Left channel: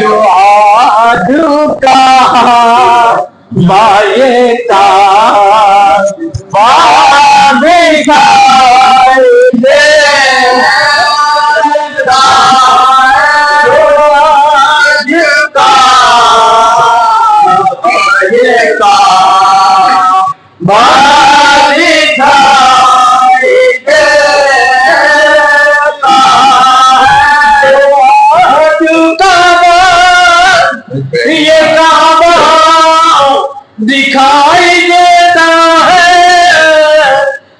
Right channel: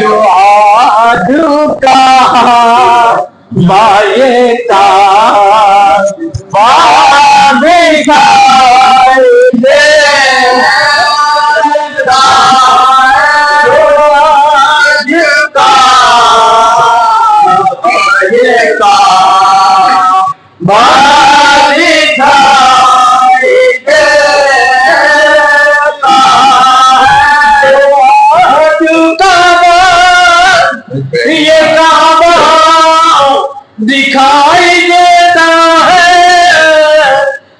جو آج کا مائے کا بعد دکھائی دے، جو آج کا مائے کا بعد دکھائی دے، یہ کعبہ دکھائی دیتا ہے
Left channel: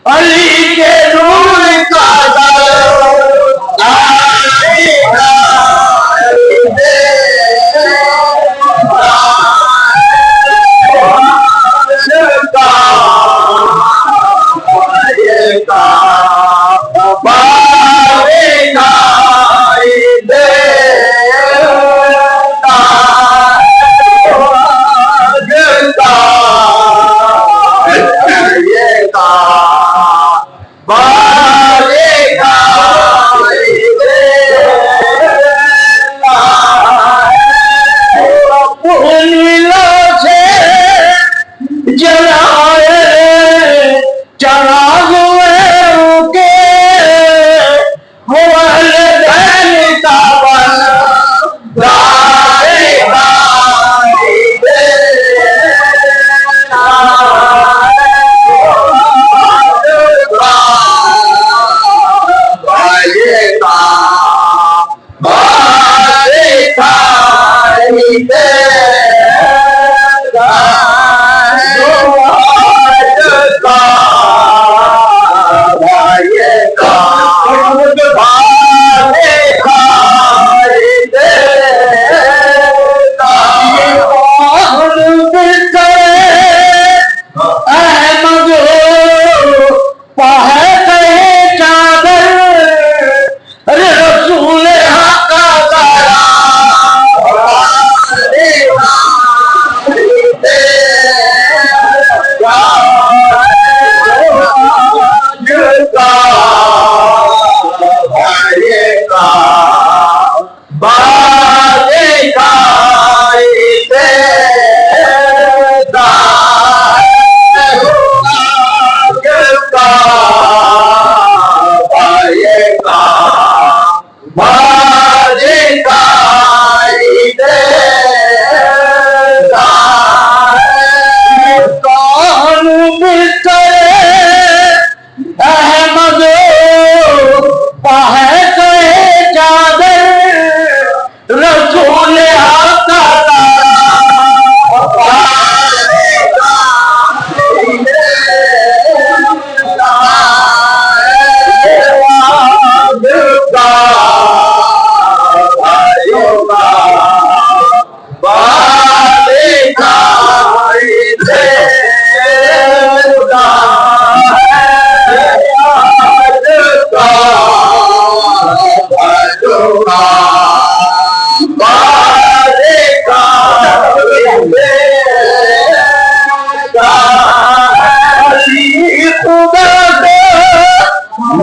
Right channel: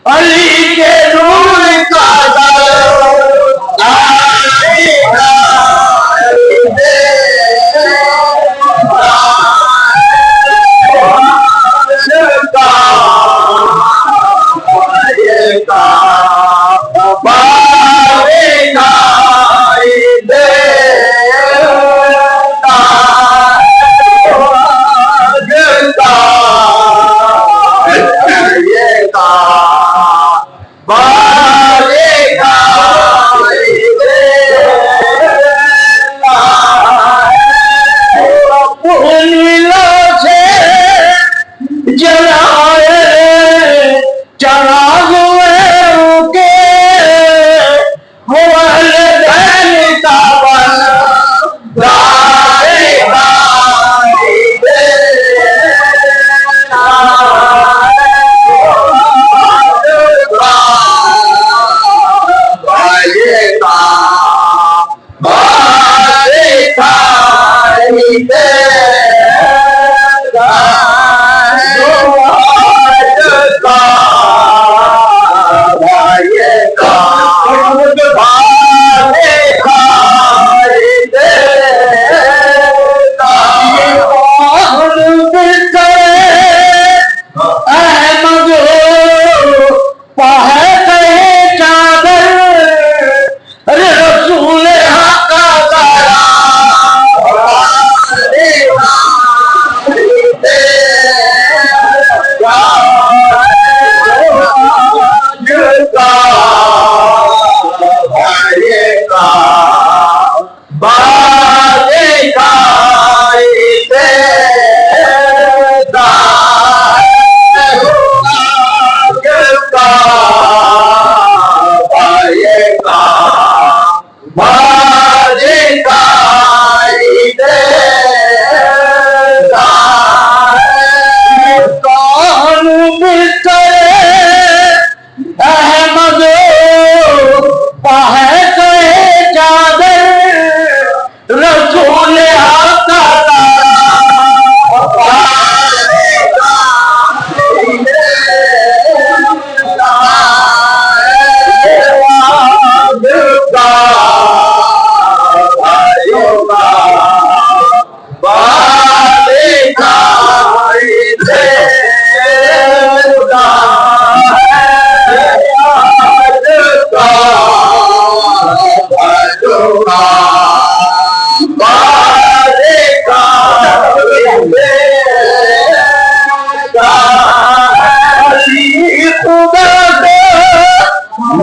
علی کے نور کا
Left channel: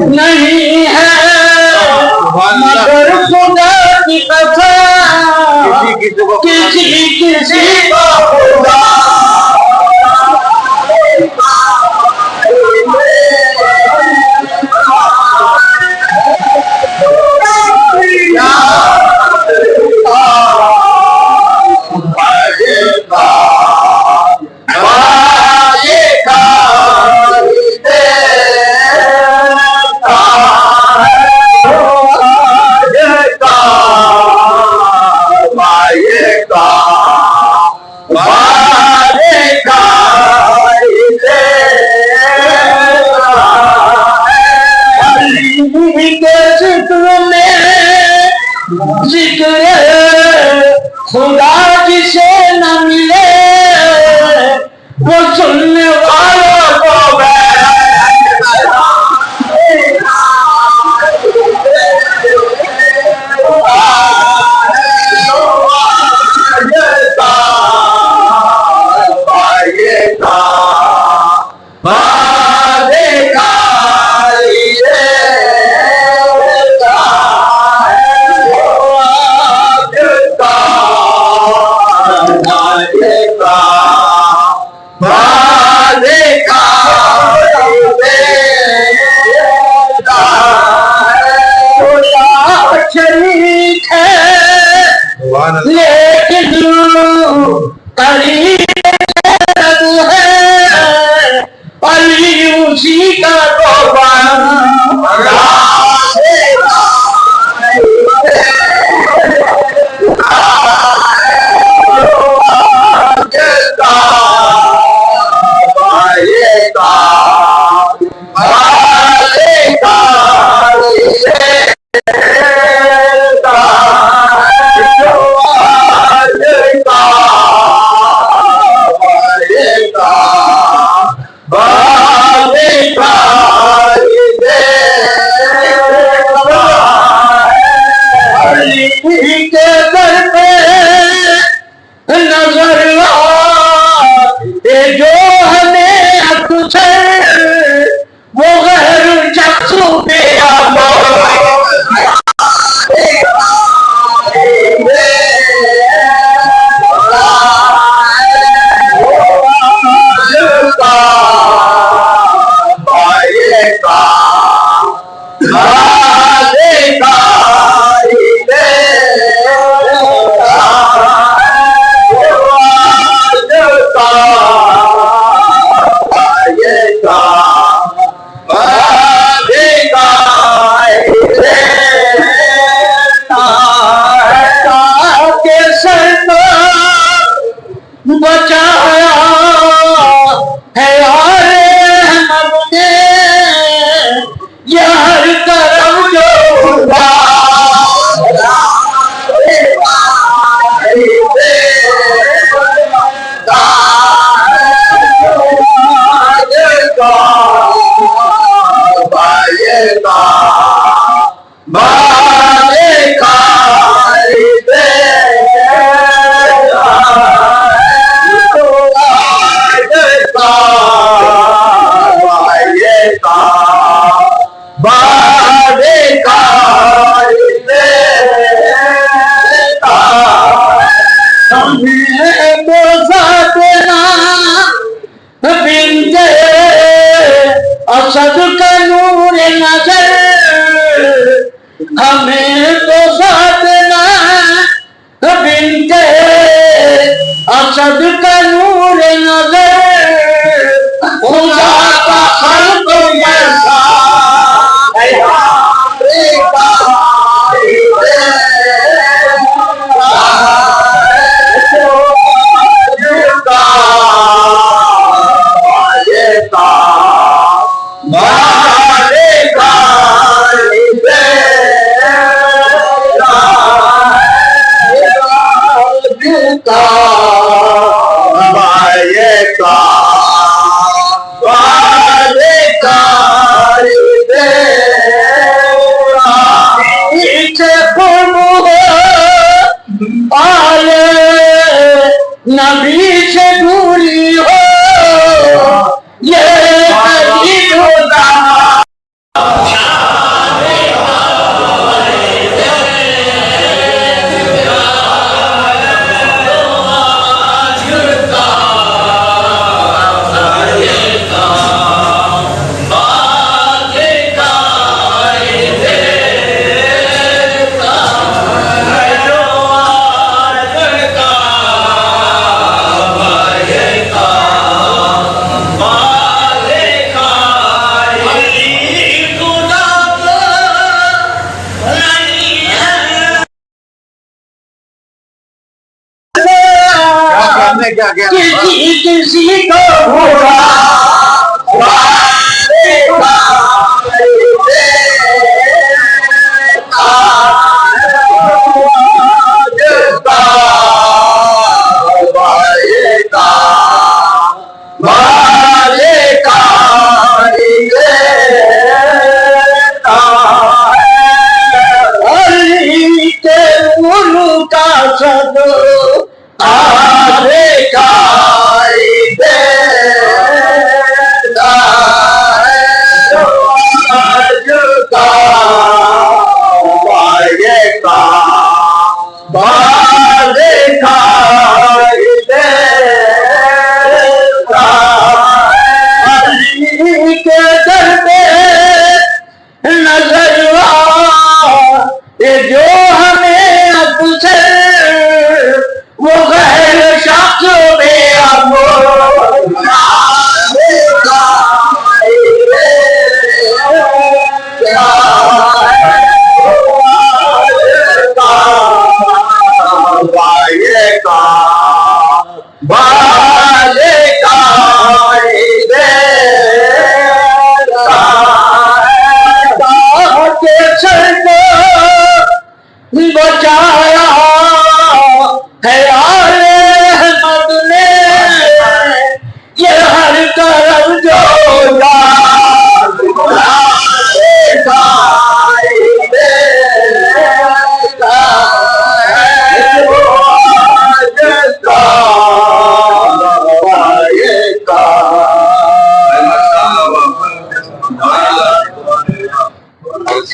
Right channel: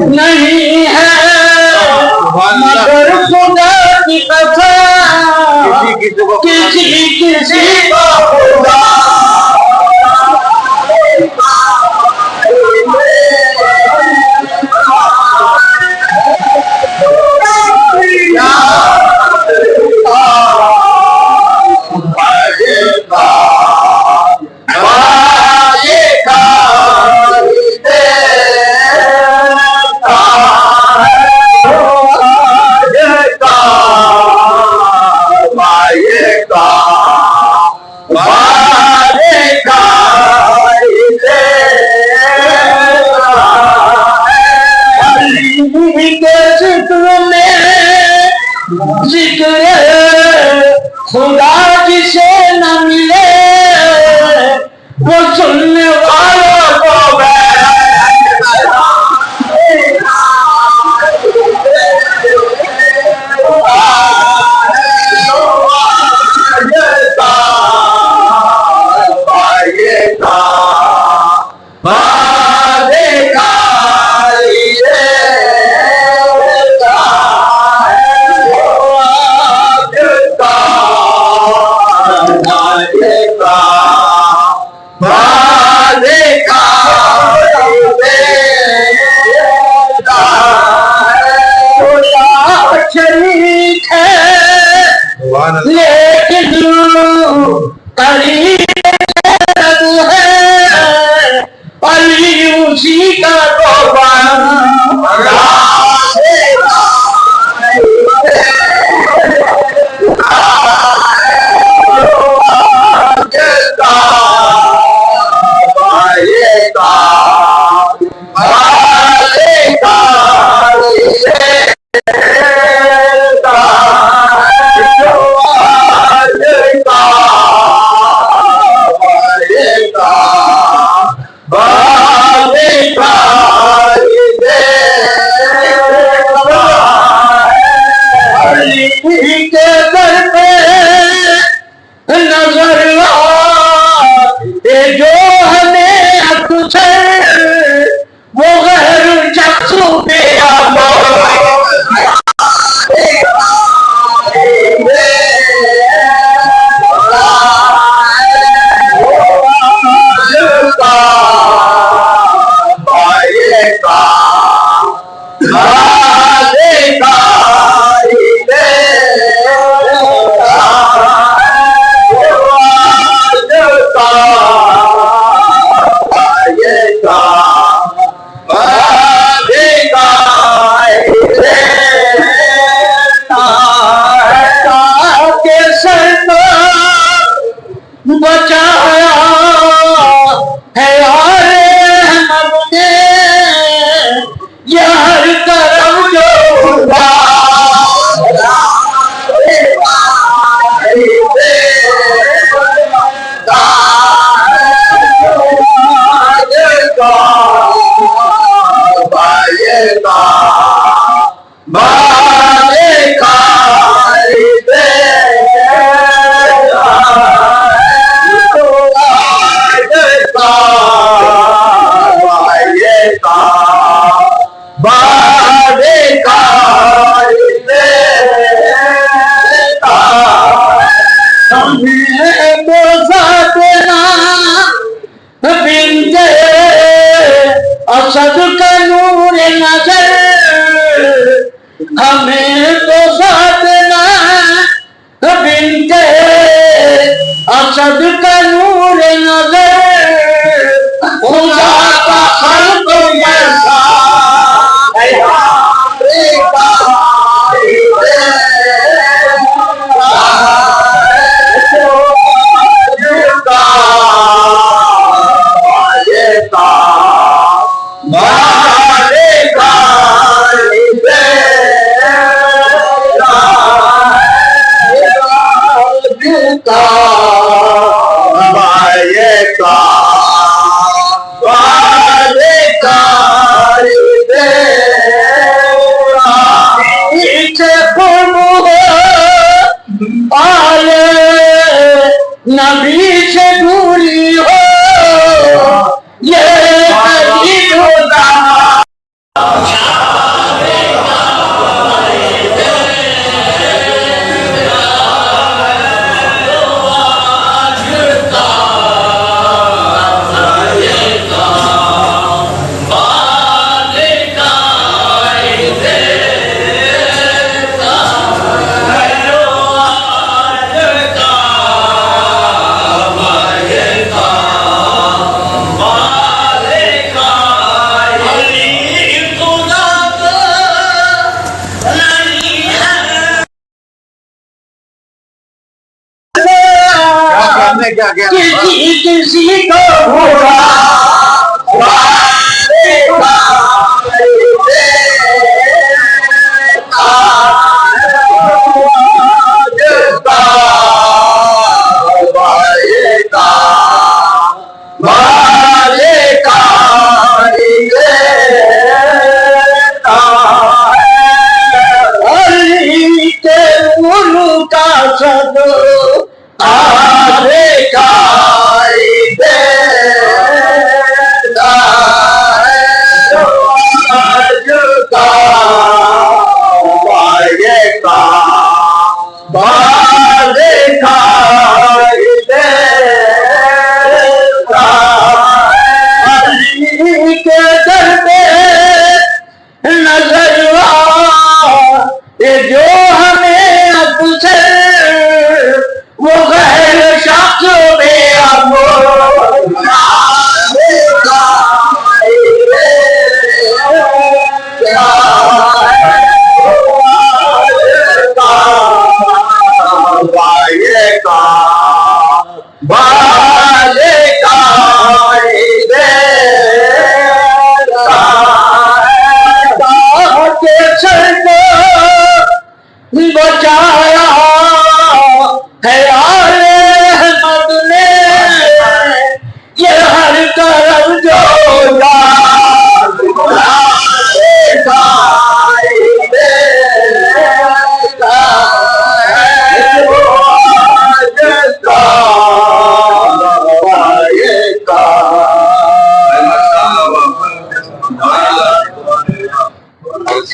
نہیں ہے مگر خدا کی قسم کسی کو خدا خدا جسے نہ ملے وہ سننے والوں کو لیکن قریب ہے علی اسی کا اسد کا نور نظر ہمیں تو ساتنا بنت اسد کا نور نظر خدا کا خلق جیسا نبی سے دوری ہو یہ قریب ہوتا کسی کو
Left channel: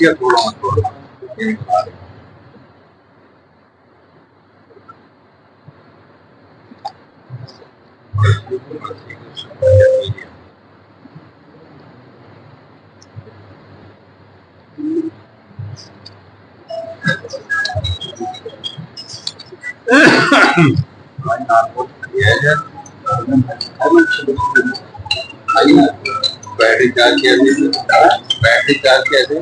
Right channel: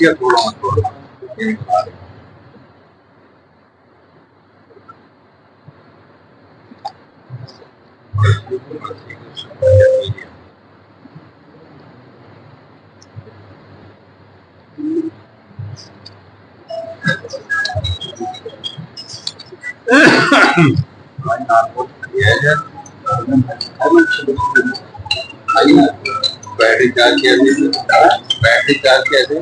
حیثیت تھوڑا بیٹھے چار بیٹھے چار کیسے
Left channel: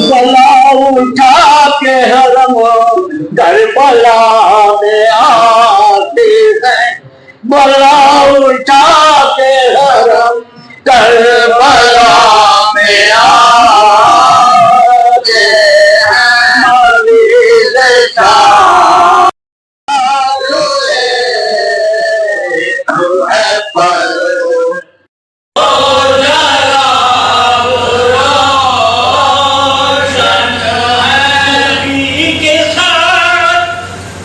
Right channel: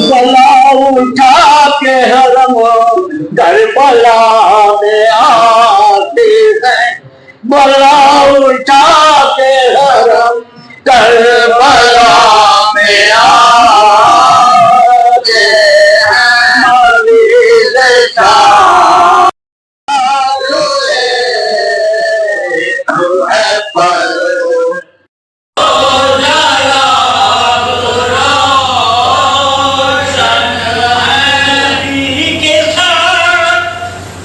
بلا اٹھا کے حرم کربلا میں آتی ہے بلا اٹھا کے حرم کربلا میں آتے ہیں مریض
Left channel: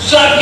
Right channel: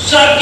شاہ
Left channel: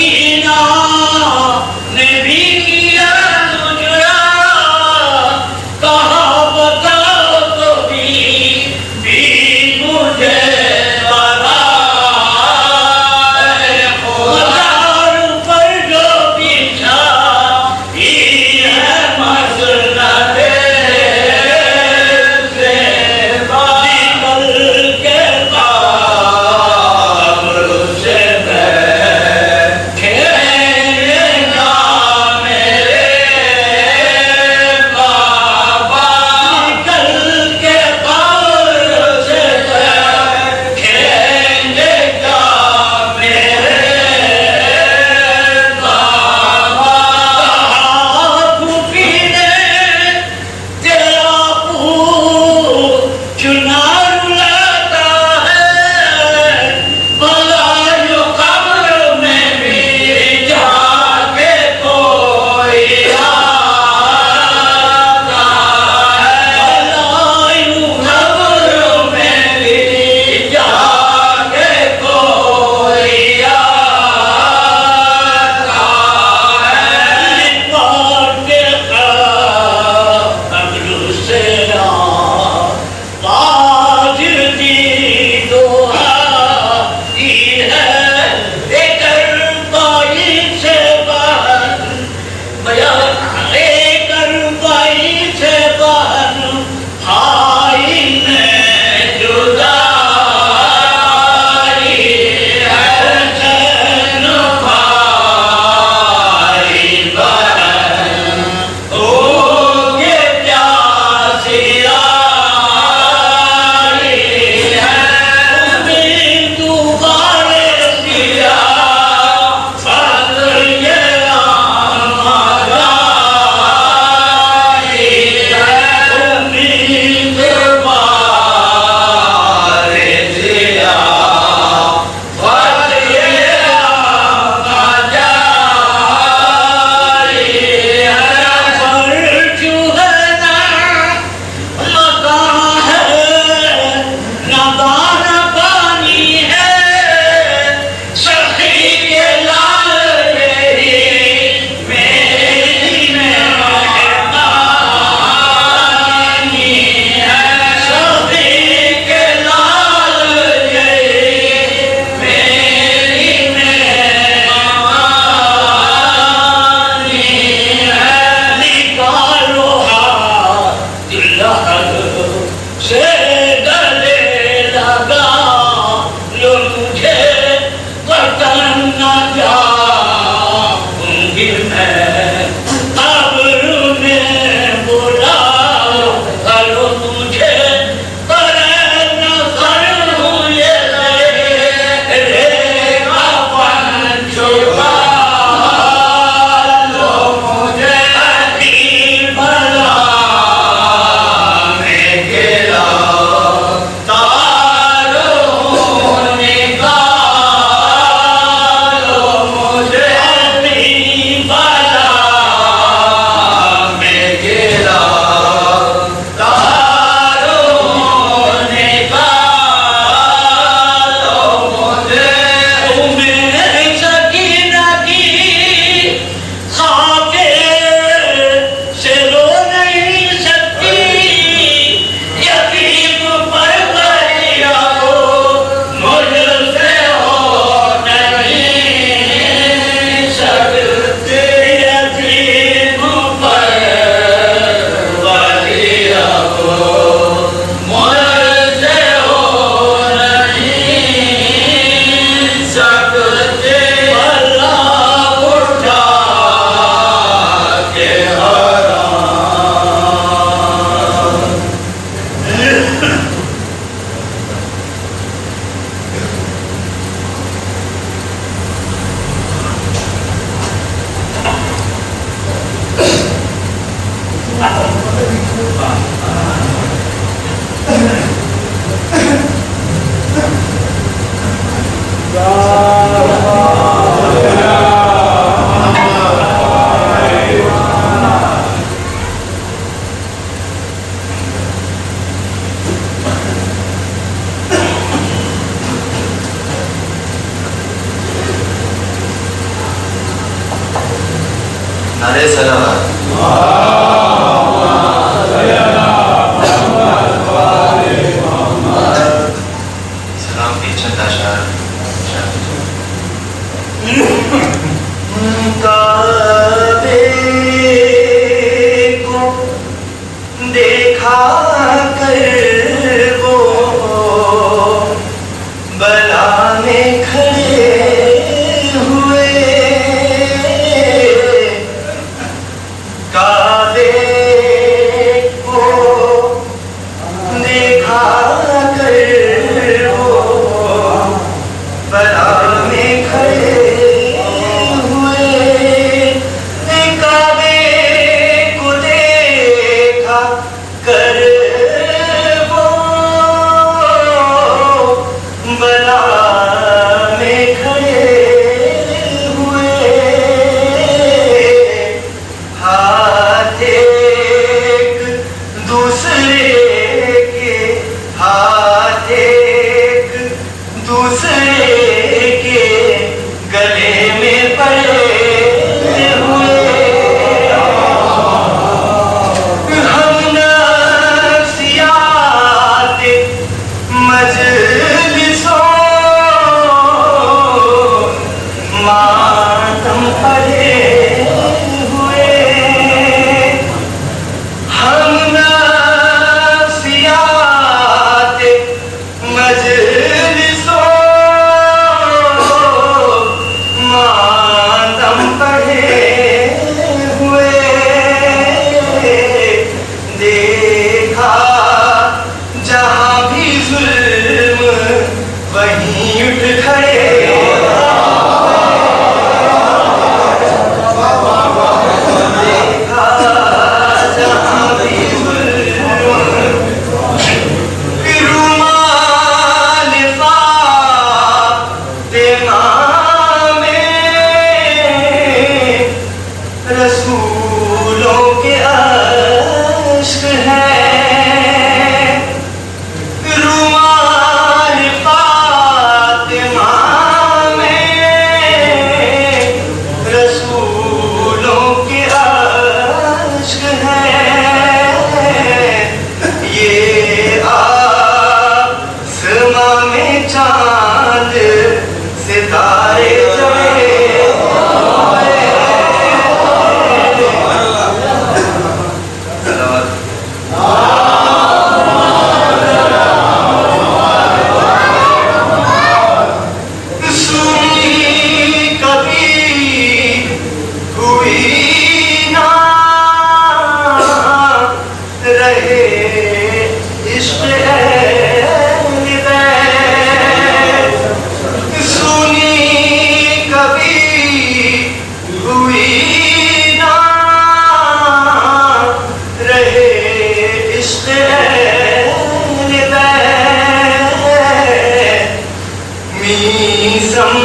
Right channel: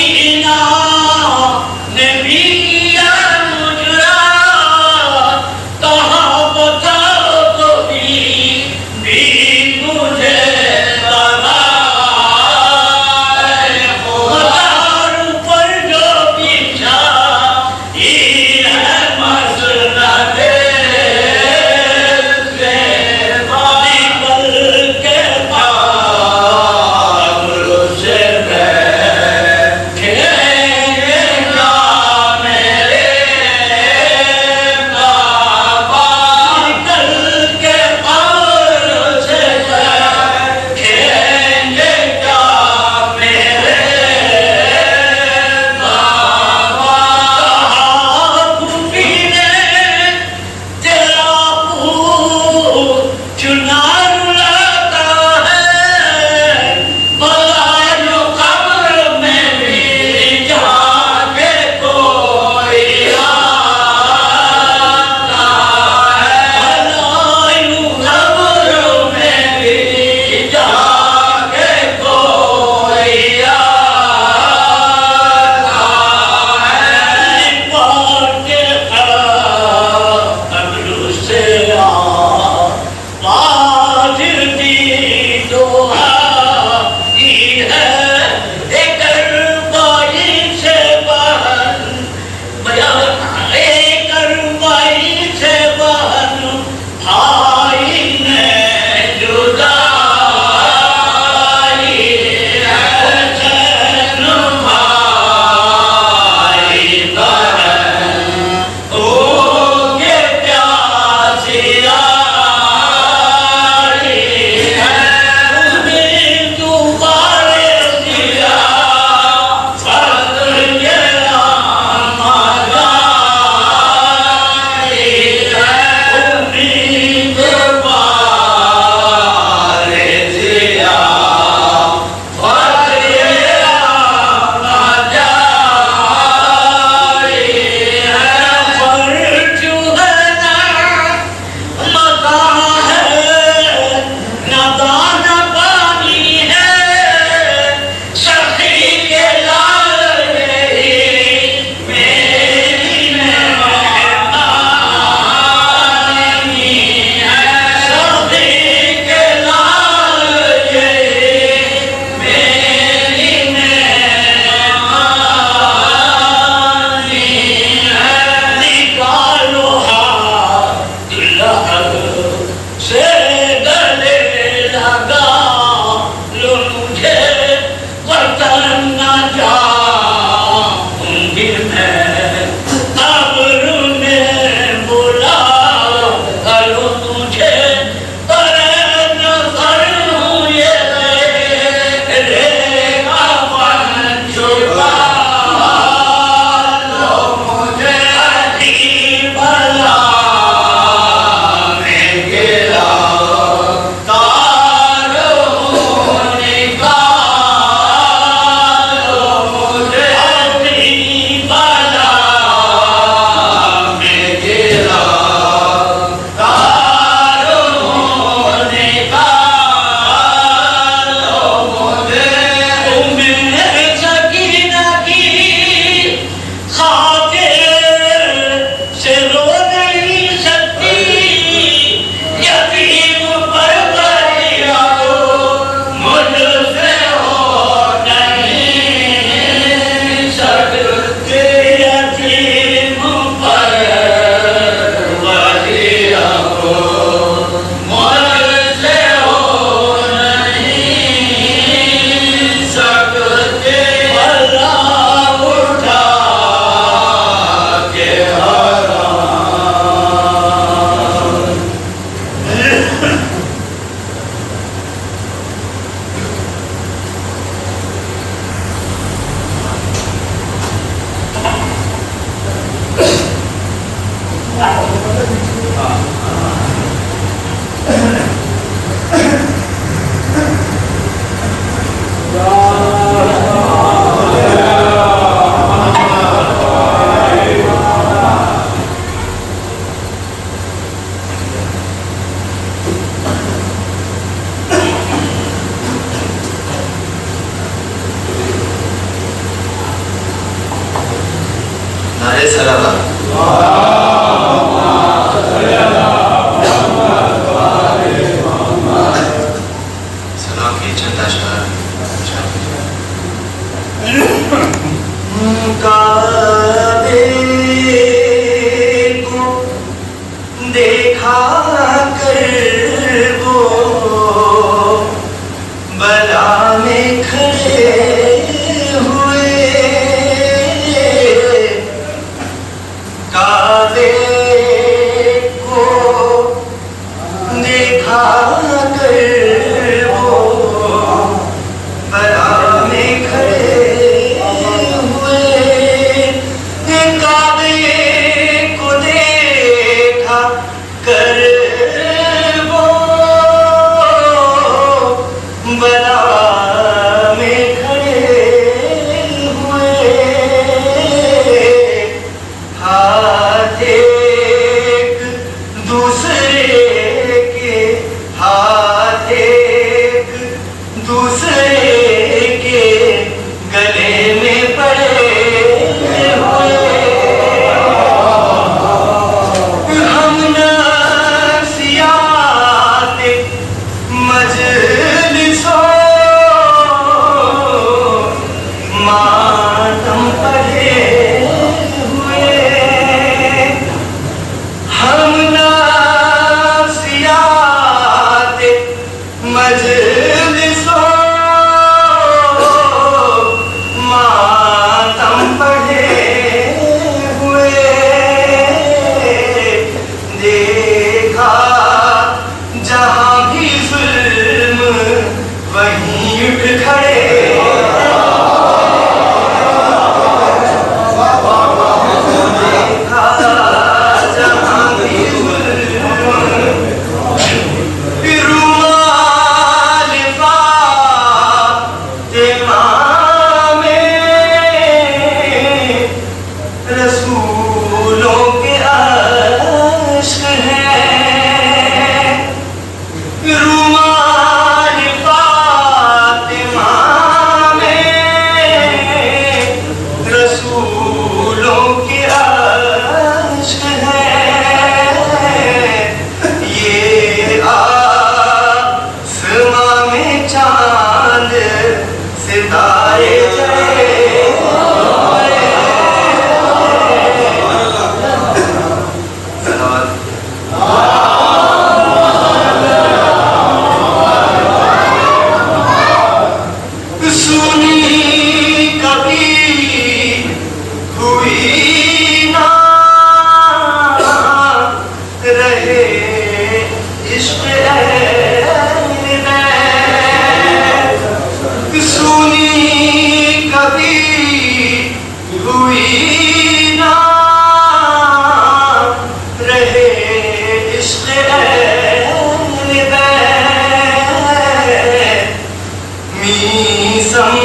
میسم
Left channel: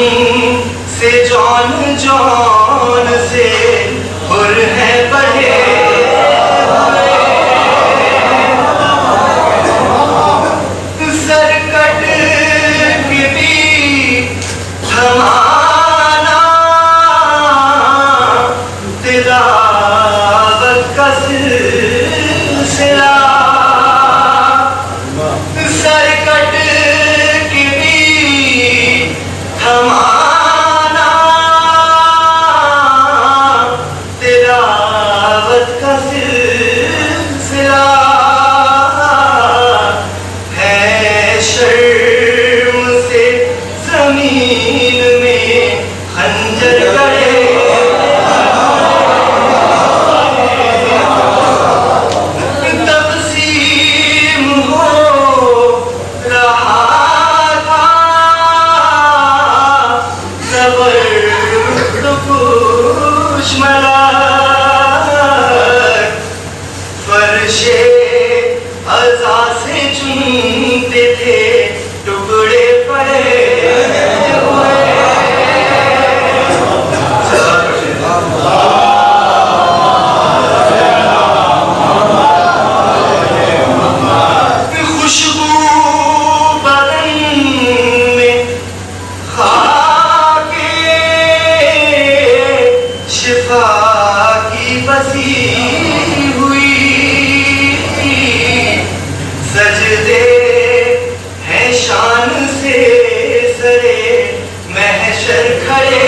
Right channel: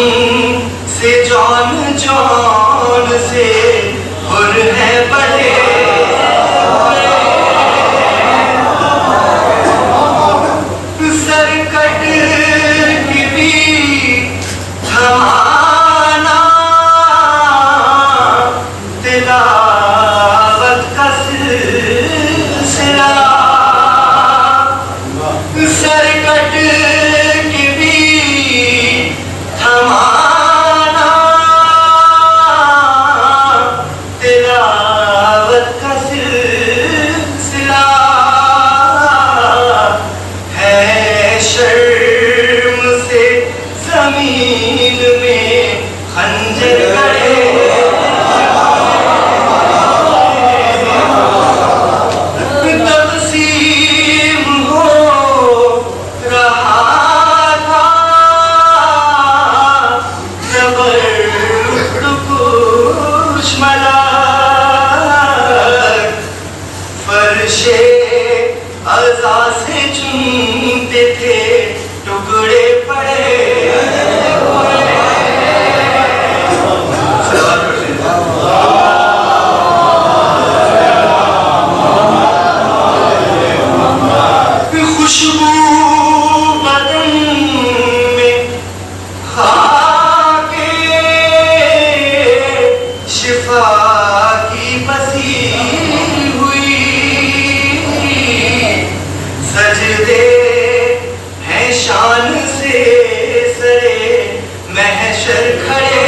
سے جان جان سے حر ہے بڑے سرکٹ کی بھی تھمانا تلاوت کا سلسلہ سرکٹ کی بھی تھمانا تلاوت کا سلسلہ ہے شرم سے زمین میں خنجر گڑے تقسیم ہو رہا تھا کچھ ملک فرش عزا سے چنتے تھے ٹکڑے پڑے خوشبو بدن میں خاک شفا کی بسی ہوئی سجدے ہیں شان سے سرے محشر کھڑے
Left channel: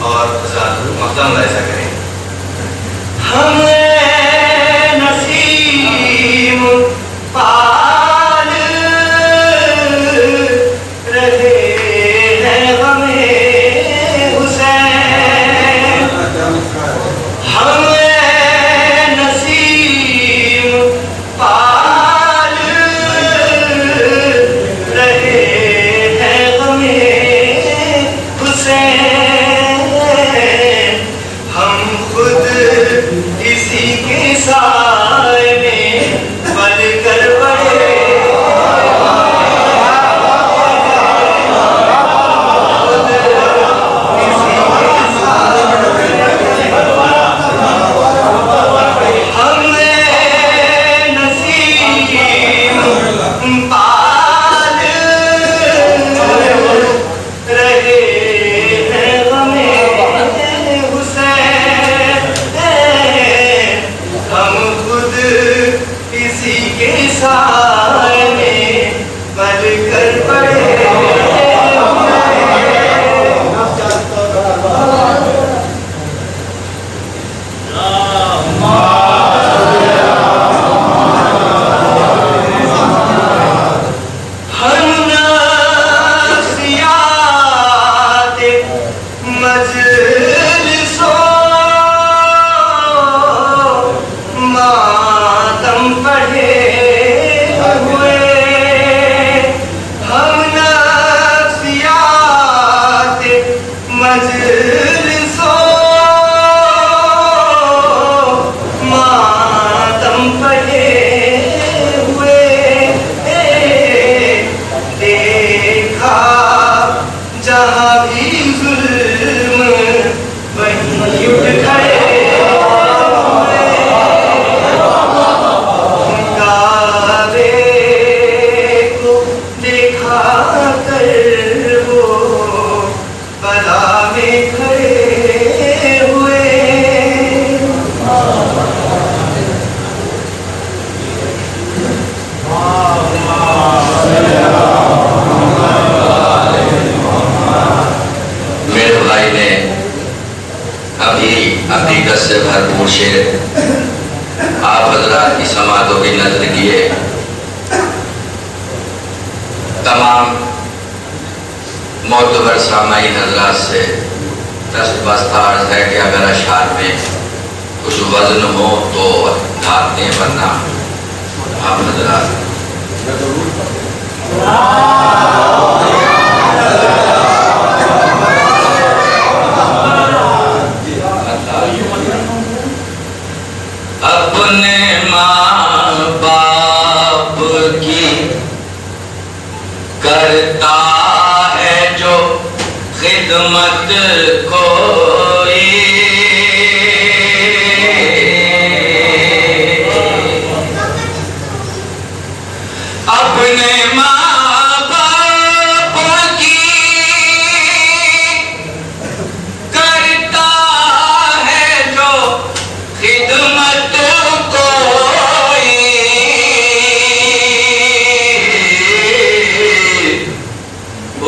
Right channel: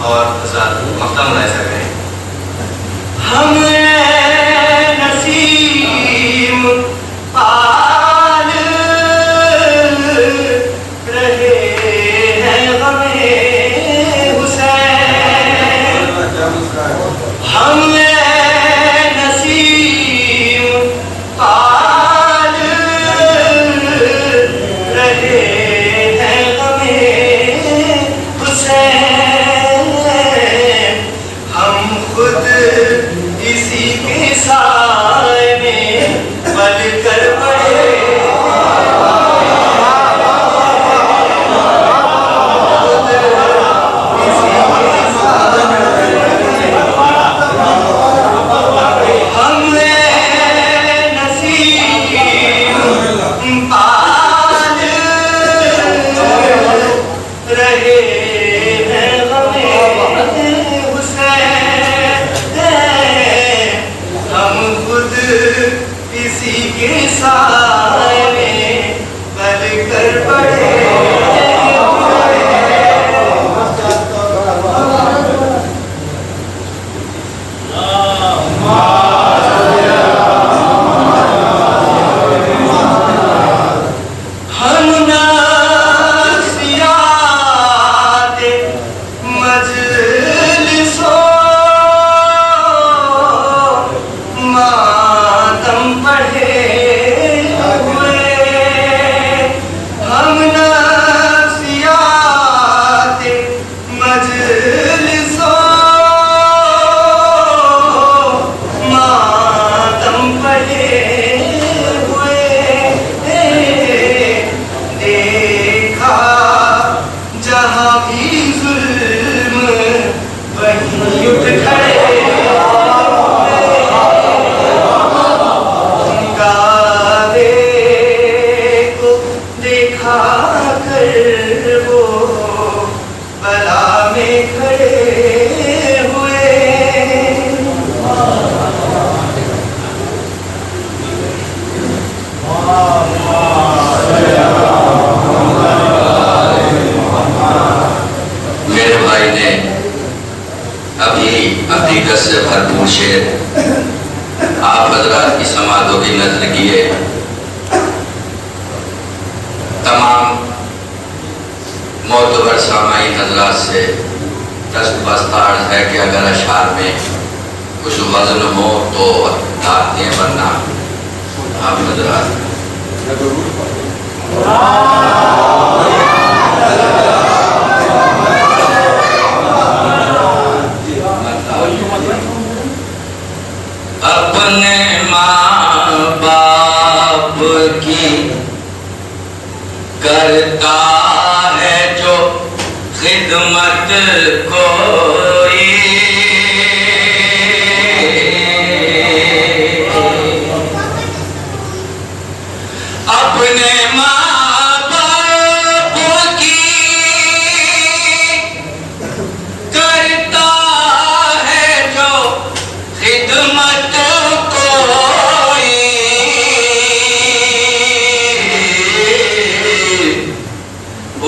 اور مقدم ایسا کریں ہم نسیم پال رہے ہیں غمِ حسین ہم نسیم پال رہے ہیں غمِ حسین ہم خود اسی کے سائے میں بل کر پڑے ہم نسیم پال رہے ہیں غمِ حسین ہم خود اسی کے سائے میں بل کر پڑے ہم نفسیات مجلس و ماتم پڑھے ہوئے ہم نفسیات مجلس و ماتم پڑھے ہوئے دیکھا جہاں بھی ظلم وہیں اٹھ کھڑے کعبے کو دیکھا کر وہ بلا میں کھڑے ہوئے میرے بھائی نے ابھی حقیقت سے بھرپور شعر آپ حضرات کی سماعتوں کی نظر کیے تمام معتبر سامعین حضرات سے دستبستار ہے کہ اگر اشعار میں کچھ وزن ہو تو دھات دیں ورنہ آپ حضرات اپنے ماں باپ کی کوئی اپنے ماں باپ کی کرتا ہے جو خدمت کوئی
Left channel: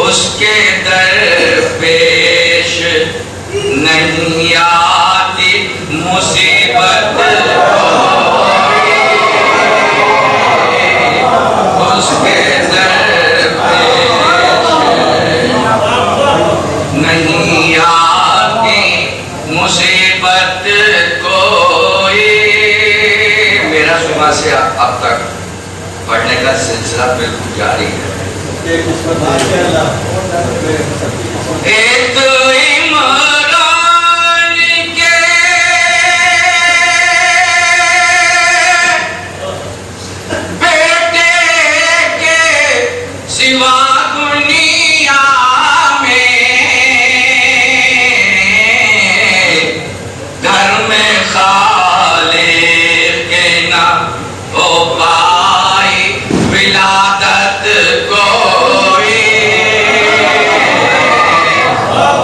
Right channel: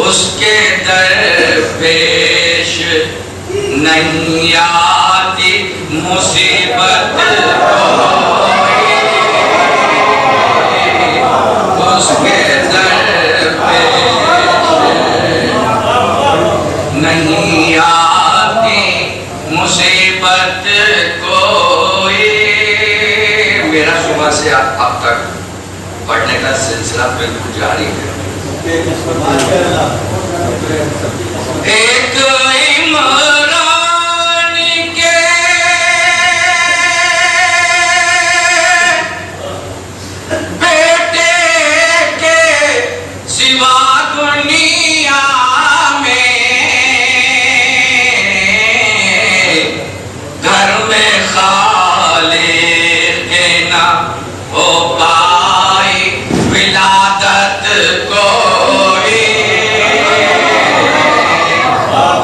اس کے درپیش نہیں آتی مصیبت اس کے درپیش نہیں آتی مصیبت کوئی. میرا صبح سے اب تک پڑھنے کا سلسلہ بالکل جاری ہے. ایک عمران کے بیٹے کے سوا دنیا میں گھر میں خالق نہ ہو پائی ولادت کوئی.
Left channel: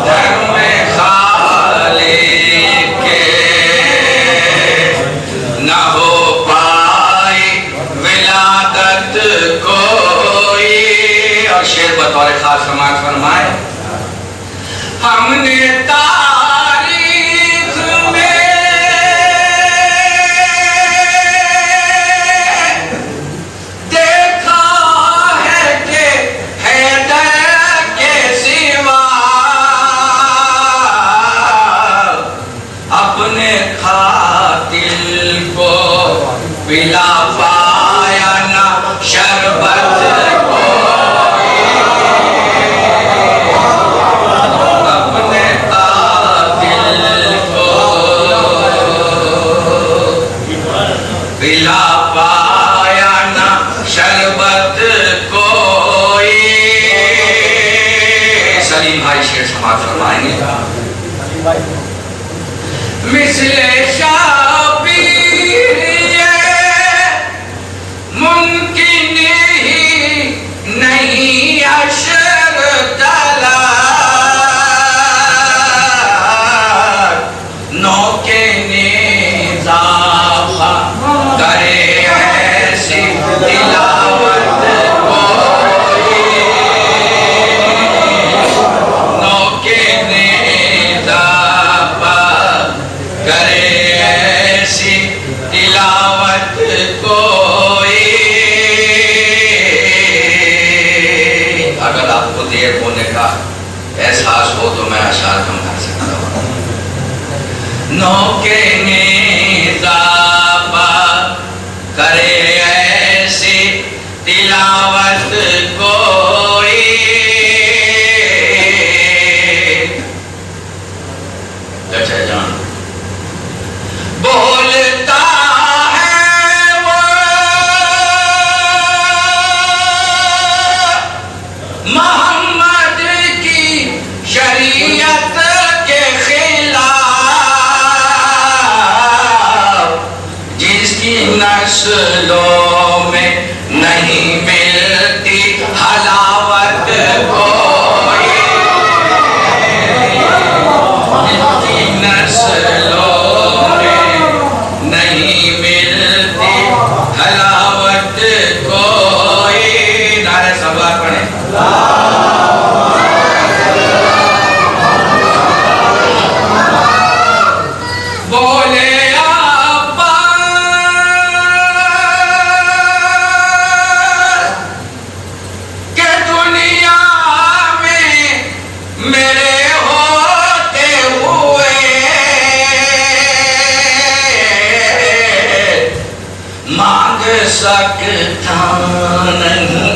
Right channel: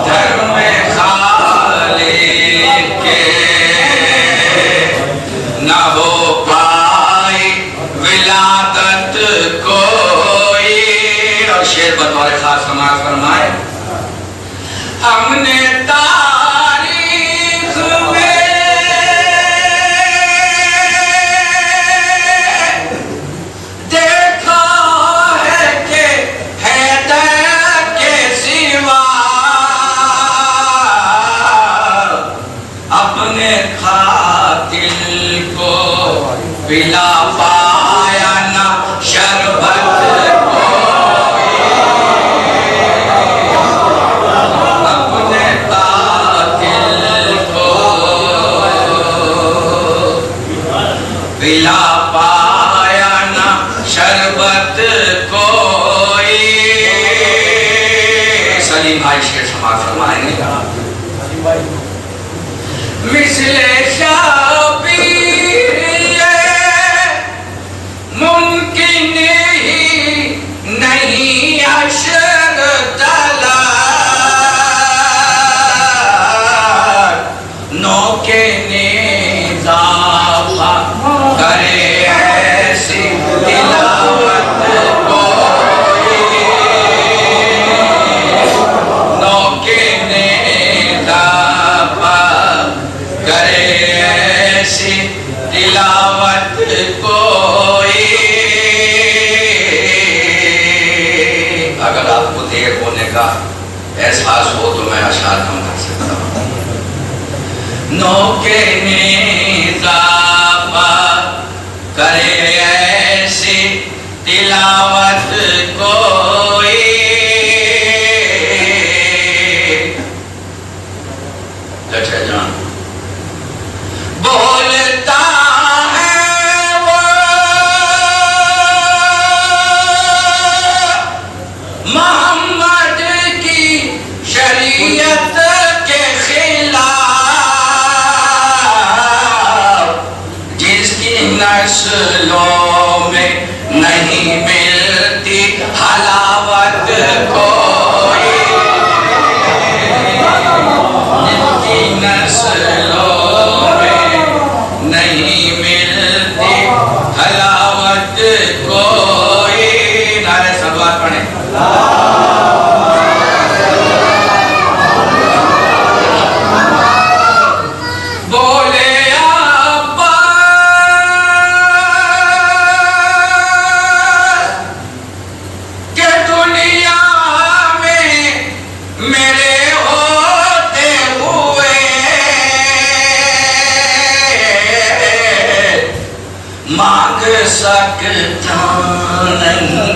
گھر میں خالق نہ ہو پائی ولادت کوئی. اور شعر بطور خاص سماعت فرمائے. ہم نے تاریخ میں دیکھا ہے کہ حیدر کے سوا اپنے قاتل کو پلا پایا نہ شربت کوئی. اپنے قاتل کو پلا پایا نہ شربت کوئی. سلیم بھائی شعر سماعت فرمائیں گے. مثل شبیر یہ ممکن ہی نہیں عشر طلب نوک نظافہ کرے ایسی تلاوت کوئی. نوک نظافہ کرے ایسی تلاوت کوئی. اگر آپ کو دیر ہونے کا احساس ہو تو میں اشعار کم کر سکتا ہوں. نوک نظافہ کرے ایسی تلاوت کوئی. چچا جان بولتا ہے وہ محمد کی شریعت کے خلاف جس کی نسلوں میں نہیں ملتی حلاوت کوئی. جس کی نسلوں میں نہیں ملتی حلاوت کوئی. نعرہ صلوات پڑھیں. بولے عباس کہ دنیا میں میرے ہوتے ہوئے مانگ سکتا نہیں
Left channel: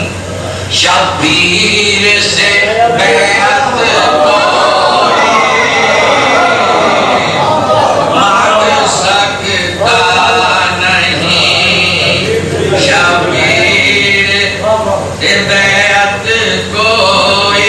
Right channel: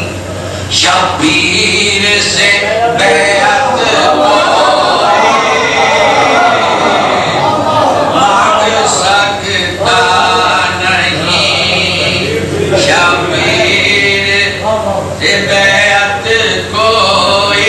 شبیر سے بیعت کوئی. مانگ سکتا نہیں شبیر سے بیعت کوئی.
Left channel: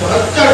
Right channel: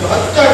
72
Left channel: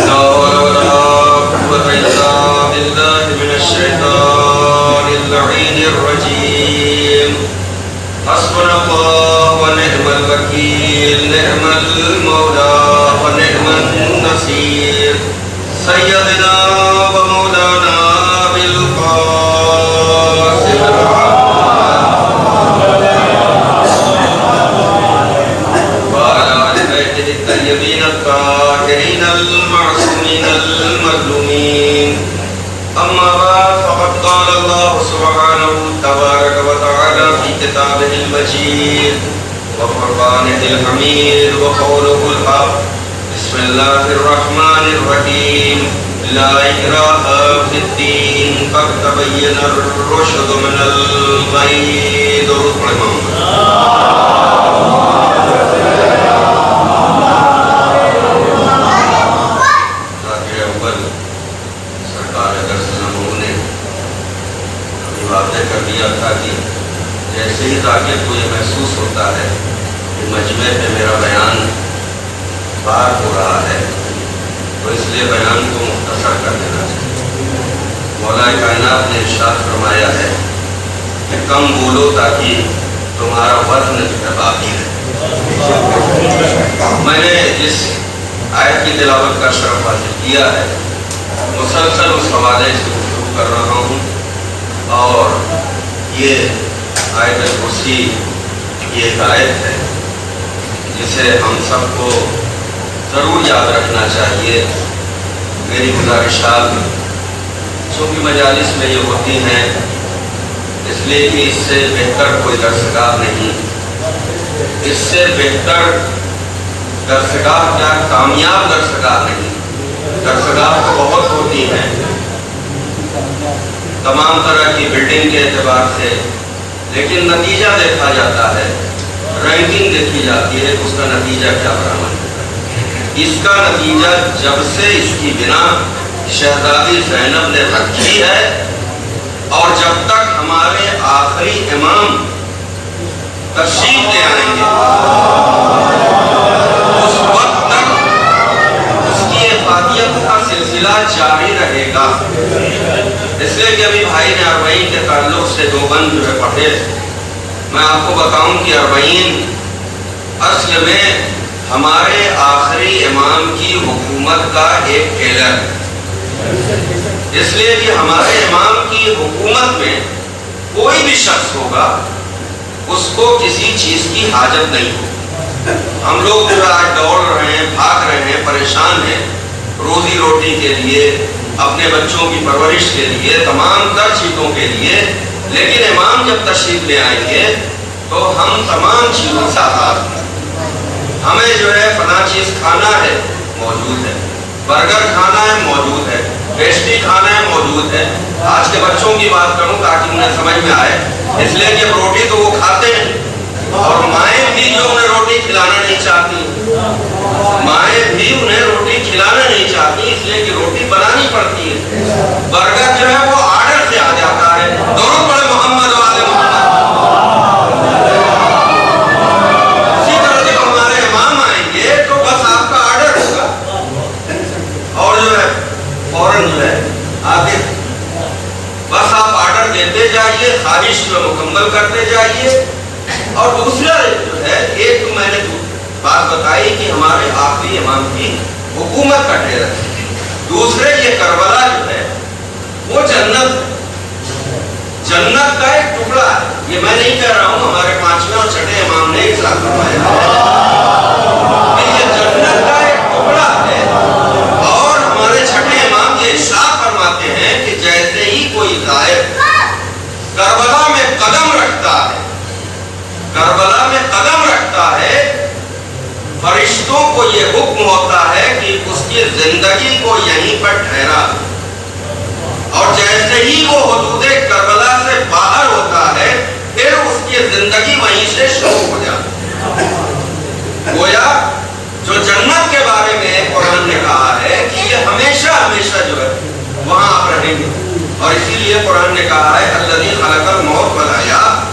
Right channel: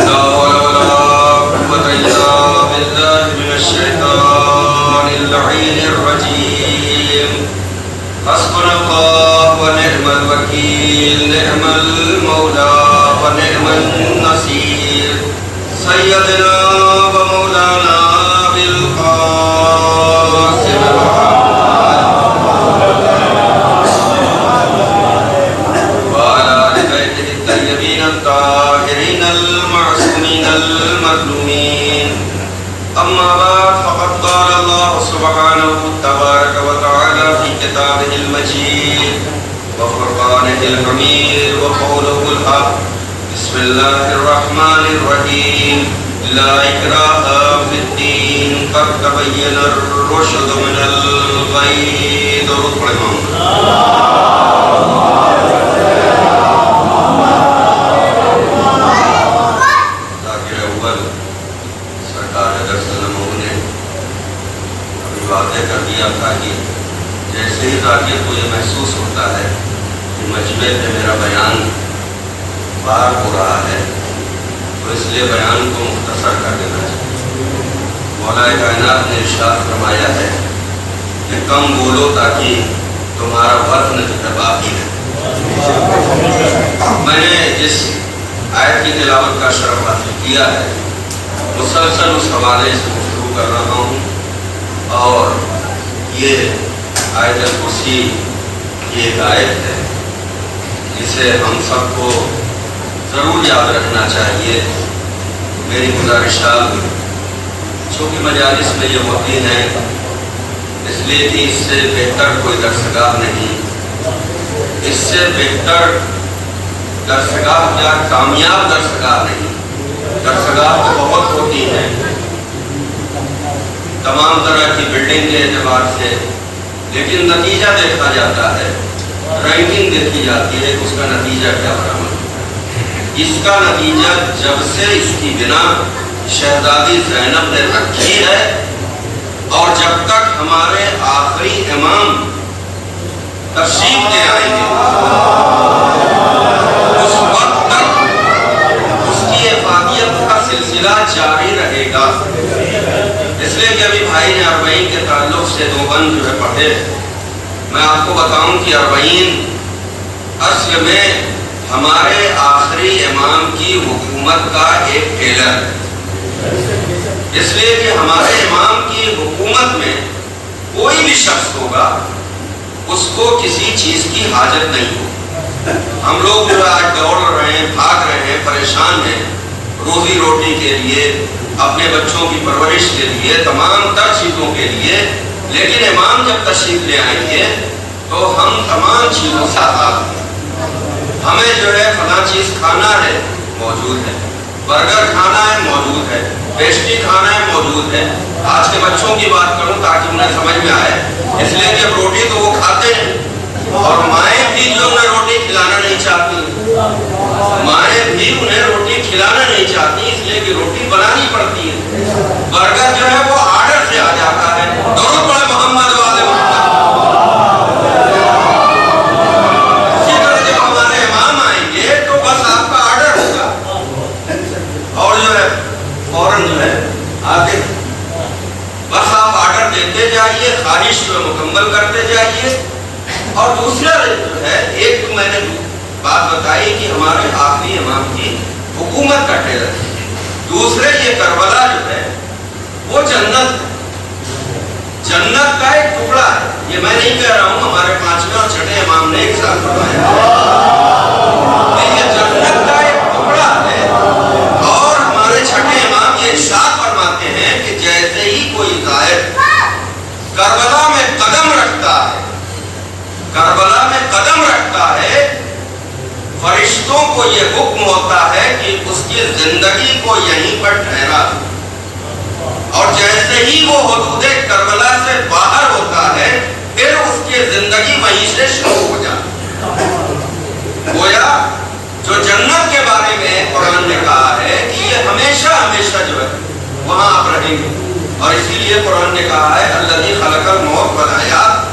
لا حول ولا قوة إلا بالله حسبنا الله ونعم الوكيل نعم المولى ونعم النصير سيدنا ومولانا بالقاسم وعلى آل بيته الطيبين الطاهرين المعصومين المظلومين أما بعد فقد قال الله سبحانه تبارك وتعالى في كتابه المجيد وفرقانه الحميد وقوله الحق بسم الله الرحمن الرحيم لا إكراه في الدين قد تبين الرشد من الغي درود پڑھیں محمد ذاکر اول سرکار اگر سلم نے ابھی واضح کر دیا تھا کہ جیسے ہی ذاکر کو یہ محسوس ہوتا ہے کہ مجمع پہ میرا بیان بار ہو رہا ہے تو اس لیے بیان کو مختصر کر دینا چاہیے. مولا کائنات نے ارشاد فرمایا ہے کہ کم بولو تاکہ تمہارا وزن باقی ہے. میں نے جس آیت کی تلاوت کا شرف حاصل کیا ہے مسلسل اس حوالے سے گفتگو کر رہا ہوں اور یہ آیت الکرسی یہ ایک آیت ہے جسے ہم سب کو ضرور یاد رکھنا چاہیے. میری گزارشات چونکہ مجالس میں یہ ہوتی ہیں اس لیے کہ اس سے بہتر کوئی درسگاہ نہیں, اس سے بہتر درسگاہ کیا کامیاب درسگاہ نہیں. درسگاہ تو بہت ہوتی ہیں تمام طرح کی بلڈنگ کے اعتبار سے, لیکن نتیجہ دیکھا جاتا ہے, رینکنگ دیکھی جاتی ہے اس کا نتیجہ کیا برآمد ہوتا ہے. اس کا نتیجہ جب سے اس کی بنا شہزادی زینب نے رکھی ہے اور جب تک ہمارے آخری امام تشریف لے آئیں گے اس وقت تک اس کی افادیت کا سلسلہ جاری رہے گا. اس لیے کہ ابھی بھائی نے اربعین کے تعلق سے دو بند جو ہے پڑھے, میں آپ کو بتاؤں کہ اربعین اصل میں ہمارے آخری امام کی حکومت کا ایک ٹیلر, اس لیے کہ ہمارے امام کی حکومت میں کوئی بھی شخص ہوگا اس کو کسی چیز کی حاجت نہیں ہوگی. ہم لوگ جو آج دوڑ رہے ہیں, بھاگ رہے ہیں, پریشان ہیں روزی روٹی کے لیے, اپنے بچوں کی پرورش کے لیے, تمام تر چیزوں کے لیے, لیکن امام جب تشریف لے آئیں گے تو ہم تمام چیزوں سے آزاد ہیں. ہمیں جو ہے فلاں چیز کھانا ہے موجود ہے, برگر کھانا ہے موجود ہے, پیسٹری کھانا ہے موجود ہے. آج کے بچوں کی بات کروں تاکہ انہیں سمجھ میں آئے, اس لیے کہ روٹی تو وہ کھاتے ہیں اور مائیں بھی جو انہیں روٹی کھلانا نہیں چاہتی, مائیں بھی انہیں روٹی کھلانا نہیں چاہتی, اس لیے کہ روٹی بنانی پڑتی ہے. برگر جو ہے وہ آرڈر سے آ جاتا ہے. درود پڑھے محمد والے محمد. اسی طرح جب ہمارے امام آئیں گے تو بس آپ کا آرڈر ہوگا اور جو ہے فوراً جو ہے آگے بس آپ آرڈر دیتے جائیے, خواہش کو مکمل کرتے جائیے. اور دوسرا جو ہے, ایک تو میں نے بات بتائی کہ ہمارے آخری امام کی حکومت کا ٹیلر ہے, دوسرے یہ کربلا جو ہے وہ جنت کا ایک ٹکڑا ہے. یہ میں نہیں کہہ رہا ہوں, ہمارے پانچویں اور چھٹے امام نے ایک ساتھ فرمایا یہ جنت کا ایک ٹکڑا ہے. اور ہمارے چھٹے امام یہ ارشاد فرماتے ہیں کہ جیسے ہی کوئی زائر کربلا میں قدم رکھتا ہے, کربلا میں قدم رکھتا ہے, فرشتوں کو یہ حکم ہوتا ہے کہ اس کی زندگی کو یہیں پر ٹھہرا دو, اور جیسے ہی وہ حدود کربلا سے باہر ہوتا ہے پھر اس کی زندگی وہیں سے شروع ہو جاتی ہے. گویا جو جنت کے بارے میں قرآن نے کہا ہے کہ یہ ہمیشہ ہمیشہ جو ہے وہاں آپ رہیں گے, اور اسی لیے قرآن نے کہا ہے الذی خلق الموت والحیات,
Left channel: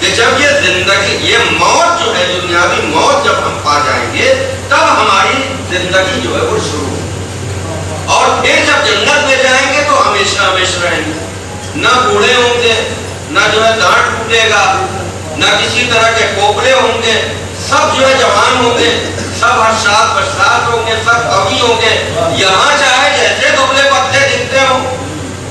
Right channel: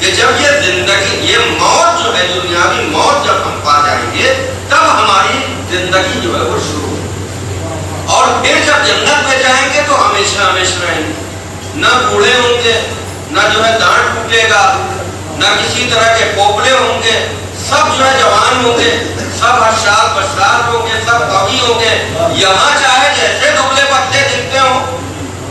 کہ جب یہ زندگی, یہ موت جو ہے دنیاوی موت جب ہم پا جائیں گے تب ہماری زندگی جو ہے وہ شروع ہوگی. اور پھر جب جنت میں جائیں گے تو ہمیشہ ہمیشہ رہیں گے, نہ بوڑھے ہوں گے, نہ جو ہے دانت ٹوٹے گا, نہ کسی طرح کے کوپلے ہوں گے، سب جو ہے جوان ہوں گے، سب حشاد بشاد ہوں گے، سب قوی ہوں گے۔ یہاں چاہے جیسے دبلے پتلے دکھتے ہوں،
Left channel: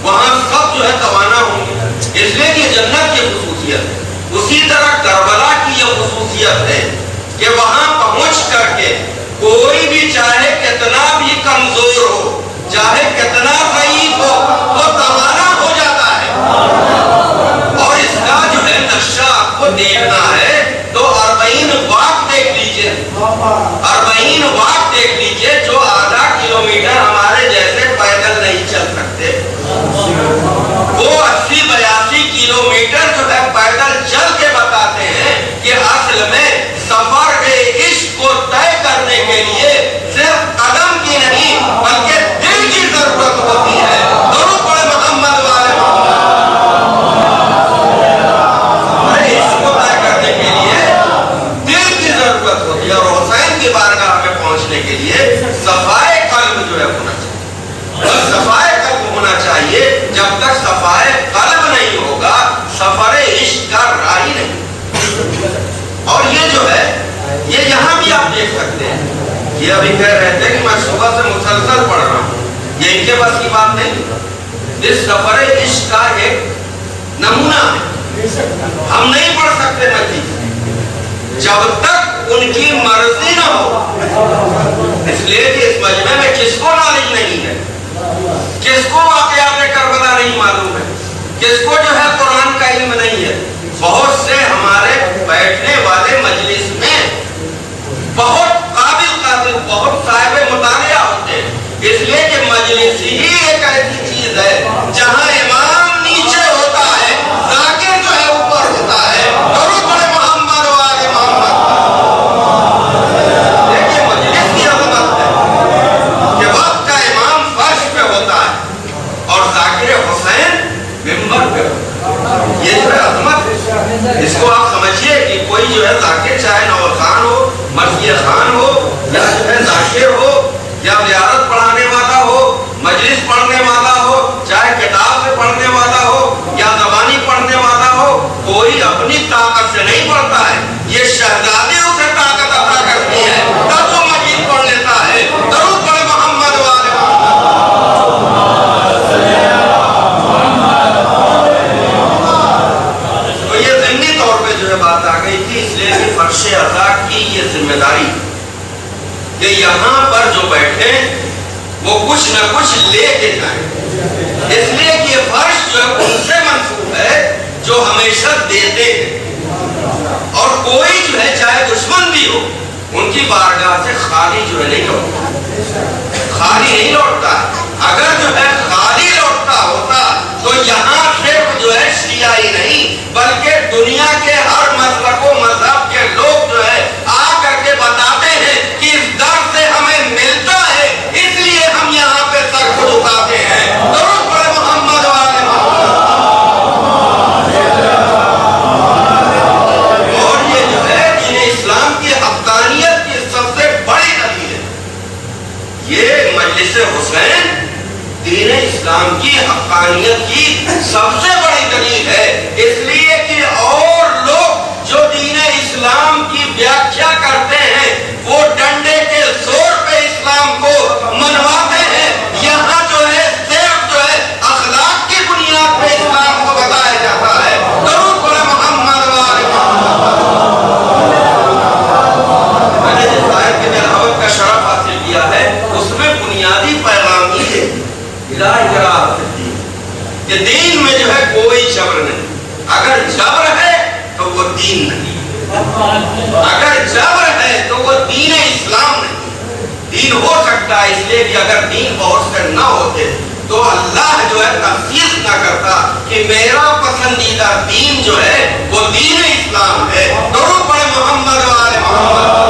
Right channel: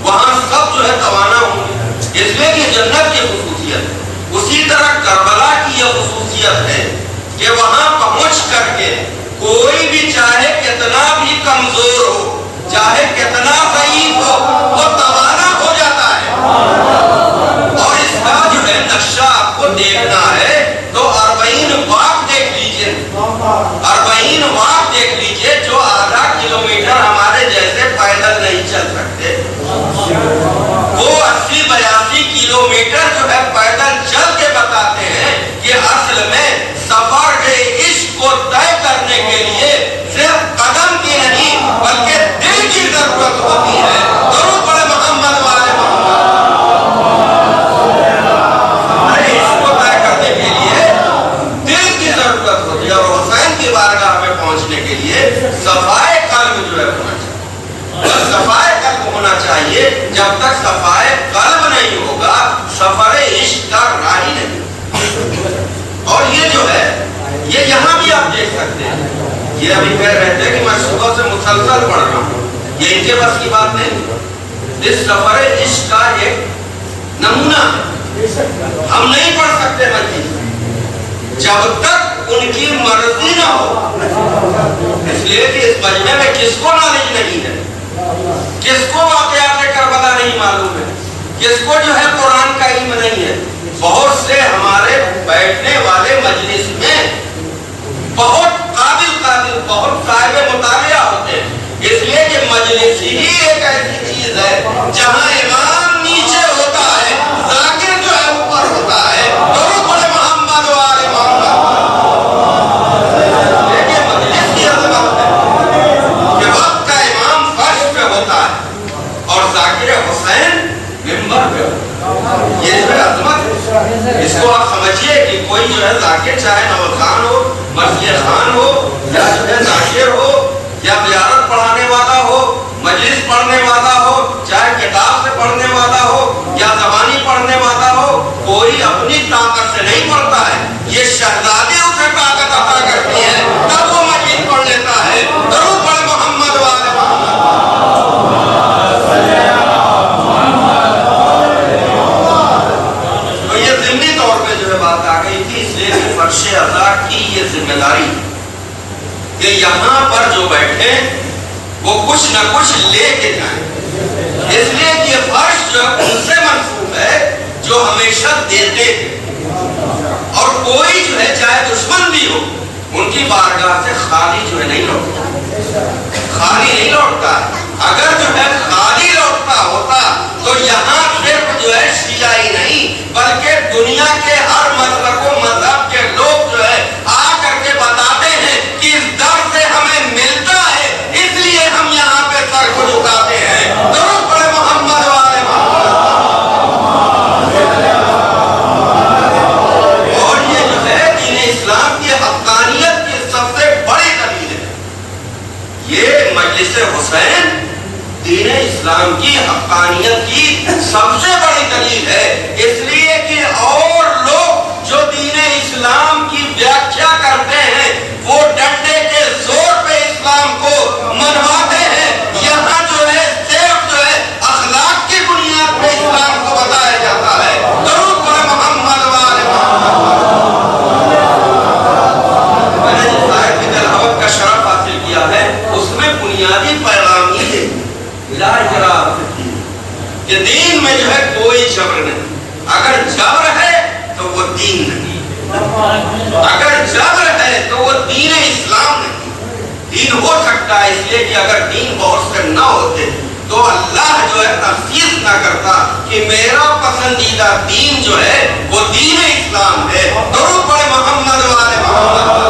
وہاں سب جو ہے توانا ہوں گے، اس لیے کہ جنت کی خصوصیت ہے۔ اسی طرح کربلا کی یہ خصوصیت ہے کہ وہاں پہنچ کر کے کوئی بھی چاہے کتنا بھی کمزور ہو، چاہے کتنا ضعیف ہو، وہ توانا ہو جاتا ہے۔ اور اس کا جو ہے نقشہ آپ کو دیکھنا ہے تو 40 واق دیکھ لیجئے، 40 واق دیکھ لیجئے، جو آدھا کلومیٹر ہمارے جیسے پیدل نہیں چل سکتے، وہ 80-82 کلومیٹر جو ہے پیدل چل کے بتاتے ہیں کہ اصل میں سفر عشق کو طے کرنے کے لیے صرف قدم کی نہیں بلکہ دل کی ضرورت ہوتی ہے۔ درود پڑھے محمد والے محمد۔ عشق کو طے کرنے کے لیے دل کی ضرورت ہوتی ہے، اور حسین کی بارگاہ میں پہنچنے کے لیے صفائے قلب جو ہے ہونا چاہیے۔ صفائے قلب ہونا چاہیے۔ جب تک صفائے قلب نہیں ہوگا سفر عشق کا راہی نہیں۔ اور یہ جو ہے یہ یہاں بھی آپ دیکھ سکتے ہیں، یہ ابھی کہہ رہے تھے کہ میں صبح سے مسلسل پڑھ رہا ہوں، یہ ان کے بس کی بات نہیں۔ اس سفر عشق کا ایک نمونہ ہے، ہم نہیں پڑھ سکتے مجلس جب تک ان کی مرضی نہ ہو، اس لیے کہ اس مجمع میں کس کو نالج نہیں ہے، کس کو واقعات کربلا نہیں معلوم ہے، کس کو جو ہے قرآن کا علم نہیں ہے۔ بہت سے ہمارے بیٹھنے والے مجلس میں بہت قابل بہت صاحب مطالعہ ہوتے ہیں، اس لیے کہ مجلس ہی ایک ایسی چیز ہے جہاں امام نیچے ہوتا ہے، ذاکر جو ہے اوپر ہوتا ہے۔ درود پڑھے محمد والے محمد۔ دیکھیے مجلس کی عظمت ہے کہ وقت کا امام فرش پہ ہوتا ہے اور ذاکر حسین ممبر پہ ہوتا ہے۔ یہ جو ہے عظمت ہے، اس کو آپ سمجھیے کہ کوئی جو ہے ذاکر چاہے نوخان ہو، مرثیہ خان ہو، یا جو ہے ذاکر ہو، یا زیارت پڑھانے والا ہو، مجلس پڑھنے والا ہو، چاہے کتاب سے پڑھنے والا ہو یا زبانی پڑھنے والا ہو، کوئی اپنی طاقت سے نہیں پڑھتا ہے، یہ شہزادی اسے طاقت عطا کرتی ہے تب وہ مجلس پڑھ لیتا ہے۔ درود پڑھے محمد والے محمد۔ تو یہ ضمنی طور پہ جو ہے بات آ گئی تھی، اس لیے کہ فرش عطا کی یہ ذمہ داری کہ یہاں پر جو بیٹھے وہ کچھ نہ کچھ لے کے جائیں، اس لیے کہ یہ فرش جو ہے ان سے منسوب ہے جو ہمیشہ دیتے ہیں، اور کوئی جو ہے چاہے دشمن بھی ہو ان کی بارگاہ سے خالی جو ہے نہیں لوٹتا، خالی نہیں لوٹتا۔ اگر جو ہے خالی لوٹتا ہوتا تو یہاں صرف جو ہے شیعہ ہی نہیں بلکہ دنیا کے ہر مذہب و مذہب کے لوگ جو ہے آ کر کے بتاتے ہیں کہ اس در سے ہمیں ملتا ہے، اس لیے ہم یہاں پہ سر کو جھکاتے ہیں۔ درود پڑھے محمد والے محمد۔ اور یہ جو ہے دین اسلام کی حقانیت کی سب سے بڑی دلیل ہے، یہ مجلس حسین دین اسلام کی حقانیت کی سب سے بڑی دلیل ہے، اس لیے کہ اور لوگ جو دین اسلام کی ویاخیا کرتے ہیں وہ ڈنڈے کے زور پہ اسلام کو منواتے ہیں، یہاں جو ہے صرف جو ہے اخلاق کی بنیاد پہ اسلام کو بتایا جاتا ہے۔ درود پڑھے محمد والے محمد۔ میں نے جس آیت کی تلاوت کا شرف حاصل کیا ہے اس میں بنیادی پیغام ہی ہے کہ دین میں جو ہے کوئی جبر نہیں، اگر جبر ہے تو وہ دین نہیں، اگر جبر ہے تو وہ دین اسلام نہیں۔ دین ہو سکتا ہے، اس لیے کہ اگر دین بہت سے نہ ہوتے تو اللہ جو ہے تخصیص نہ کرتا کہ میرا پسندیدہ دین جو ہے وہ دین اسلام ہے۔ درود پڑھے محمد والے محمد۔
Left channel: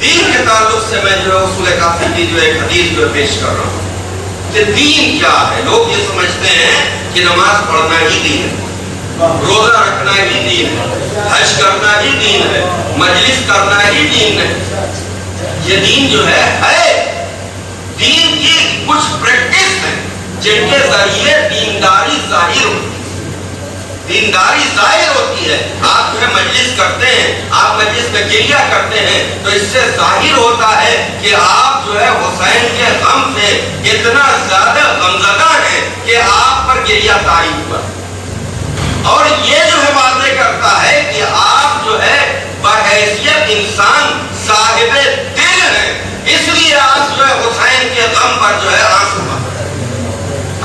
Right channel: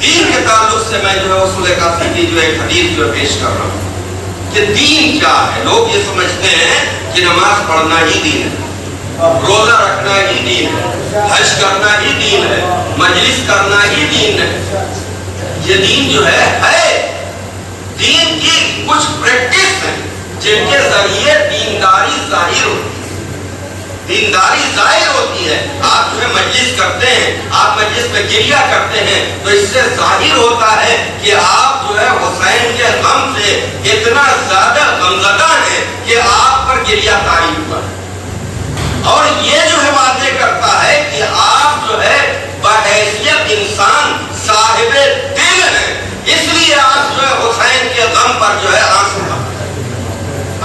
دین کے تعلق سے میں جو ہے اصول کافی کی جو ایک حدیث جو پیش کر رہا ہوں کہ دین کیا ہے۔ لوگ یہ سمجھتے ہیں کہ نماز پڑھنا ہی دین ہے، روزہ رکھنا ہی دین ہے، حج کرنا ہی دین ہے، مجلس کرنا ہی دین ہے۔ یہ دین جو ہے دین کی کچھ پریکٹس ہے، جن کے ذریعے دینداری ظاہر ہوتی ہے، دینداری ظاہر ہوتی ہے. آپ جو ہے مجلس کرتے ہیں، آپ مجلس میں گریہ کرتے ہیں تو اس سے ظاہر ہوتا ہے کہ آپ جو ہے حسین کے غم سے اتنا زیادہ غمزدہ ہیں کہ آپ پر گریہ طاری ہوا. اور یہ جو ہے باتیں کرتا ہے کہ آپ جو ہے بحیثیت انسان صاحب دل ہیں، اس لیے آپ جو ہے حسین کے غم پر جو ہے آنسو بہاتے ہیں.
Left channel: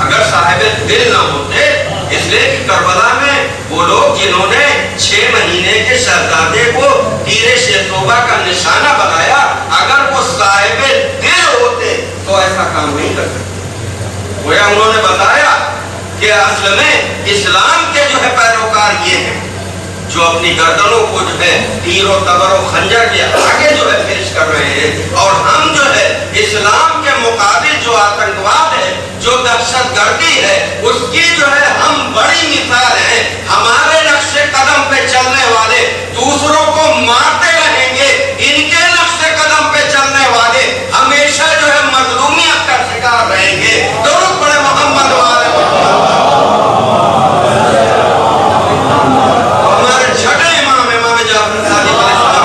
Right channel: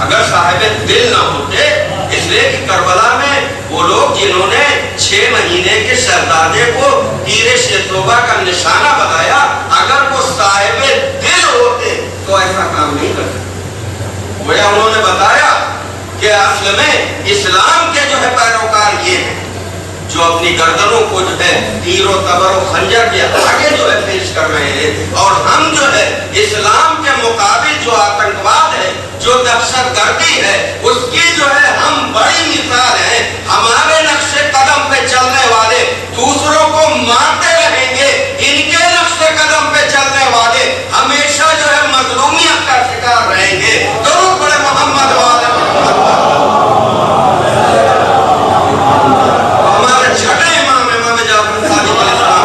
اگر صاحب دل نہ ہوتے، اس لیے کہ کربلا میں وہ لوگ جنہوں نے 6 مہینے کے شہزادے کو تیر شیتوبہ کا نشانہ بتایا، اگر وہ صاحب دل ہوتے تو ایسا کام نہیں کر سکتے. وہ انہوں نے بتایا کہ اصل میں اسلام کے جو ہے پیروکار یہ ہیں جو اپنی گردنوں کو جو ہے تیر و تبر و خنجر کے آگے جو ہے پیش کر رہے ہیں، اور ہم جو ہے اسلام کے مقابل جو آتنکواد ہے، جو دہشت گردی ہے، اس کی جو ہے ہم بڑی مثال ہیں. ہمارے نقش قدم پہ چلنے والے دوسروں کو مارتے رہیں گے، ان کے نقش قدم پہ چلنے والے ہمیشہ جو ہے مظلومیت کا شکار رہیں گے. درود پڑھے محمد والے محمد. ہمارے چھٹے امام جعفر صادق علیہ السلام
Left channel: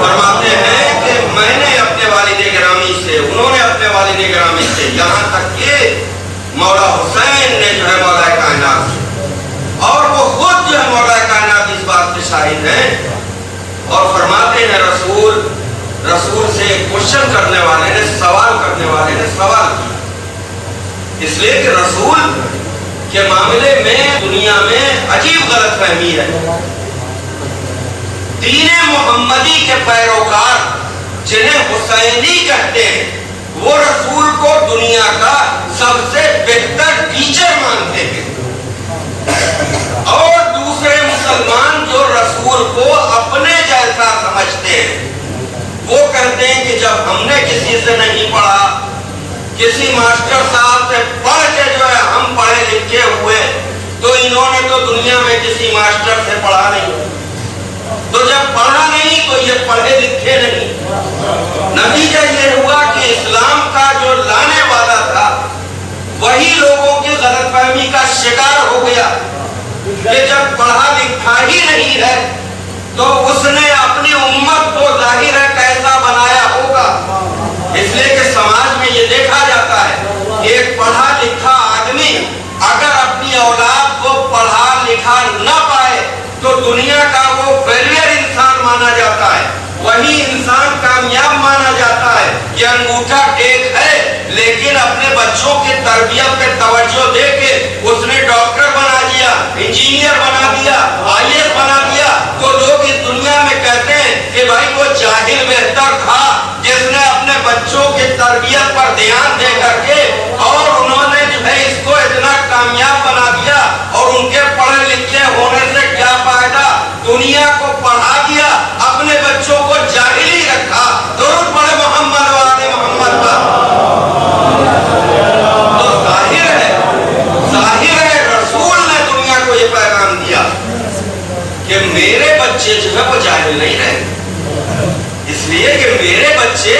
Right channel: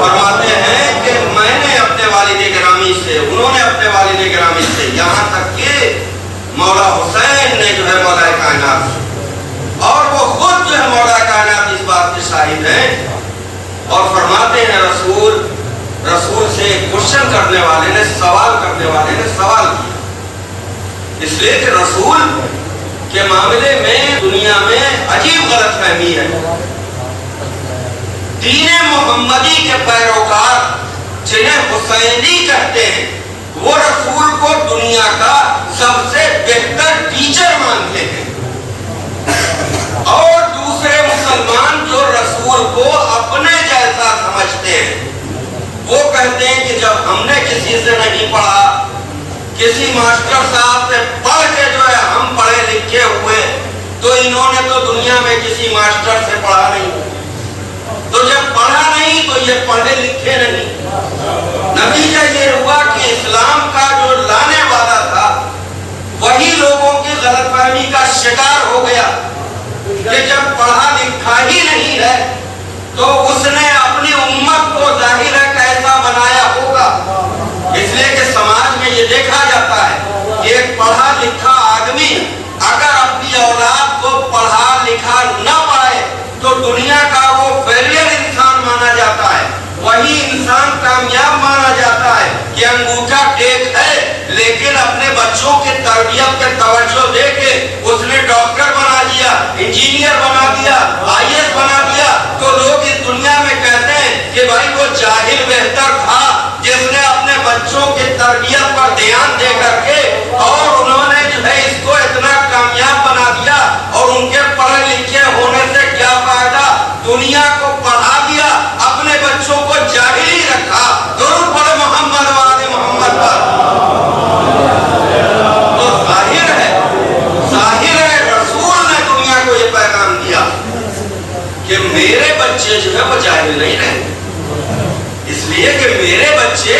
فرماتے ہیں کہ میں نے اپنے والد گرامی سے، انہوں نے اپنے والد گرامی سے، یہاں تک کہ مولا حسین نے جو ہے مولا کائنات سے، اور وہ خود جو ہے مولا کائنات اس بات کے شاہد ہیں. اور فرماتے ہیں رسول سے کوشچن کرنے والے نے، سوال کرنے والے نے سوال کیا، اس لیے کہ رسول کے معاملے میں دنیا میں عجیب غلط فہمی ہے. دین محمدی کے پیروکار جنہیں حسینی کہتے ہیں، وہ رسول کو دنیا کا سب سے بہتر ٹیچر مانتے ہیں، اور دوسرے مسلمان جو رسول کو اپنے جیسا سمجھتے ہیں وہ کہتے ہیں کہ جب ہم نے کسی سے نہیں پڑھا، کسی ماسٹر صاحب سے پڑھ کے جو ہے ہم پڑھے لکھے ہوئے، تو انہوں نے تو دنیا میں کسی ماسٹر سے پڑھا نہیں، تو جب پڑھا نہیں تو یہ پڑھے لکھے نہیں. نتیجہ یہ ہوا کہ اسلام کا جو لانے والا تھا وہی لوگوں کی غلط فہمی کا شکار ہو گیا کہ جب پڑھا لکھا ہی نہیں ہے تو اس نے اپنی امت کو ظاہر ہے کیسا بنایا ہوگا. اس لیے کہ سماج میں یہ دیکھا جاتا ہے کہ ایک پڑھا لکھا آدمی اگر اپنی اولاد کو پڑھا لکھا نہ پائے تو دنیا کا وہ فیلئر انسان مانا جاتا ہے، وہی انسان کامیاب مانا جاتا ہے. یہ انگوٹھا ٹیک ہے لیکن اپنے بچوں کی تربیت پہ توجہ دے کے اس نے ڈاکٹر بنا دیا، انجینئر بنا دیا، IAS بنا دیا، تو لوگ اس دنیا میں کہتے ہیں کہ بھائی وہ جاہل بہتر تھا جس نے اپنے بچوں کی تربیت پر دھیان دے کر کے اور انہوں نے جو ہے اس کو اتنا کامیاب بنا دیا. اور ان کے پڑھے لکھے ہونے سے کیا فائدہ، دنیا کو پڑھا دیا، اپنے بچوں کو جاہل ہی رکھا. درود پڑھے محمد والے محمد پر. تو ظاہر ہے رسول نے دنیا کو یہ پیغام دیا کہ میرے بچے جو ہے وہ جاہل نہیں رہیں، اس لیے کہ میرے بچے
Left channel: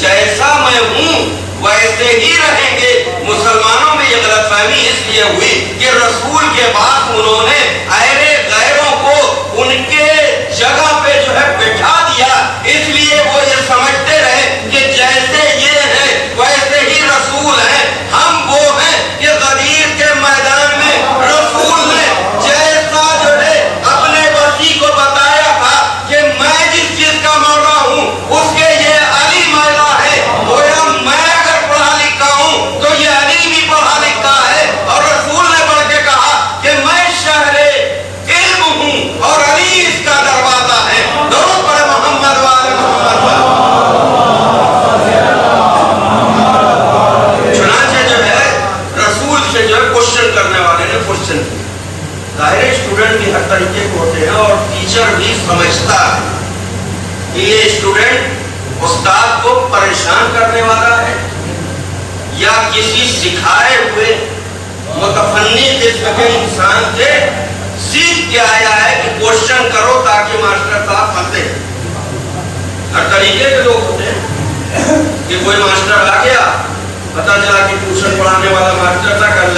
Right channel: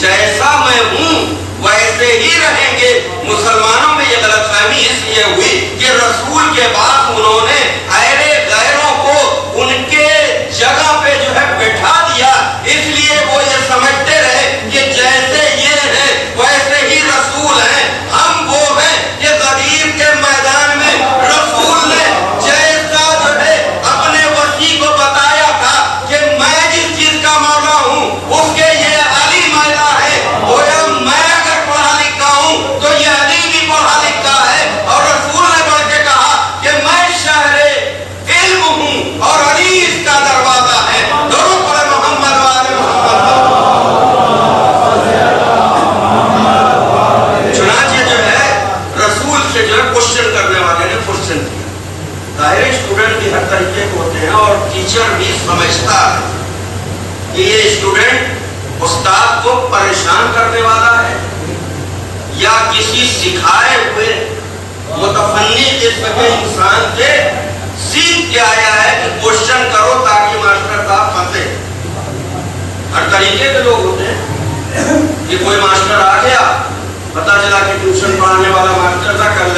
جیسا میں ہوں ویسے ہی رہیں گے. مسلمانوں میں یہ غلط فہمی اس لیے ہوئی کہ رسول کے بعد انہوں نے ایرے غیروں کو ان کے جگہ پہ جو ہے بٹھا دیا، اس لیے وہ یہ سمجھتے رہے کہ جیسے یہ ہے ویسے ہی رسول ہیں. ہم وہ ہیں کہ غدیر کے میدان میں رسول نے جیسا جو ہے اپنے وصی کو بتایا تھا کہ میں جس چیز کا مولا ہوں اس کے یہ علی مولا ہے، گویا میں اگر پڑھا لکھا ہوں تو یہ علی بھی پڑھا لکھا ہے. اور رسول نے بڑھ کے کہا کہ میں شہر علم ہوں اور علی اس کا دروازہ ہے. درود پڑھے محمد والے محمد پر. چنانچہ جو ہے رسول سے جو ہے کوشچن کرنے والے نے کوشچن کیا. ظاہر اسٹوڈنٹ بھی ہر طریقے کے ہوتے ہیں اور ٹیچر بھی سمجھتا ہے کہ یہ اسٹوڈنٹ استاد کو پریشان کرنے والا ہے یا کسی سکھائے ہوئے متفنی قسم کے انسان کے سیکھ کے آیا ہے کہ کوشچن کرو تاکہ ماسٹر صاحب پھنسے. ہر طریقے کے لوگ ہوتے ہیں کہ کوئی ماسٹر آ گیا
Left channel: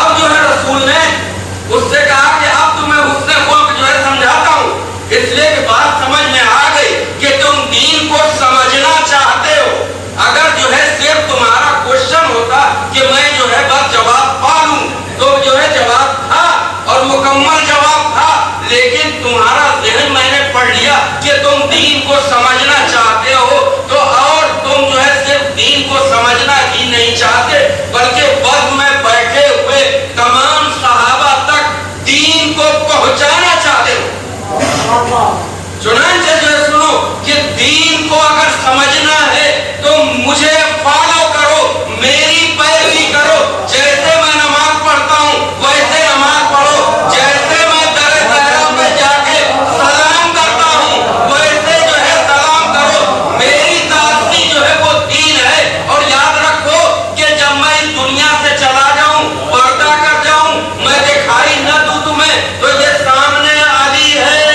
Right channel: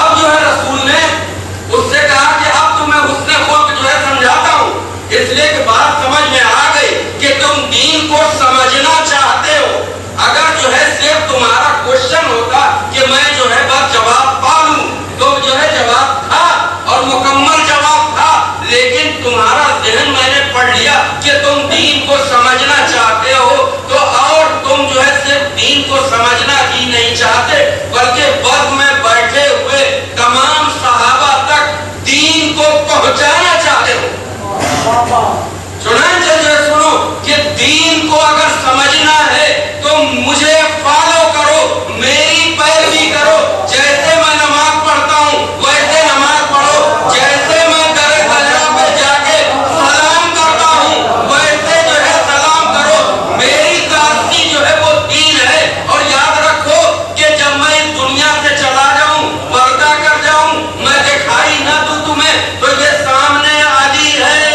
اب جو ہے رسول نے اس سے کہا کہ اب تمہیں حسن خلق جو ہے سمجھاتا ہوں، اس لیے کہ بات سمجھ میں آ گئی کہ تم دین کو سمجھنا چاہتے ہو۔ اگر جو ہے صرف تمہارا کوشچن ہوتا کہ میں جو ہے بس جواب پا لوں تو جو ہے جواب تھا اور مکمل جواب تھا، لیکن تمہارا ذہن میں نے پڑھ لیا کہ تم دین کو سمجھنا چاہتے ہو، تو اور تم جو ہے صرف دین کو سمجھنا ہی نہیں چاہتے بلکہ وقت میں بیٹھے ہوئے تمام صحابہ تک دین کو پہنچانا چاہتے ہو۔ چنانچہ جو سنو کہ دین کو اگر سمجھنا ہے تو مجھے فالو کرو، میری پیروی کرو، جیسے میں نماز پڑھتا ہوں ویسے نماز پڑھو، جیسے میں درگاہ پہ جا کے سلام کرتا ہوں ویسے جو ہے سلام کرو، میری تاثیر جو ہے وہ دین ہے۔ اور یاد رکھو کہ جب میں اس دنیا سے چلا جاؤں، پردہ کر جاؤں، میں دکھائی نہ دوں تمہیں، تو یہ سامنے علی ہے،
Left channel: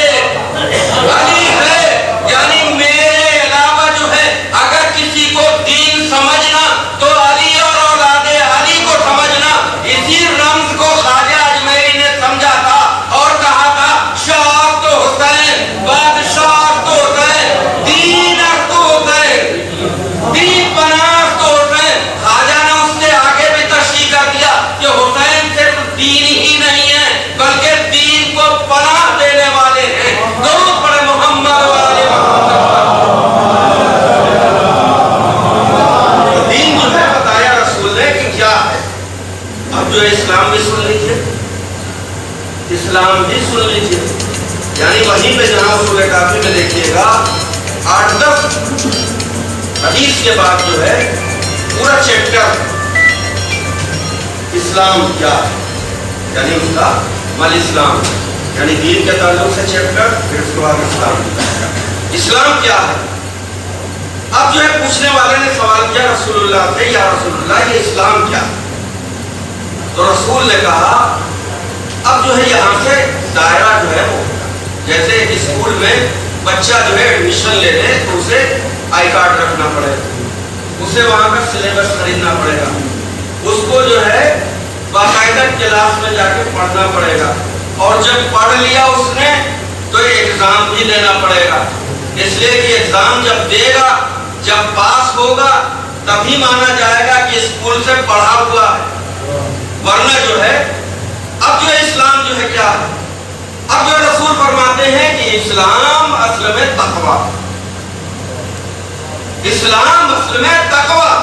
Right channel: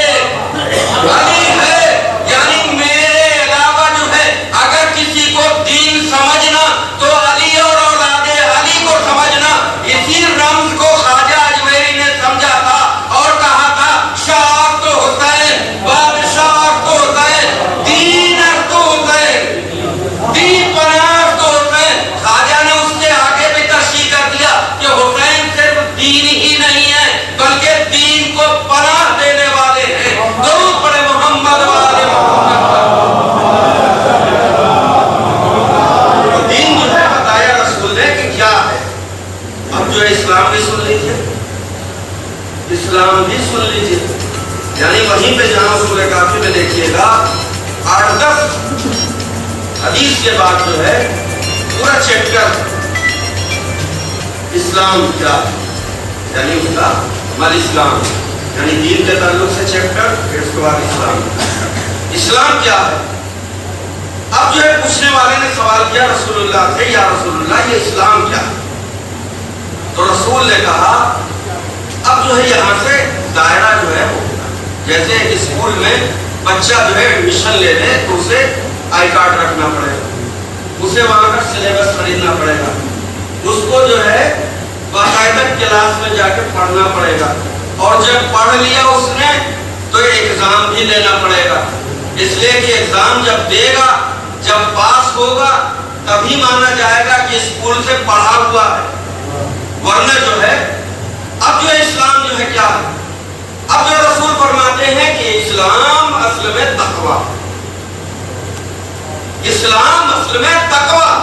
علی ہے، یعنی میرے علاوہ جو ہے اگر کسی کو دین سمجھنا تو علی اور اولاد علی کو سمجھنا۔ اسی رمز کو خواجہ اجمیری نے سمجھا تھا اور کہا تھا شاہ تو حسین، بادشاہ تو حسین، دین تو حسین، دین پناہ تو حسین۔ خواجہ نے اس سے آگے بھی تشریح کر دیا کہ حسین صرف دین ہی نہیں ہے بلکہ دین کو پناہ دینے والے ہیں۔ درود پڑھے محمد و آل محمد۔ دین جو ہے بتایا رسول نے کہ کیا ہے۔ اب جو اسلام بھی سن لیجئے، اسلام بھی سن لیجئے، یعنی وہیں پہ جہاں سورہ کافی میں دیکھیے گا 8-10 حدیث کے بعد جو ہے پورا چیپٹر اسلام کیا ہے، یعنی اس کا مل اسلام، یعنی دین کے تعلق سے چیپٹر، پھر اس کے بعد اسلام، اسلام کیا ہے۔ اب جو ہے پوچھنے والے نے سوال کیا رسول اللہ سے، یا رسول اللہ یہ اسلام کیا ہے؟ تو رسول نے کہا اب جو ہے یہاں سے دائرہ جو ہے وہ جیسے اسکول میں بچہ جو ہے ایڈمیشن لے لے تو اسے آئی کارڈ رکھنا پڑے گا، اسے وہاں کا سلیبس خریدنا پڑے گا، اس کو جو ہے باقاعدہ کلاس میں جا کے پڑھنا پڑے گا، اور جب پڑھ لیا اس نے تو ایگزام بھی دینا پڑے گا، اس لیے کہ ایگزام جب دے گا، جب پاس ہوگا تبھی مانا جائے گا کہ اسکول سے پڑھا ہوا ہے، ورنہ جو ہے اب جو اسلام جو ہے کیا ہے۔ اب جو رسول فرماتے ہیں کہ اسلام اصل میں تقویٰ، اسلام اصل میں تقویٰ،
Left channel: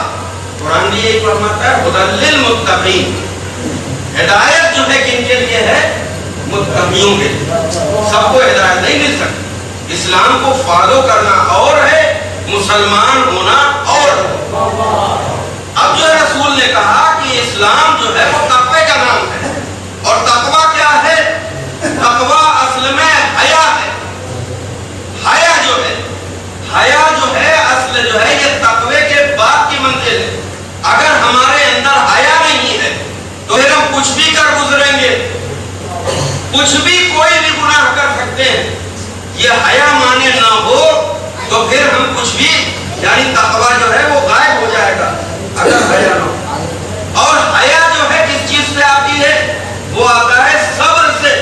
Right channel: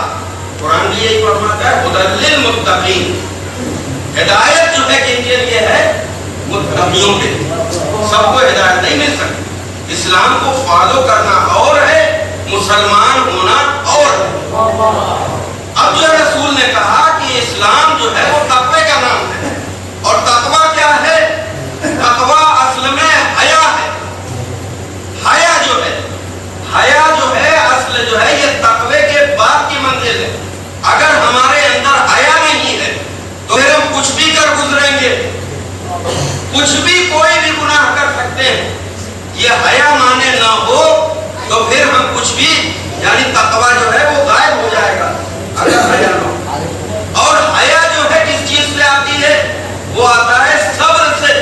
قرآن بھی یہی فرماتا ہے ہدی للمتقین، ہدایت جو ہے کن کے لیے ہے؟ متقیوں کے لیے، سب کو ہدایت نہیں مل سکتی، اسلام کو فالو کرنا اور ہے، مسلمان ہونا اور ہے۔ اب جو رسول نے کہا کہ اسلام جو ہے وہ تقوی کا نام ہے، اور تقوی کیا ہے؟ تقوی اصل میں حیا ہے، حیا جو ہے، حیا جو ہے اصل جو ہے یہ تقوی کے بعد کی منزل ہے۔ اگر ہمارے اندر حیا نہیں ہے تو پھر ہم کچھ بھی کر گزریں گے، کچھ بھی کوئی بھی گناہ کر سکتے ہیں، یہ حیا مانے نہ ہو تو پھر ہم کچھ بھی یعنی تقوی جو ہے وہ غائب ہو جائے گا اگر حیا نہ ہو۔ اور حیا جو ہے کس چیز سے آتی ہے؟ وہ آتا ہے صبر سے۔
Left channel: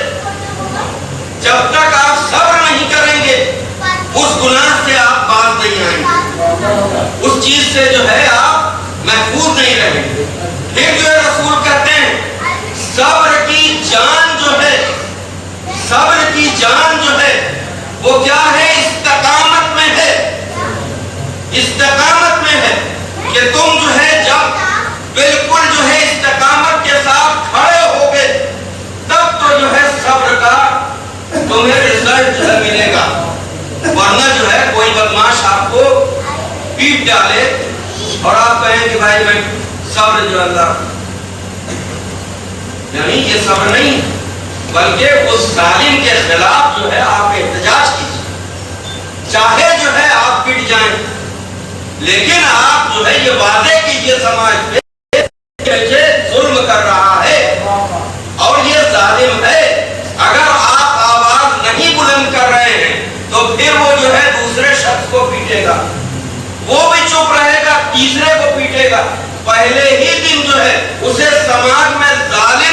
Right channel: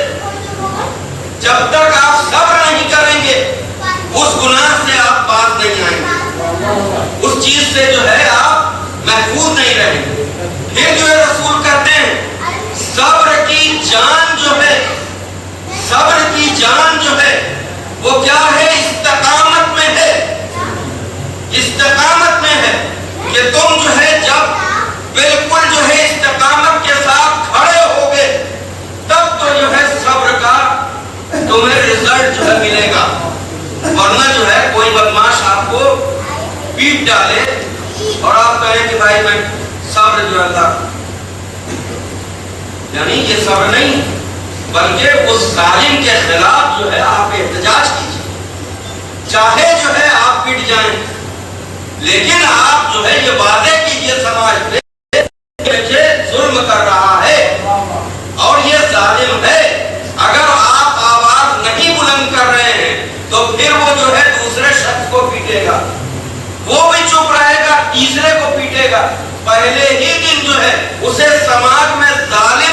جب تک آپ صبر نہیں کریں گے اس گناہ سے آپ باز نہیں آئیں گے، اس چیز سے جو ہے آپ محفوظ نہیں رہیں گے۔ پھر جو ہے رسول کہتے ہیں صبر کی جان جو ہے، صبر کی جان جو ہے وہ کیا ہے؟ استقامت میں ہے، استقامت میں ہے کہ تم جو ہے جب بالکل جو ہے استقامت کے ساتھ کھڑے ہوگے تب تو جو ہے صبر کا تمہیں رزلٹ جو ہے ملے گا، ورنہ جو ہے کوئی بدماش آپ کو پیٹ ڈالے اور آپ کہیں کہ بھائی میں صبر جو اللہ، یعنی یہ صبر نہیں بلکہ اس ظالم کے خلاف جو ہے آپ احتجاج کیجیے، چاہے جو ہے آپ پٹ جائیں لیکن آپ جو ہے یہ وعدے کیجیے سماج کے ظلم کر رہا ہے اور یہ ظالم ہے، اگر آپ آواز نہیں بلند کر رہے ہیں تو پھر وہ جو ہے دوسرے شخص کو پیٹے گا، وہ بھی چپ رہے گا، تیسرے کو پیٹے گا، پہلے ہی دن جو ہے اسے سماج میں ظالم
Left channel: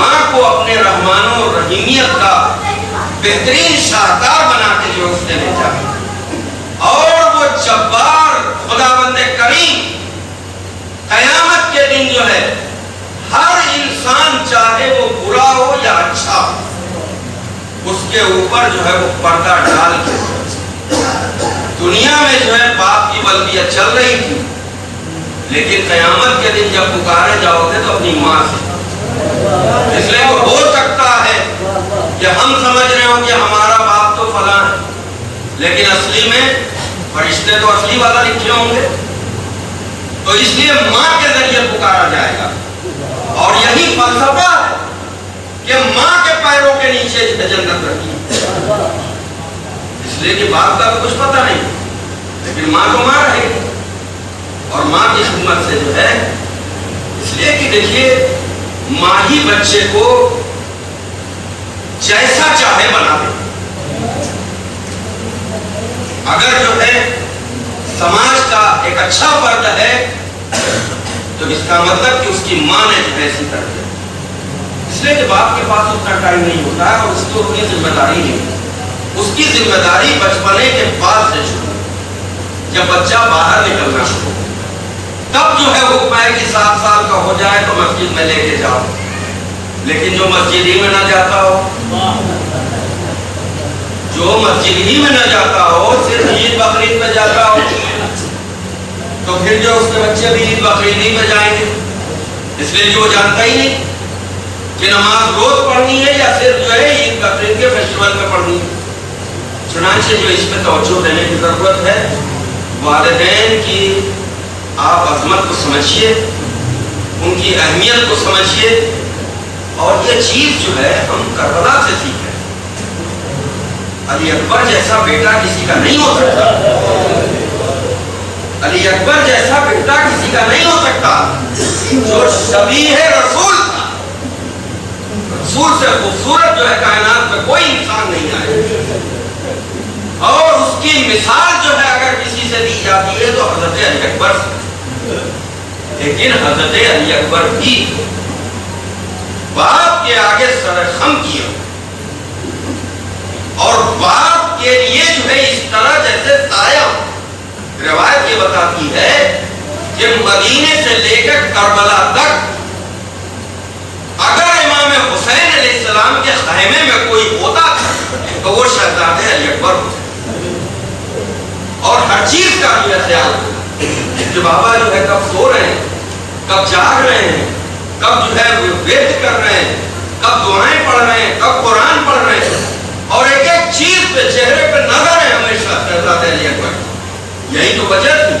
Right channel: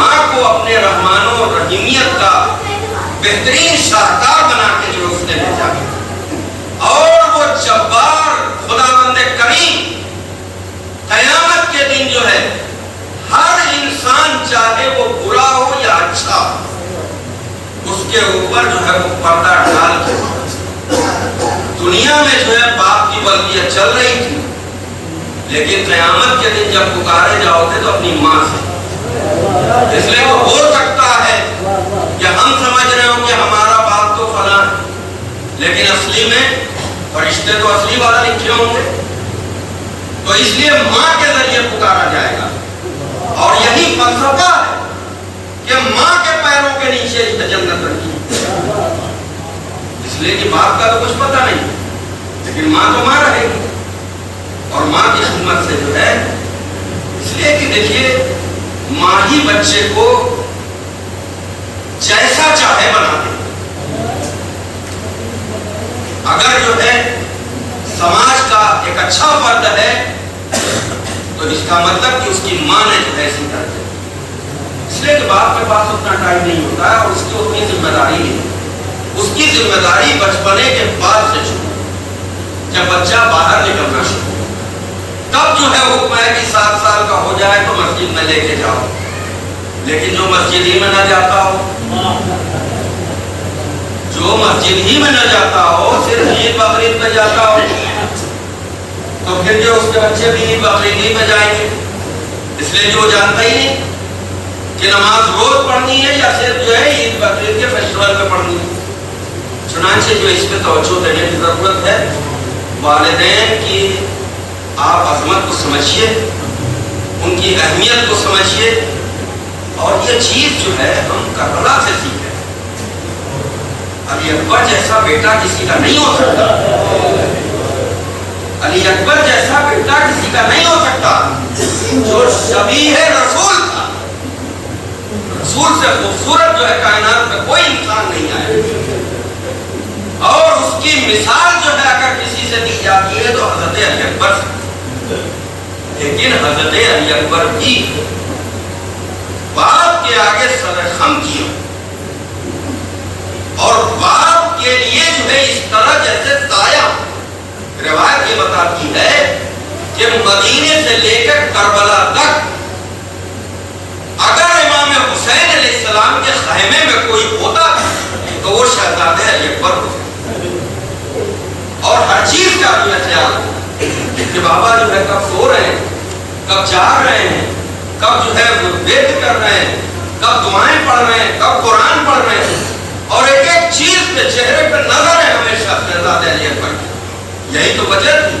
ماں کو اپنے رحمان و رحیمیت کا بہترین شاہکار بنا کے جو اس نے بھیجا، اور وہ جبار خداوند کریم قیامت کے دن جو ہے ہر انسان چاہے وہ برا ہو یا اچھا، اس کے اوپر جو ہے وہ پردہ ڈال کے، دنیا میں جو ہے باپ کی بلدیت چل رہی تھی، لیکن قیامت کے دن جب پکارے جاؤ گے تو اپنی ماں سے، اس لیے تو ہو سکتا ہے کہ ہم سمجھ رہے ہوں کہ ہمارا باپ تو فلاں، لیکن اصلی میں فرشتے تو اصلی والا لکھے ہوں گے، تو اس لیے ماں کے ذریعے پکارا جائے گا۔ اور یہی فلسفہ ہے کہ ماں کے پیروں کے نیچے جنت رکھی، اس لیے کہ باپ کا تو کچھ پتہ نہیں، لیکن ماں تو ماں رہے گی، اور ماں کی خدمت سے جو ہے، اس لیے کہ دیکھیے ماں ہی بچے کو جیسا چاہے بنا دے۔ اگر جو ہے سماج کا ایک اچھا فرد ہے تو اس کا مطلب کہ اس کی ماں نے ایسی کر دیا، اس لیے کہ باپ کے پاس اتنا ٹائم نہیں ہوتا ہے، اور اس کی اتنی ذمہ داری نہیں، اس کی ذمہ داری بچپنے کے بعد سے شروع، جب بچہ باہر نکلنا شروع، تب جو ہے حکم ہے کہ 7 سال کا ہو جائے تو مسجد میں لے کے جاؤ، لیکن جو مسجد ہی میں نہ جاتا ہو، جو مسجد ہی میں نہ جاتا ہو، صرف عید بقرعید پہ جاتا ہو، تو پھر جو اس کے بچے بھی عید بقرعید نہیں پہ جائیں گے، اس لیے جو جانتا ہی نہیں کہ نماز روز پڑھنی ہے یا صرف جو ہے عید بقرعید کے فیسٹیول میں پڑھنی ہے۔ چنانچہ جو اس میں توجہ دینے کی ضرورت ہے، والدین کی آپ عظمت کو سمجھیے، ان کی اہمیت کو سمجھیے، اور یہ چیز جو ہے ہم کربلا سے سیکھیں۔ علی اکبر جیسا بیٹا کسی کا نہیں ہو سکتا، علی اکبر جیسا بیٹا کسی کا نہیں ہو سکتا، جو شبیہ رسول تھا، رسول سے خوبصورت جو ہے کائنات میں کوئی انسان نہیں آئے، اور اس کی مثال جو ہے اگر کسی سے دی جاتی ہے تو حضرت علی اکبر سے، لیکن حضرت علی اکبر بھی باپ کے آگے سر خم کیا، اور باپ کے لیے جو ہے اس طرح جیسے سایہ، روایت یہ بتاتی ہے کہ مدینے سے لے کر کربلا تک اگر امام حسین علیہ السلام کے خیمے میں کوئی ہوتا تو وہ شہزادہ علی اکبر ہوتا، اور ہر چیز کا بھی خیال ہو کہ بابا جو ہے کب سو رہے ہیں، کب جاگ رہے ہیں، کب جو ہے ویٹ کر رہے ہیں، کب دعائیں پڑھ رہے ہیں، کب قرآن پڑھ رہے ہیں، اور ایک ایک چیز پہ چہرے پہ نظر ہے ہمیشہ شہزادہ علی اکبر۔ یہی تو وجہ تھی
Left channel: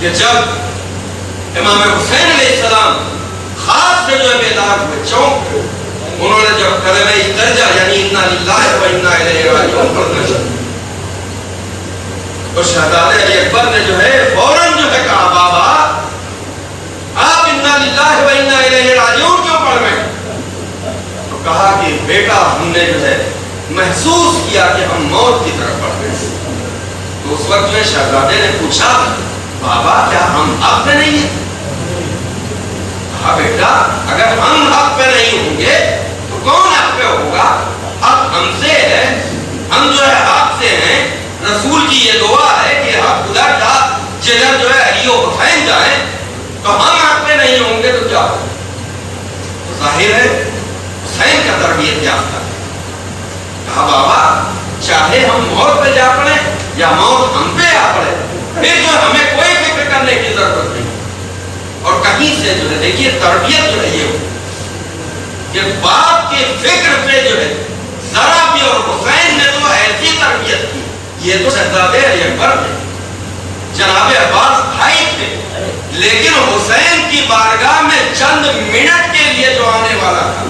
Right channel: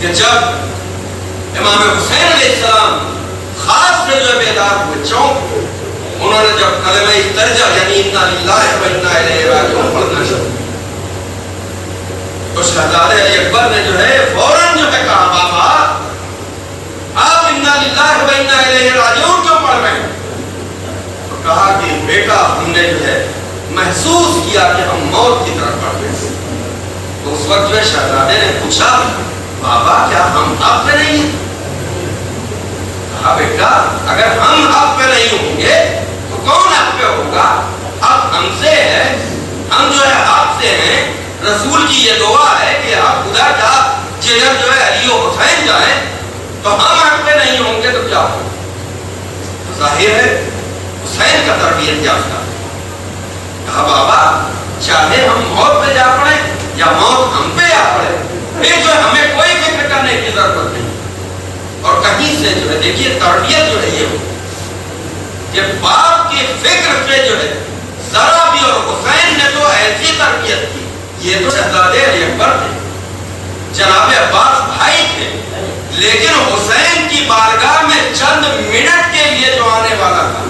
کہ جب امام حسین علیہ السلام خاص سے جو بیدار ہوئے، چونک انہوں نے جب کلمہ درجہ یعنی انا للہ و انا الیہ راجعون پڑھنا شروع، تو شہزادہ علی اکبر نے جو ہے فوراً جو ہے کہا بابا آپ انا للہ و انا الیہ راجعون کیوں پڑھ رہے ہیں؟ تو کہا کہ بیٹا ہم نے جو ہے محسوس کیا کہ ہم موت کی طرف بڑھ رہے ہیں۔ تو اس وقت جو شہزادے نے پوچھا بابا کیا ہم حق پہ نہیں ہیں؟ کہا بیٹا اگر ہم حق پہ نہیں ہوں گے تو کون حق پہ ہوگا؟ حق ہم سے ہے، ہم جو ہے حق سے ہیں، رسول کی یہ دعا ہے کہ حق خدا کا جگر جو ہے علی و حسین جائیں، تو ہم حق پہ نہیں ہوں گے تو کیا ہوگا؟ ظاہر ہے حسین کا تربیت یافتہ۔ کہا بابا چاہے ہم موت پہ جا پڑے یا موت ہم پہ آ پڑے، پھر جو ہمیں کوئی فکر کرنے کی ضرورت نہیں، اور کہیں سے جو ہے دیکھیے تربیت جو ہے یہ ہو کہ باپ کی فکر پہ جو ہے ذرا بھی، اور حسین نے تو ایسی تربیت کی، یہ تو شہزادے علی اکبر تھے، جناب عباس بھائی تھے، لیکن حسین کی بارگاہ میں چند منٹ کے لیے جو آنے والا تھا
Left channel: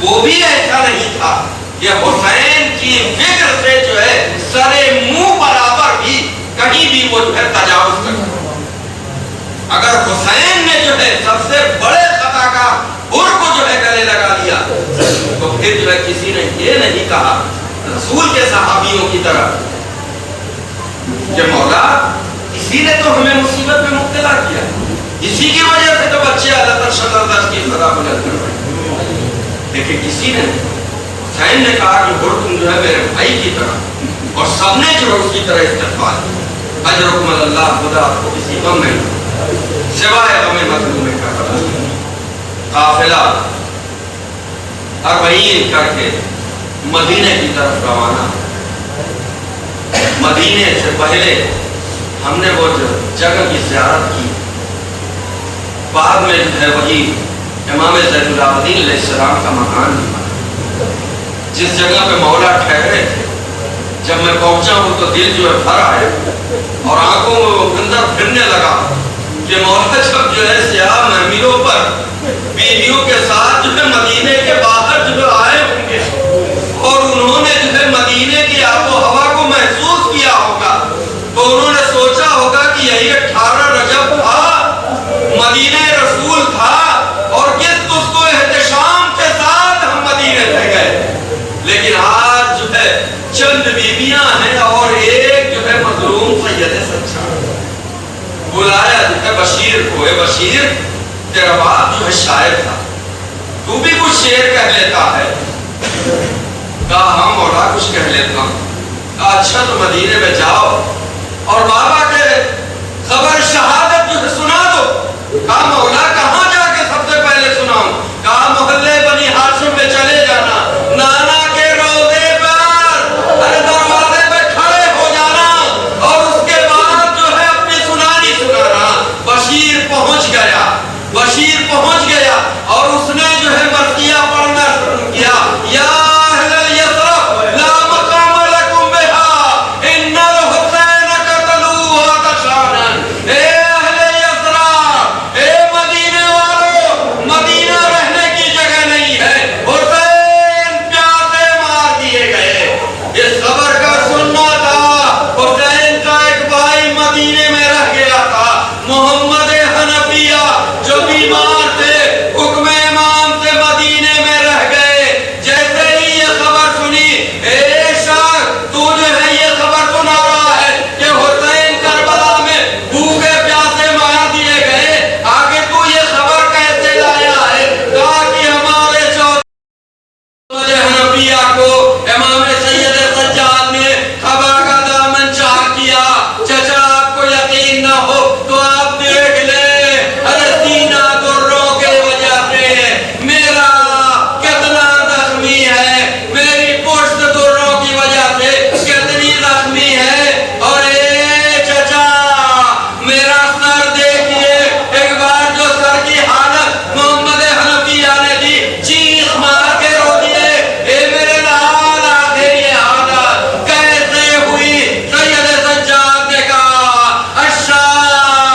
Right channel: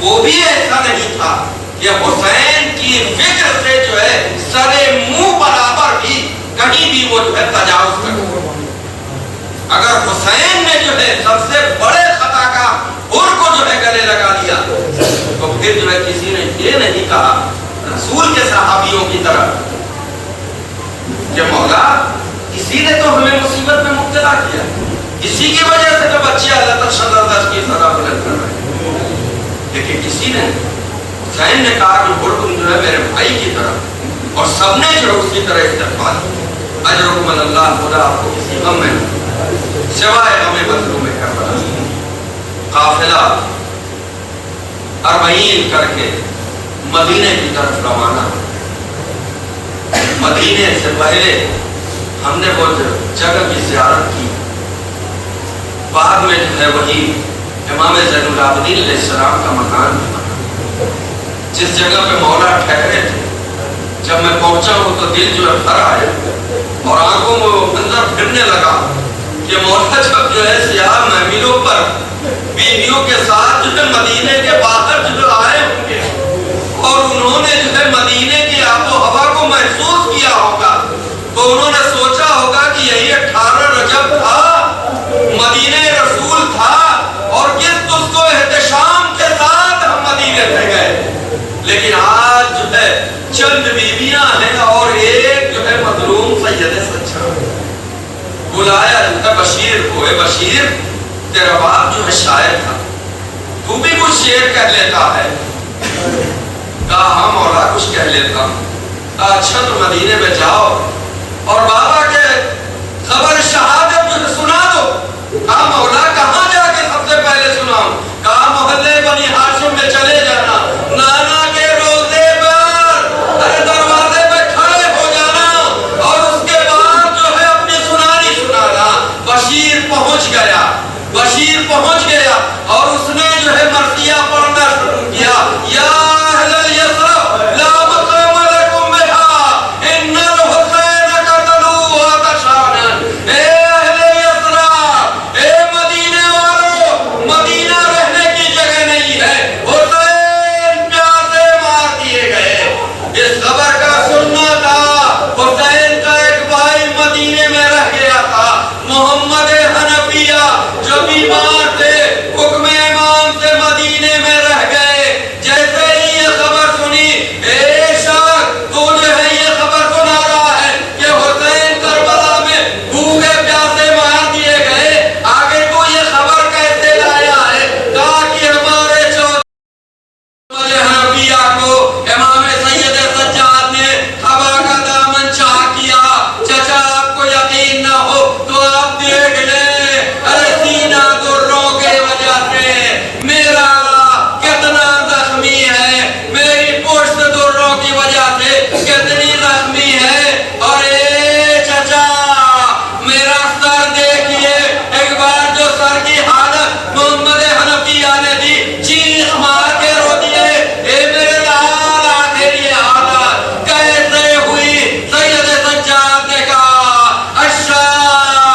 وہ بھی ایسا نہیں تھا کہ حسین کی فکر سے جو ہے سر منہ برابر بھی کہیں بھی وہ جو ہے تجاوز کرتا۔ اگر حسین نے جو ہے سب سے بڑے خطا کا حر کو جو ہے گلے لگا لیا تو پھر جو ہے کسی نے یہ نہیں کہا رسول کے صحابیوں کی طرح کہ مولا اسی نے تو ہمیں مصیبت میں مبتلا کیا، اسی کی وجہ سے تو بچے اللہ تعالی کی سزا بلند کر رہے ہیں۔ لیکن کسی نے حسین نے کہا کہ ہر تم جو ہے میرے بھائی کی طرح، اور سب نے جو ہے اس کی طرح استقبال کیا۔ اجرکم اللہ، خدا آپ کو کسی غم میں سوائے غم مظلوم کربلا۔ قافلہ 40 کر کے مدینے کی طرف روانہ۔ مدینے سے پہلے ہم نے وہ جگہ کی زیارت کی، بعد میں جو ہے وہی امام زین العابدین علیہ السلام کا مکان تھا جس جگہ پہ مولا ٹھہرے تھے۔ جب میں پہنچا ہوں تو دل جو ہے بھر آیا اور آنکھوں میں وہ اندر پھرنے لگا کہ مولا جب جو ہے سیاہ محملوں پر بیویوں کے ساتھ جو ہے مدینے کے باہر جو ہے آئے ہوں گے اور انہوں نے جو ہے مدینے کی آب و ہوا کو محسوس کیا ہوگا، تو انہوں نے سوچا ہوگا کہ یہی 18 رجب تھا، مدینہ رسول تھا، اور کس اس کو احتشام کے ساتھ ہم مدینے سے گئے۔ لیکن آج جو ہے چند بیویاں ہیں اور ایک جو ہے مظلوم سید سچا۔ بلایا جو ہے بشیر کو، اے بشیر تیرا باپ جو ہے شاعر تھا، تو بھی کچھ شعر کہہ لیتا ہے؟ کہا ہاں مولا کچھ کہہ لیتا ہوں۔ کہا اچھا تو مدینے میں جاؤ اور بابا کے خبر شہادت جو ہے سنا دو۔ کہا مولا کہاں جا کے سب سے پہلے سناؤں؟ کہا محلے بنی ہاشم میں چلے جانا، نانا کے روضے پر دروازے پہ کھڑے ہو جانا اور اس کے بعد جو ہے اپنی سنانی سنانا۔ بشیر پہنچ گیا، بشیر پہنچ گیا اور اس نے جو ہے مرثیہ پڑھنا شروع کیا۔ یا اہل الیثرب لا مقام لکم بہا ان الحسین قتلوا عطشانا۔ اے اہل یثرب، اے مدینے والو، مدینہ رہنے کی جگہ نہیں ہے، حسین پیاسے مار دیے گئے۔ اس خبر کا سننا تھا، حسین کا ایک بھائی مدینے میں رہ گیا تھا، محمد حنفیہ، جو بیمار تھے، حکم امام سے مدینے میں رہ گئے۔ جیسے ہی یہ خبر سنی، اے شخص تو جو ہے یہ خبر سنا رہا ہے کہ حسین کربلا میں بھوکے پیاسے مار دیے گئے، آگے تو یہ خبر کیسے لایا ہے؟ تاکہ ہمارے محمد حنفیہ کو امام سید سجاد نے خبر کا دامن چاک کیا۔ چچا آپ کو یقین نہ ہو تو آپ دیکھ لیں، ارے سینہ دروں کے وجہ سے میرا کتنا زخمی ہے، میری پشت دروں کی وجہ سے کتنی زخمی ہے، اور اے چچا میرا سر دیکھیے ایک بار، جو سر کی حالت محمد حنفیہ نے دی، چیخ مار کے رو دیے، اے میرے لال آخر یہ حالت کیسے ہوئی؟ سید سجاد نے کہا الشام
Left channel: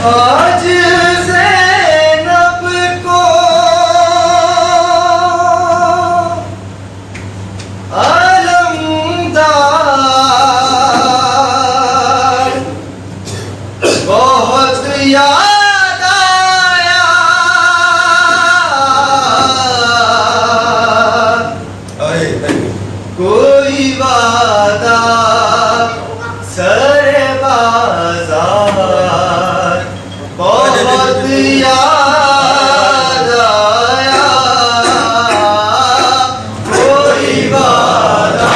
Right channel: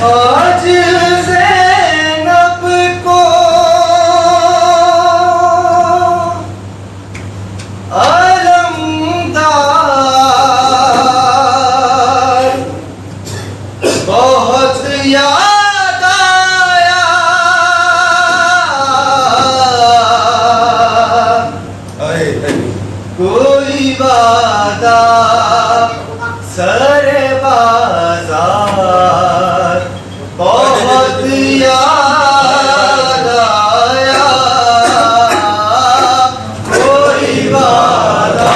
آج زینب کو علمدار بہت یاد آیا کوئی وعدہ سر بازار بہت یاد آیا کوئی وعدہ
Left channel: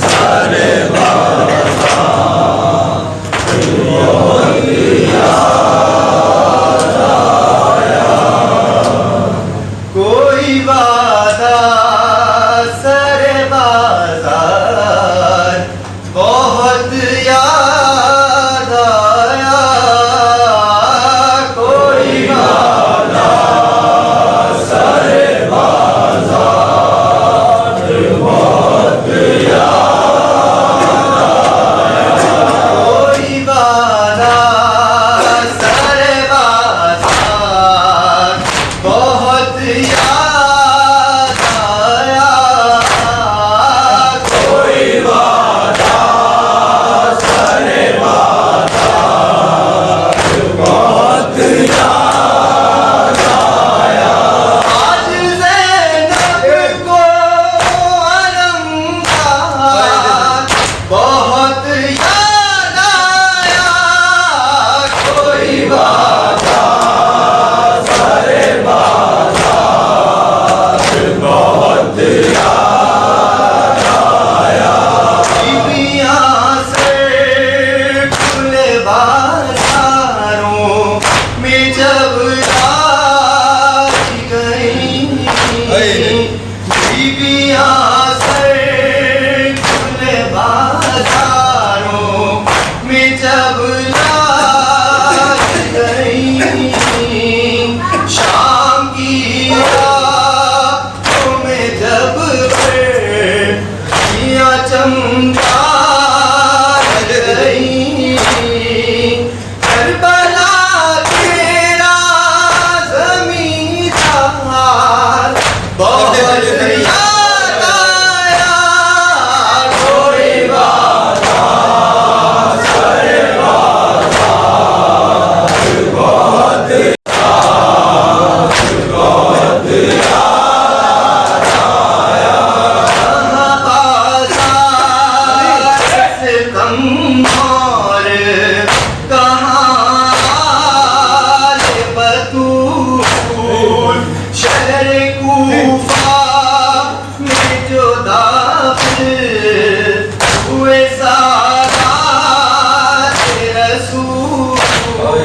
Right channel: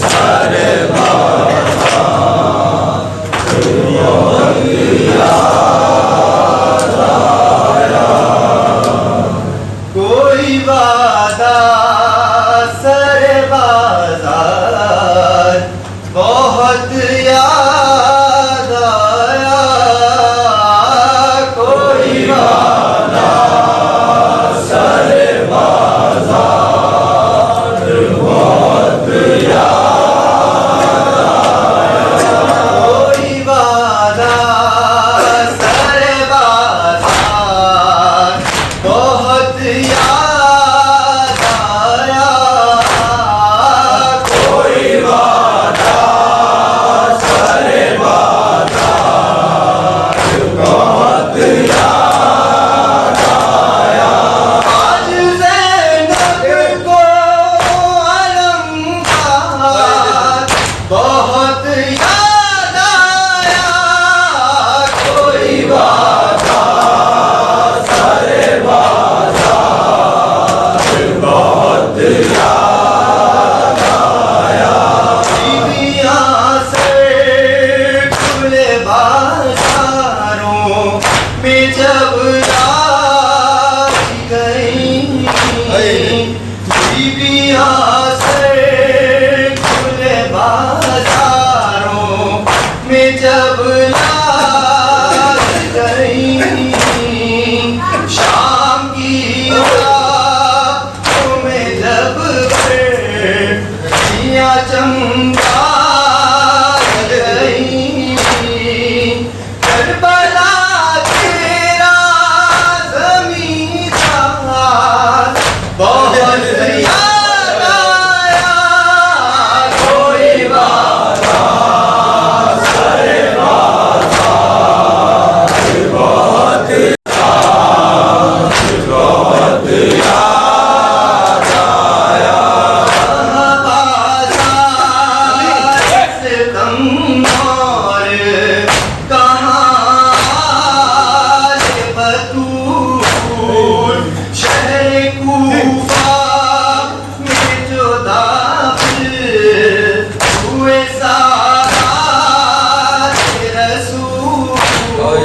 سر بازار بہت یاد آیا کوئی وعدہ سر بازار بہت یاد آیا کوئی وعدہ سر بازار بہت یاد آیا کوئی وعدہ سر بازار بہت یاد آیا کوئی وعدہ سر بازار بہت یاد آیا آج زینب کو علمدار بہت یاد آیا کوئی وعدہ سر بازار بہت یاد آیا بیویاں سے کھلے بازاروں میں جب لائی گئیں بیویاں سے کھلے بازاروں میں جب لائی گئیں شام کی راتوں میں جب کھڑیاں چمکا گئیں کربلا تیرا زمیندار بہت یاد آیا کوئی وعدہ سر بازار بہت بہت یاد آیا بازار سے کم اور کہاں آل بطول شہر کوفہ میں جو داخل ہوئے سادات رسول کوئی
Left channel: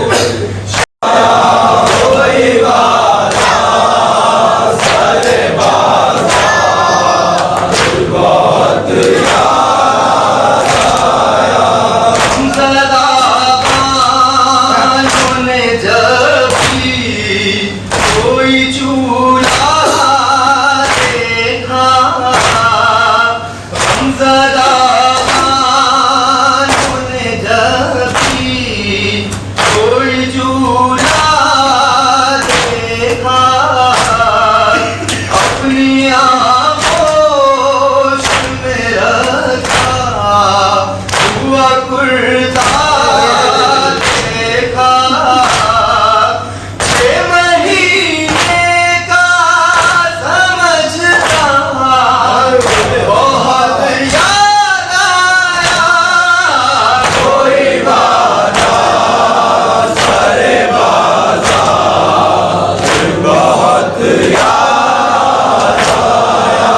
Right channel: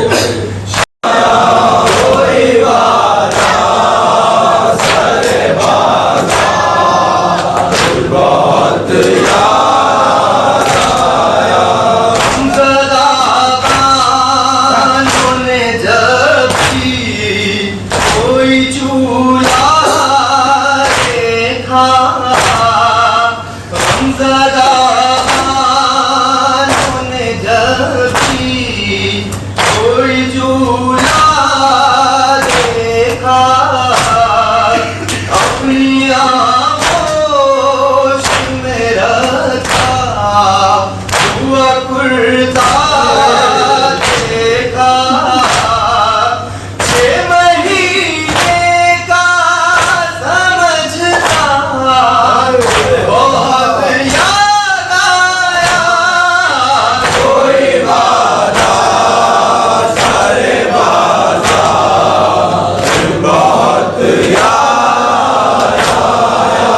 وعدہ سر بازار بہت یاد آیا زدہ بانوں نے جب بھی کوئی چولہا دیکھا زدہ بانوں نے جب بھی کوئی چولہا دیکھا اپنی آغوش میں رکھا ہوا کرتا دیکھا 6 مہینے کا سمجھدار بہت یاد آیا کوئی وعدہ سر بازار بہت یاد آیا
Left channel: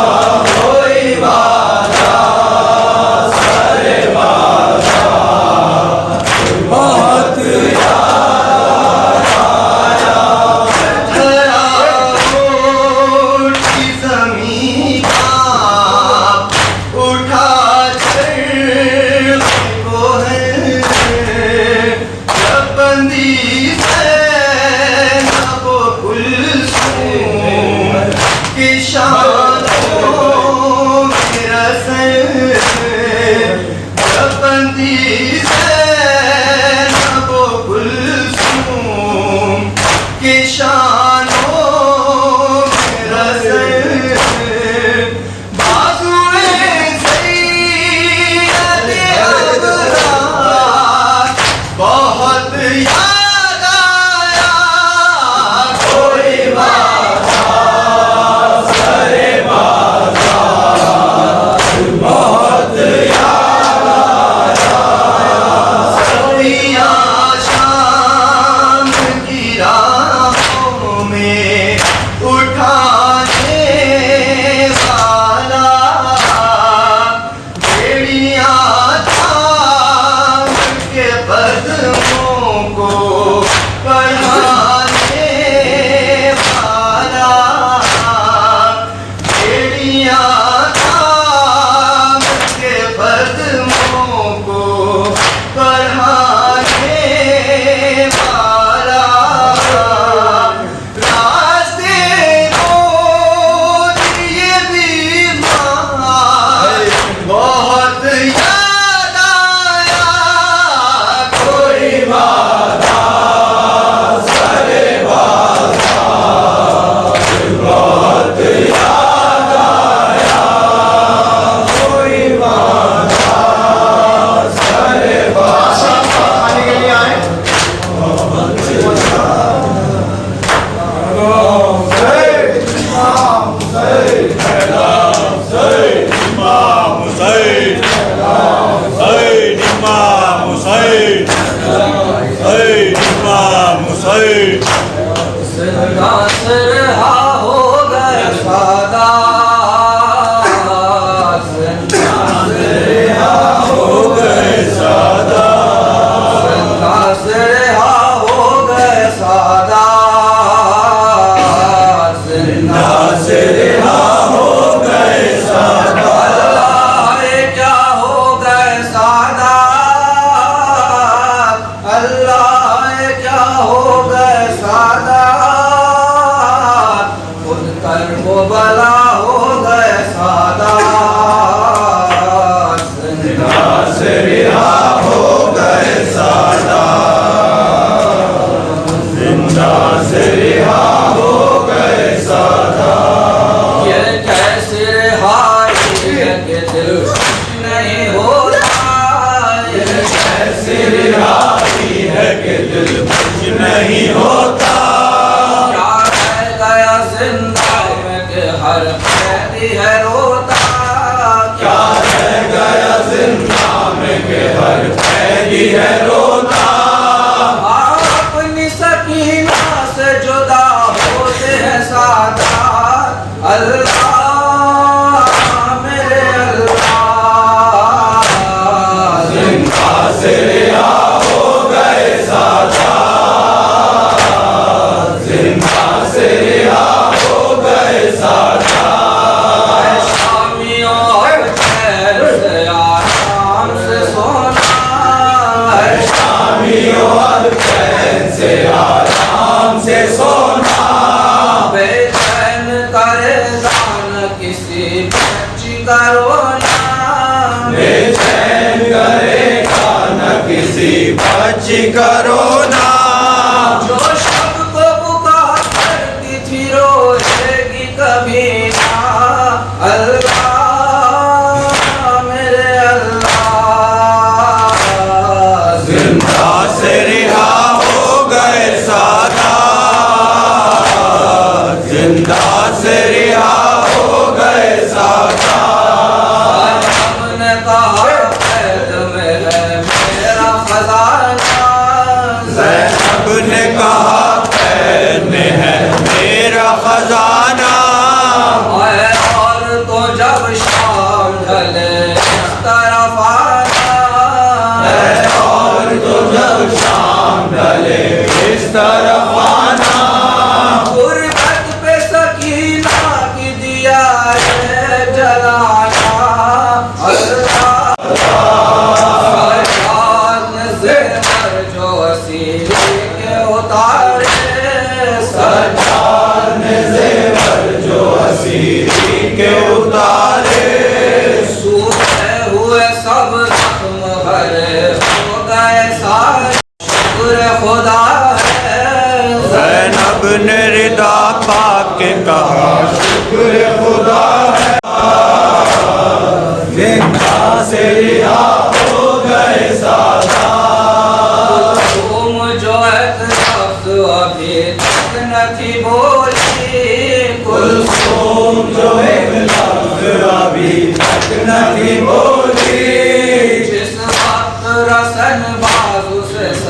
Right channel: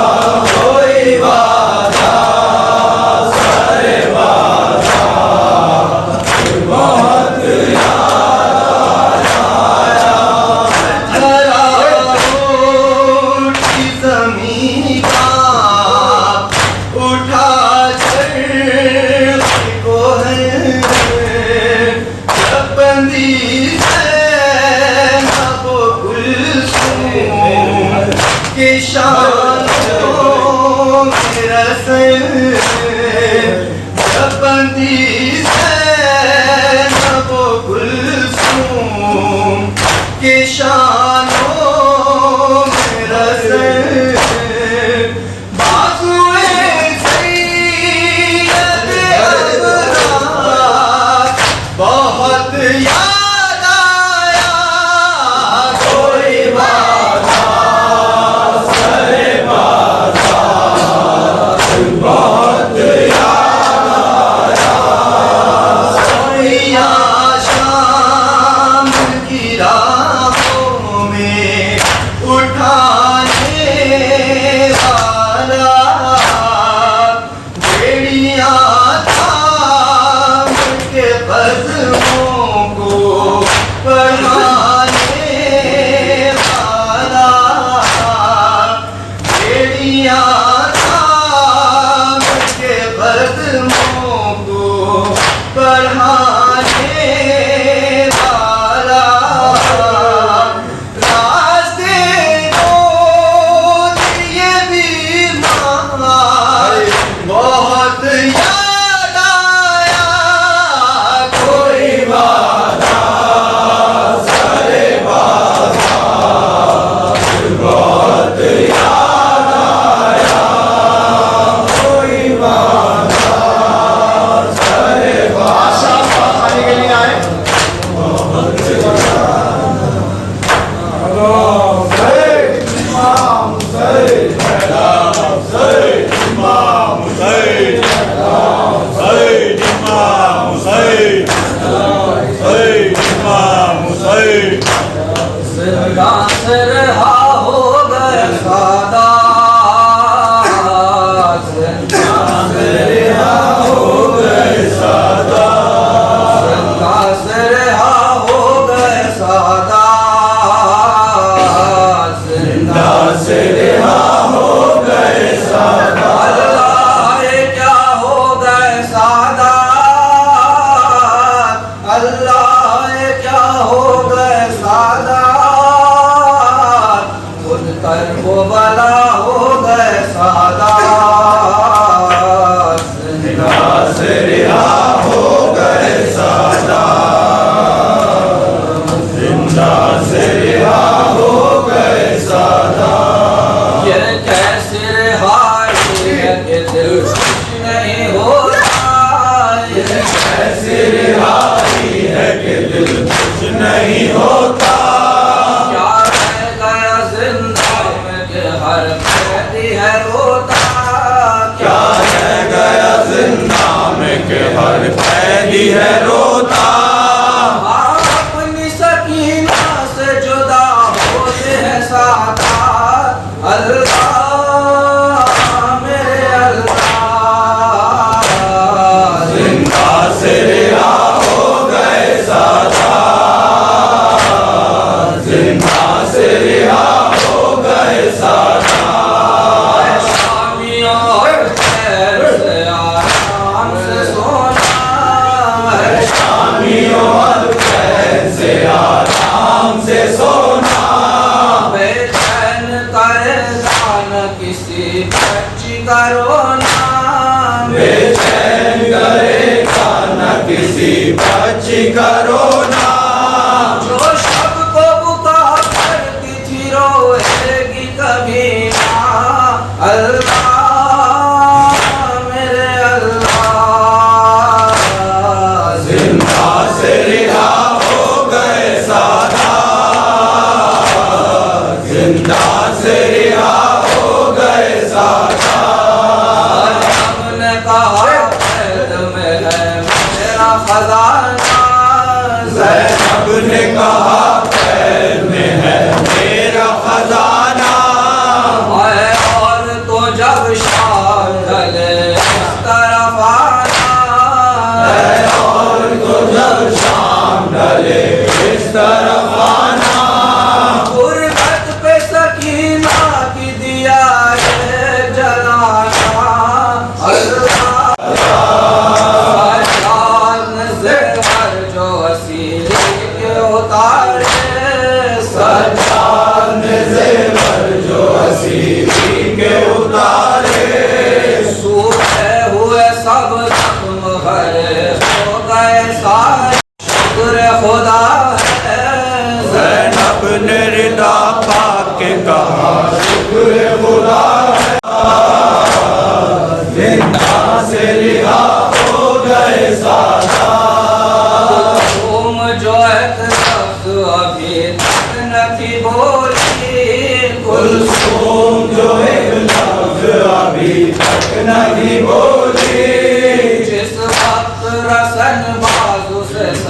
کوئی وعدہ سر بازار یاد آیا کوئی بازار سر بازار بہت یاد آیا سیاں شام کی راہوں میں اٹھانے والا بیڑیاں تھام کے قدموں کو پڑھانے والا بیڑیاں تھام کے قدموں کو پڑھانے والا راستے روز یہ بیمار بہت یاد آیا کوئی بازار سر بازار بہت یاد آیا کوئی بازار سر بازار آنے کے لیے آئے زندہ سے رہا ہو گئے سادات زندہ سے رہا ہو گئے سادات زندہ سے رہا ہو گئے سادات زندہ سے رہا ہو گئے سادات اللہ کیا ہو گئے سادات اللہ کیا ہو گئے سادات خود کر وہ بلا ہو گئے سادات زندہ سے رہا ہو گئے سادات زندہ سے رہا ہو گئے سادات یہ کیسی رہائی ہے کہ دل خوش نہیں ہوتا یہ کیسی رہائی ہے کہ دل خوش نہیں ہوتا کیا رہ گیا زندہ میں کہ ہر قیدی ہے روتا کیا رہ گیا زندہ میں کہ ہر قیدی ہے روتا اپنی سکینہ سے جدا ہوتے ہیں سادات اللہ میرے اللہ زندہ سے رہا ہو گئے سادات زندہ سے رہا ہو گئے سادات شامیوں اور خیر سے آرام سے سونا ہے شامیوں اور خیر سے آرام سے سونا بے چین کرے دان کسی بچی کا رونا بے چین کرے دان کسی بچی کا رونا جو شب کو پکار کرتی تھی روئے گی کبھی نہ اللہ میرے اللہ زندہ سے رہا ہو گئے سادات زندہ سے رہا ہو گئے سادات ہم نے کہا قید میں ہے میرا خزانہ زینب نے کہا قید میں ہے میرا خزانہ اور تو جب شام ڈھلے اس طرف آنا اور تو جب شام ڈھلے اس طرف آنا غربت پہ سکینہ کی دیا ہے جلانا اللہ سرکار نے زیور جو وسیلے کے اتارے سرکار نے زیور جو وسیلے کے اتارے سوکھے ہوئے سب زخم بھرے ہو گئے سارے شکر خدا ہے زینب نے ردا پا کے کہا شکر خدا ہے زندہ سے رہا ہو گئے سادات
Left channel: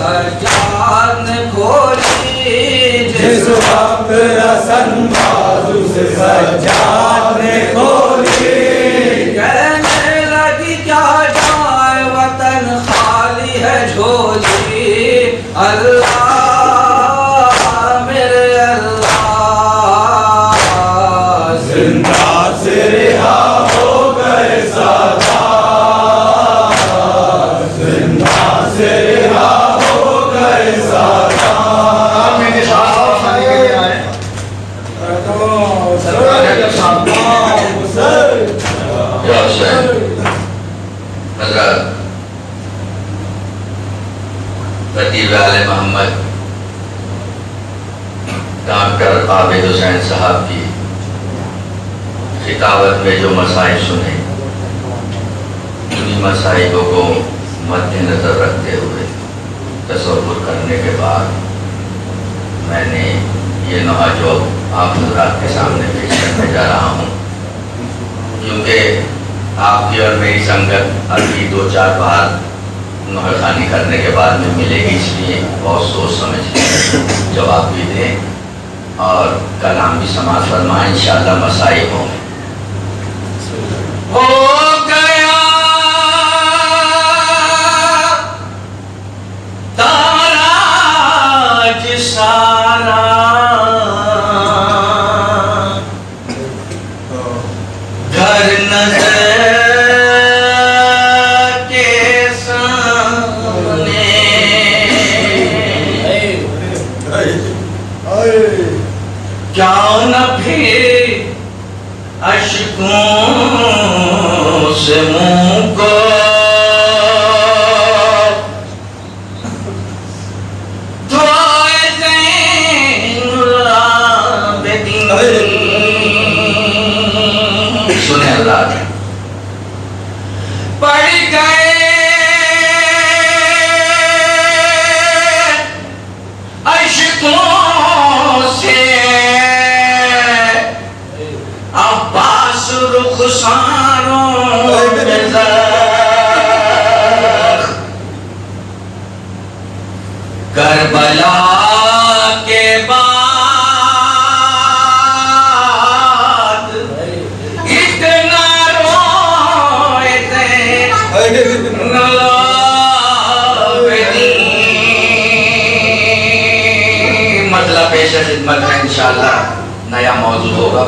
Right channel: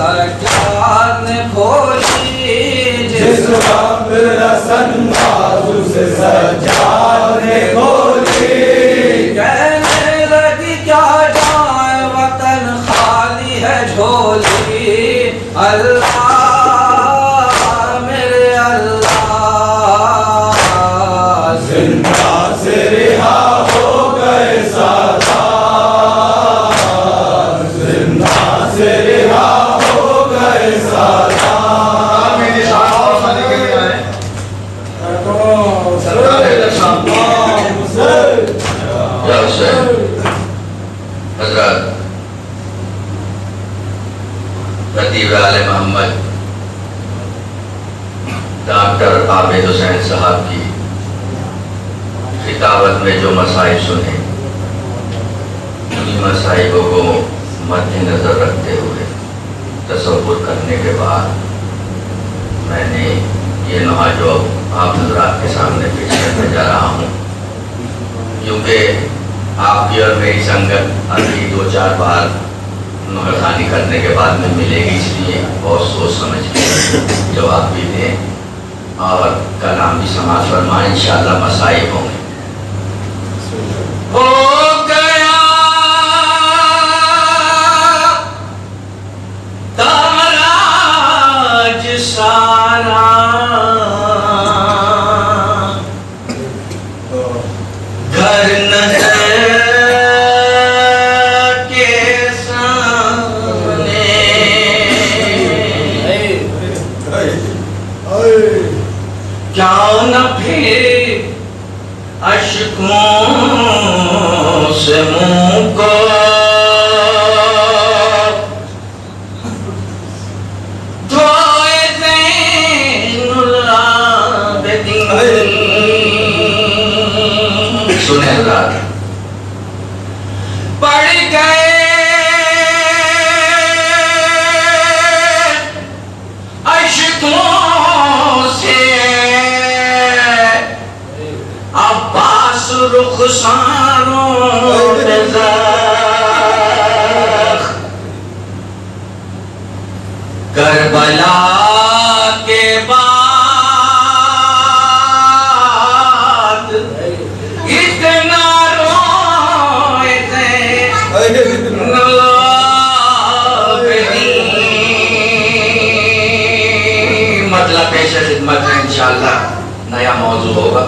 سجاد نے کھولی جس وقت رسن بازو سے سجاد نے کھولی کہنے لگی کیا جائے وطن خالی ہے جھولی اللہ میرے اللہ زندہ سے رہا ہو گئے سادات زندہ سے رہا ہو گئے سادات میرے ساتھ اور سارے کے لیے آئے یا حسین حضرت خطیب آل محمد ڈاکٹر عابد حسین صاحب کی خطابت میں جو مسائل سنے انہی مسائل کو مد نظر رکھتے ہوئے تصور کرنے کے بعد میں نے یہ نوحہ جو آپ حضرات کے سامنے پیش کرنے جا رہا ہوں کیونکہ آپ کی اور میری سنگت ابھی 2-4 بار نوحہ خوانی کرنے کے بعد میں ملے گی، اس لیے بہت سوچ سمجھ کے جواب بھی دیں اور کلام بھی سماعت فرمائیں، انشاءاللہ مسائل ہوں گے۔ ہو گیا تاراج سارا گھر نظر کے سامنے کیا نہ پھر اشکوں سے منہ کو دھوئے زین العابدین۔ سنیں اللہ پڑ گئے اشکوں سے عباس رخسانوں پہ زخم، کربلا کے بعد اتنا روئے زین العابدین۔ مطلب پیش خدمت ہے، انشاءاللہ نیا موضوع ہوگا۔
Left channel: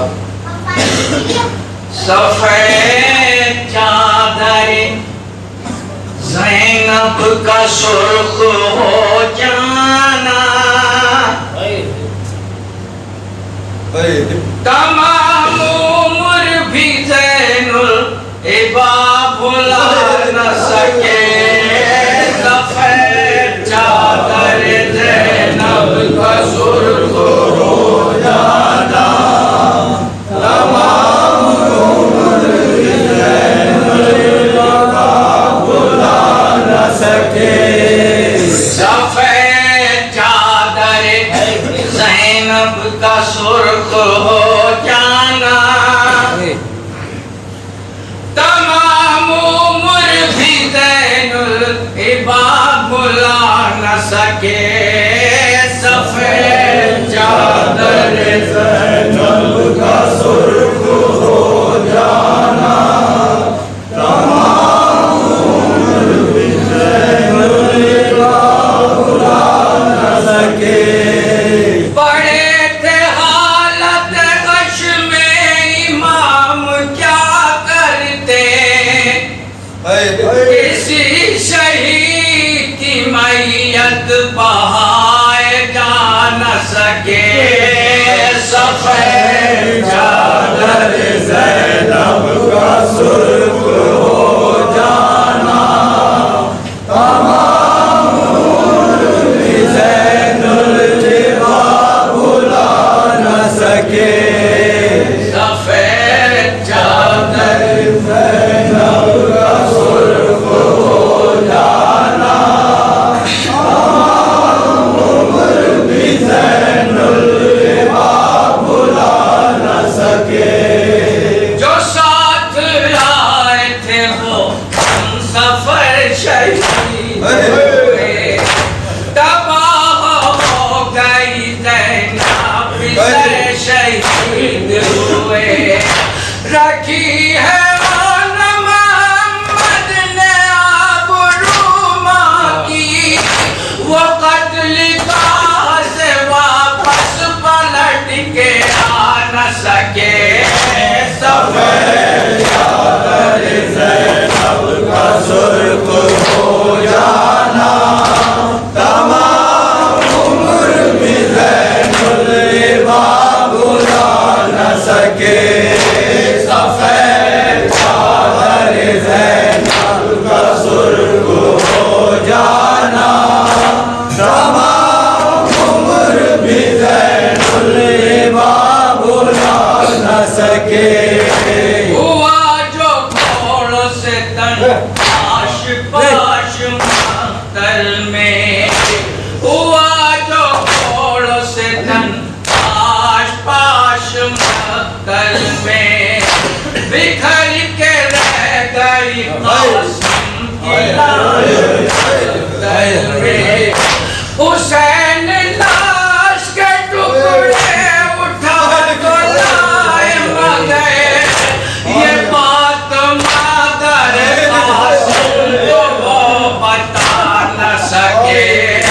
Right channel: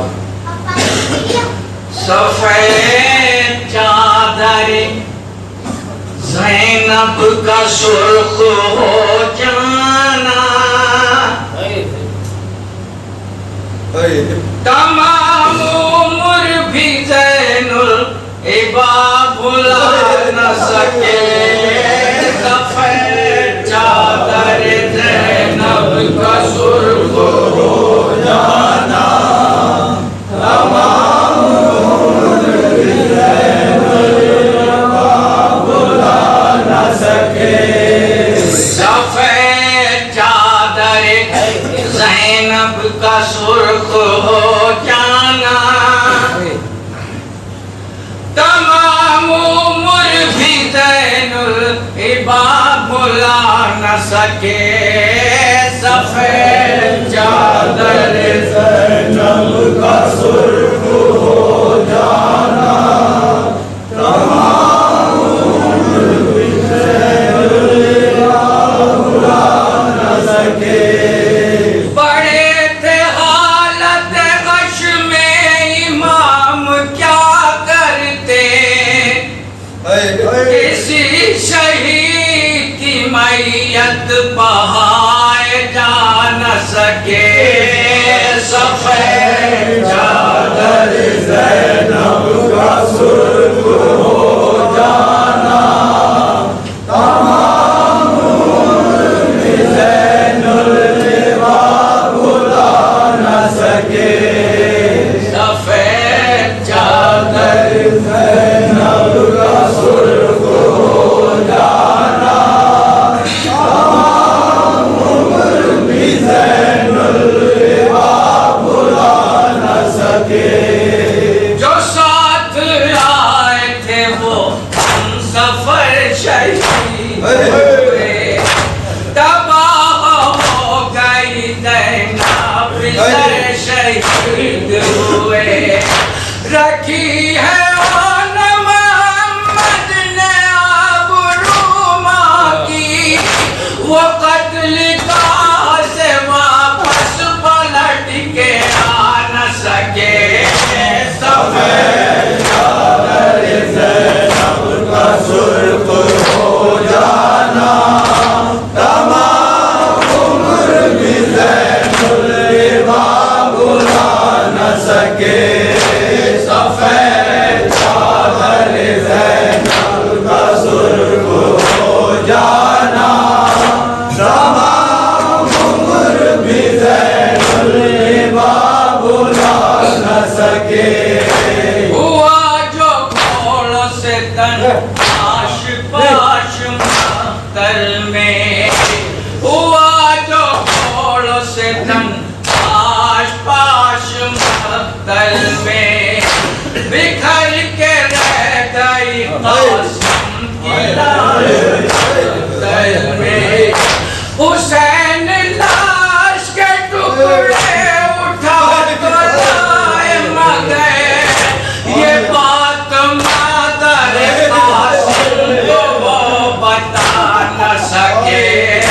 سفید چادر زینب کا سرخ ہو جانا، تمام عمر بھی زین العباد بھلا نہ سکے۔ سفید چادر زینب کا سرخ ہو جانا، سفید چادر زینب کا سرخ ہو جانا، تمام عمر بھی زین العباد بھلا نہ سکے۔ سفید چادر زینب کا سرخ ہو جانا، تمام عمر بھی زین العباد بھلا نہ سکے۔ بڑے تھے حالت غش میں امام کیا کرتے، کسی شہید کی میت بہائے جا نہ سکے۔ سفید چادر زینب کا سرخ ہو جانا، تمام عمر بھی زین العباد بھلا نہ سکے۔ سفید چادر زینب کا سرخ ہو جانا، تمام عمر بھی زین العباد وہ قتل گاہ سے واپس پلٹ کے آ نہ سکے سفید چادر زینب کا سرخ ہو جانا تمام عمر بھی زین العبا بھلا نہ سکے سفید چادر زینب کا سرخ ہو جانا تمام عمر بھی زین العبا بھلا نہ سکے ہوا جو گھوڑوں سے تن پاش پاش مقتل میں ہوا جو گھوڑوں سے تن پاش پاش مقتل میں بکھر کے رہ گئی قاسم کی لاش مقتل میں حسین لاش کے ٹکڑے اٹھا تو لائے مگر یہ بات مادر قاسم کو وہ بتا نہ سکے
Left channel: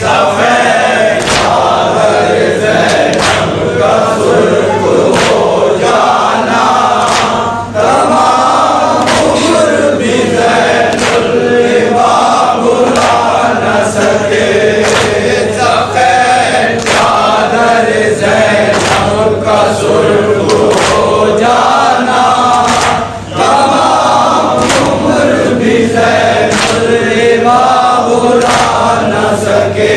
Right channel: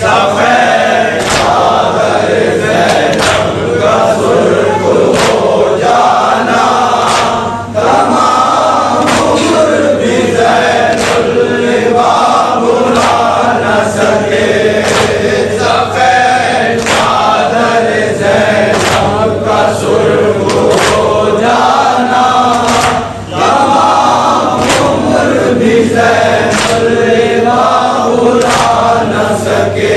سفید چادر زینب کا سرخ ہو جانا تمام عمر بھی زین العبا بھلا نہ سکے سفید چادر زینب کا سرخ ہو جانا تمام عمر بھی زین العبا بھلا نہ سکے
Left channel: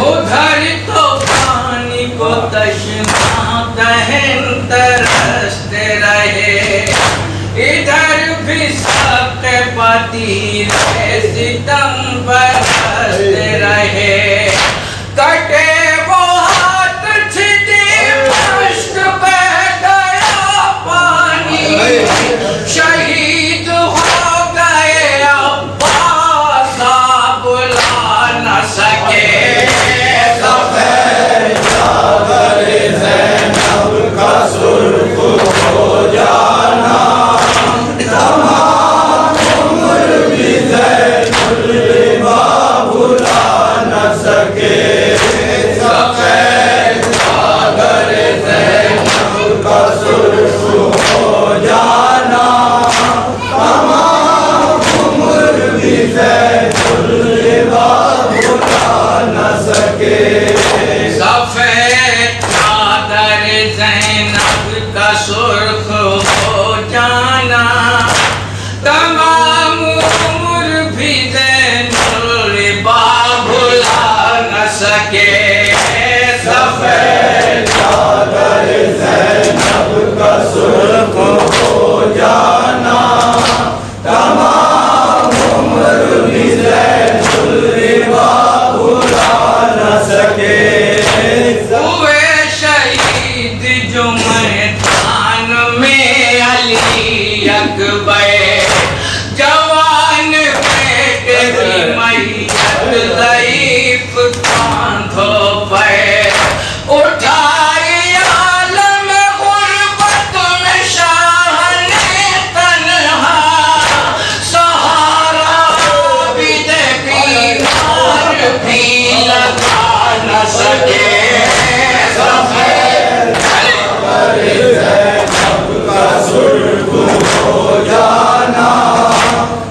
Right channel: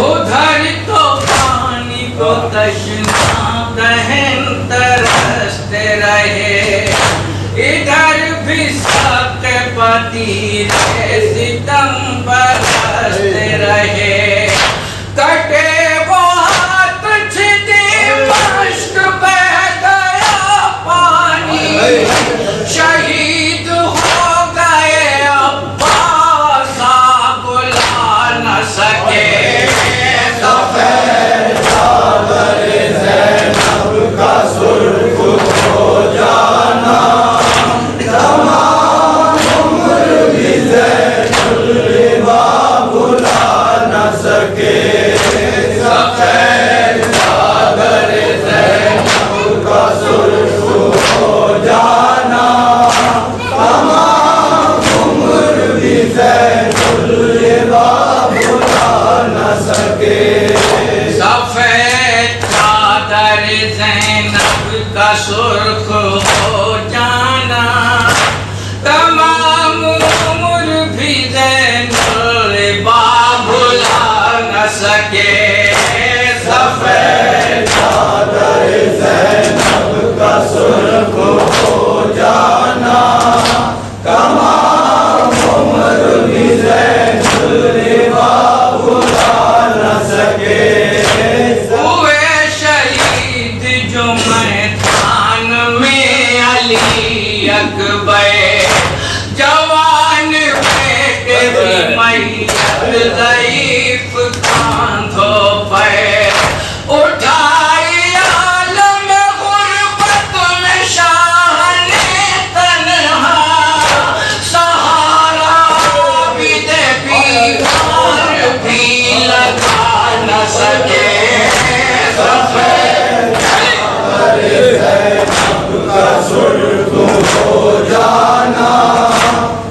ادھر تو پانی کو تشنا دہن ترستے رہے ادھر بھی سب پتیر ستم برستے رہے کٹے وہ ہاتھ چھٹی مشک بہ گیا پانی شہید ہو گئے عباس بلا نہ سکے سفید چادر زینب کا سرخ ہو جانا تمام عمر بھی زین العبا بھلا نہ سکے سفید چادر زینب کا سرخ ہو جانا تمام عمر بھی زین العبا بھلا نہ سکے سفید چادر زینب کا سرخ ہو جانا تمام عمر بھی زین العبا بھلا نہ سکے سفید چادر زینب کا سرخ ہو جانا تمام عمر بھی زین العبا بھلا نہ سکے ہوئے شہید جو میدان میں علی اکبر جوان بیٹے کی میت ضعیف کاندھوں پہ اٹھائی عالم غربت میں شاہ نے تنہا سہارا عابد بیمار بھی لگا نہ سکے سفید چادر زینب کا سرخ ہو جانا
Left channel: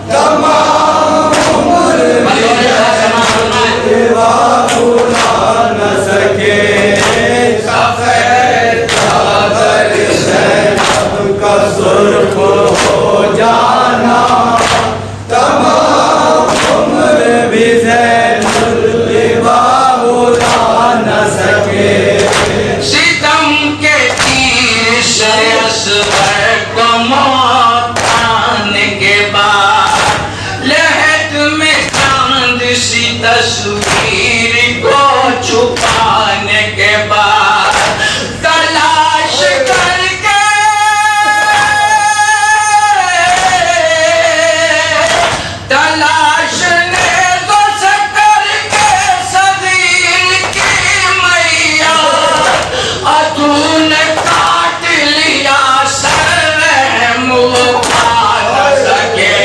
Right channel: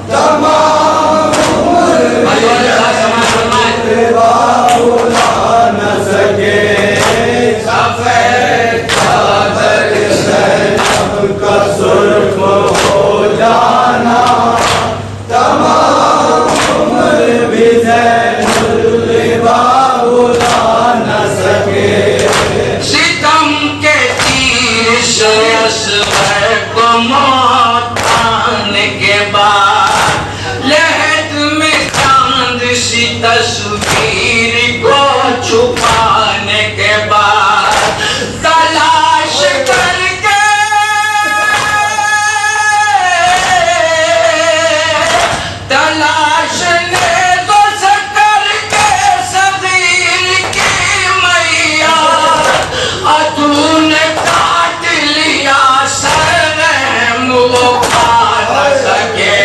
تمام عمر بھلا نہ سکے سفید چادر زینب کا سرخ ہو جانا تمام عمر بھی زین العبا بھلا نہ سکے ستم کے تیر سے اصغر کو موت آنے کے بعد لہد میں چاند سی تصویر کو چھپانے کے بعد تلاش کر کے تلاش نیزوں سے کر کے صغیر کی میاں تو نے کاٹ لیا سر رحم وہ کھا نہ سکے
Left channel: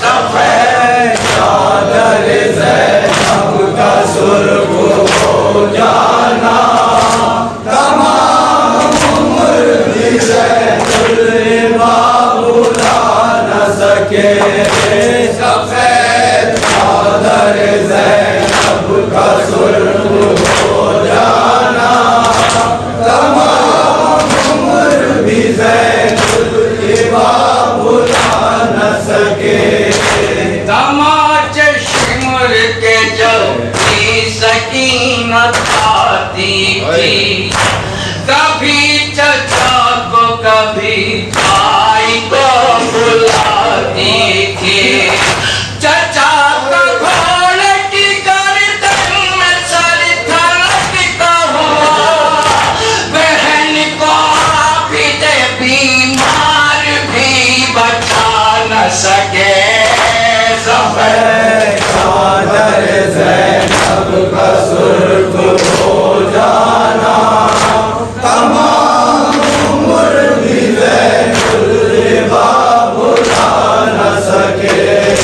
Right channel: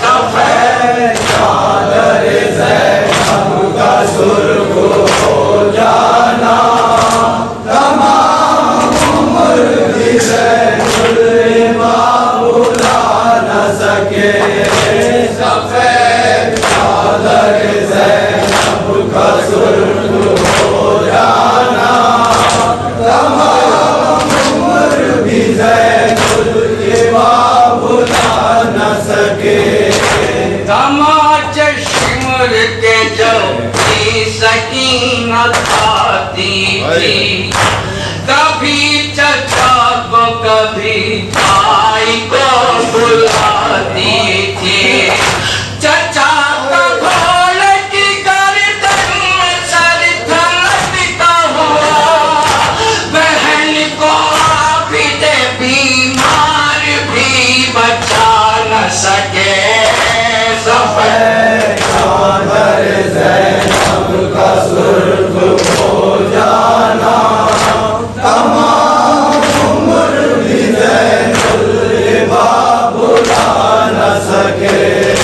سفید چادر زینب کے جو سکینت آتی تھی کبھی چچا کو کبھی بھائی کو بلاتی تھی چچا کا گھوڑے کی گردن میں سر تھلکتا ہوا بہن کو بھی دے بیمار بھی بچا نہ سکے سفید چادر زینب کا سرخ ہو جانا تمام عمر بھی زین الباب بھلا نہ سکے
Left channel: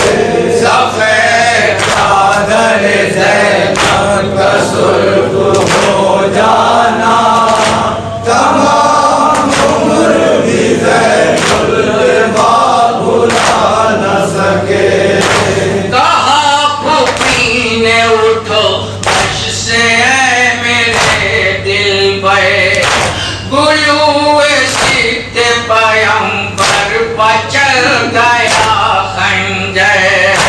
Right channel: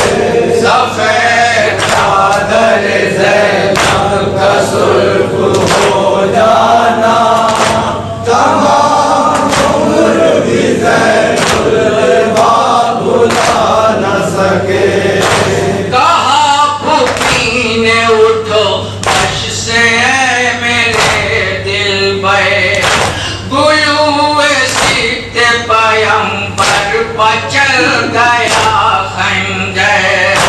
سفید چادر زینب کا سرخ ہو جانا تمام عمر بھی زین الباب بھلا نہ سکے کہا پھوپھی نے اٹھو عرش سے اے میرے دل پہ گلوئے سیتے پیمبر پر چل گیا خنجر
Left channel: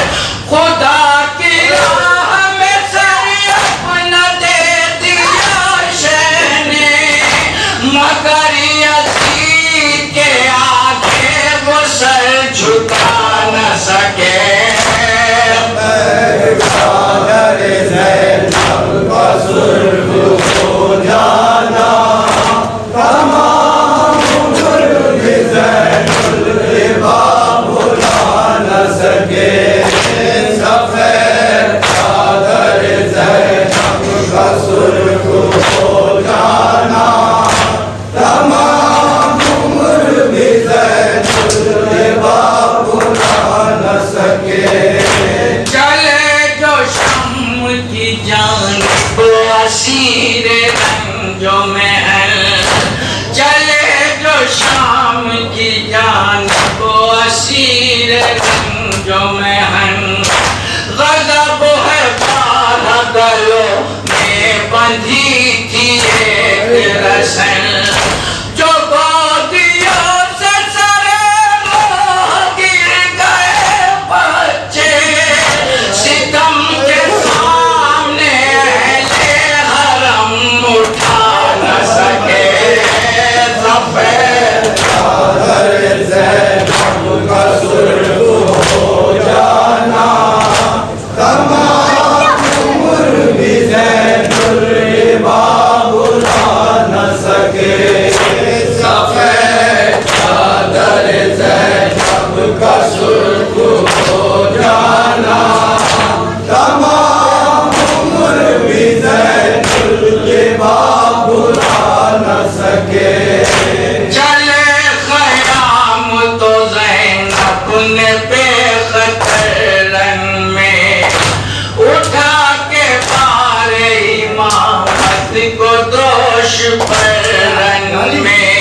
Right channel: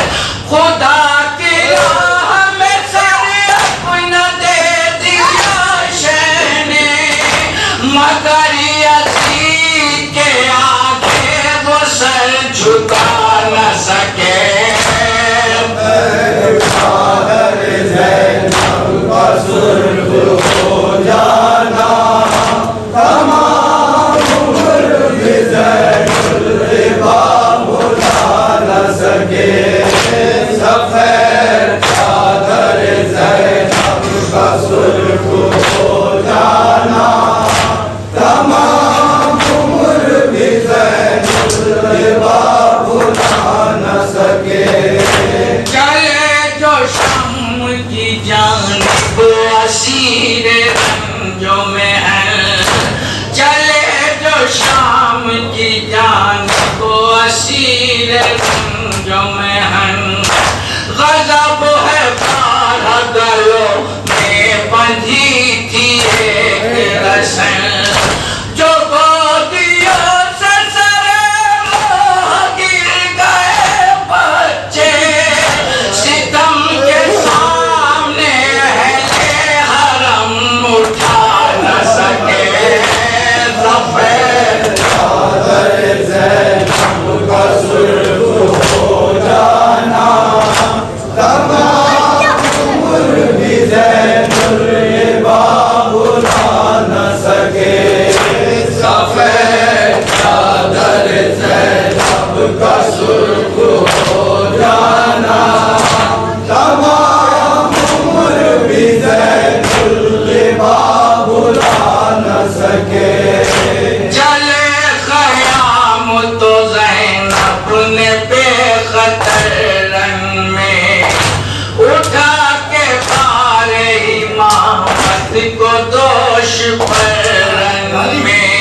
خدا کی راہ میں سر اپنا دے دیا شہ نے مگر یزید کے آگے وہ سر جھکا نہ سکے چادر زینب کا سرخ ہو جانا تمام عمر بھی زین الباب بھلا نہ سکے سفید چادر زینب کا سرخ ہو جانا تمام عمر بھی زین الباب بھلا نہ سکے چلے جو شام کی جانب اسیر رنجوں میں ہے چلے جو شام کی جانب اسیر رنجوں میں ہے غضب ہے بارہ گلوں میں بندھی تھی ایک رسن جو گودیوں سے سرے موہ گر گئے بچے ستم کے سامنے اہل حرم اٹھا نہ سکے سفید چادر زینب کا سرخ ہو جانا تمام عمر بھی زین الباب بھلا نہ سکے سفید چادر زینب کا سرخ ہو جانا تمام عمر بھی زین الباب بھلا نہ سکے چلے خیام تو زینب نے بے خطر رنگ میں اٹھا کے پار امامت کو دوش پر رنگ میں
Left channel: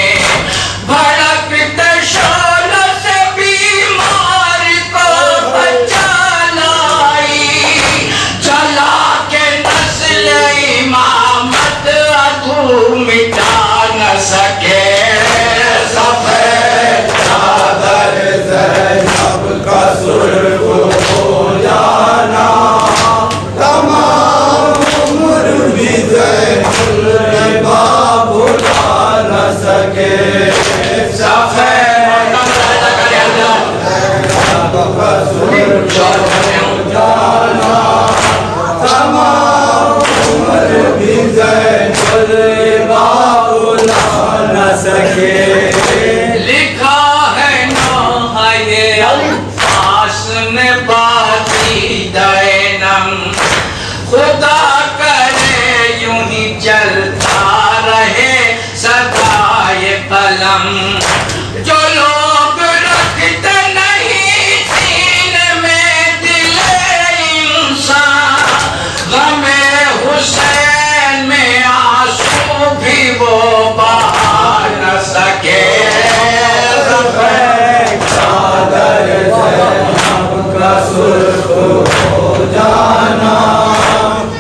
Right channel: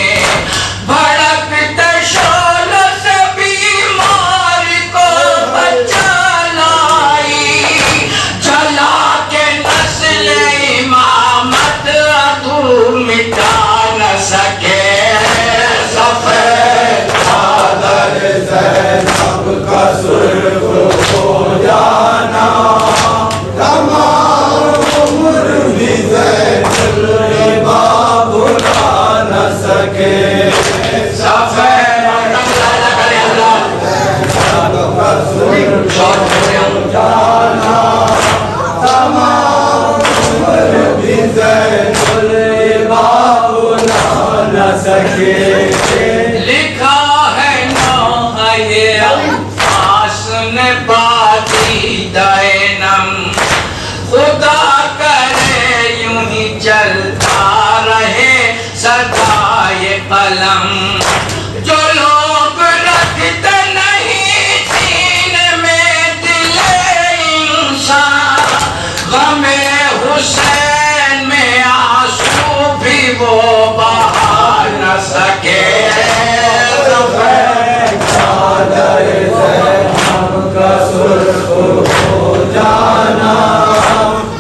بھڑکتے شعلوں سے بیمار کو بچا لائی جلا کے نسل امامت ادھور مٹا نہ سکے سفید چادر زینب کا سرخ ہو جانا تمام عمر بھی زین الباب بھلا نہ سکے سفید کا سرخ ہو جانا تمام عمر بھی زین الباب بھلا نہ سکے لکھا ہے نوحہ یہ عباس نے بادی دینم خدا کرے یوں ہی چلتا رہے سدا یہ قلم جو لوگ رکھتے نہیں سینے میں دل انسان غم حسین میں آنسو بھی وہ بہا نہ سکے سفید چادر زینب کا سرخ ہو جانا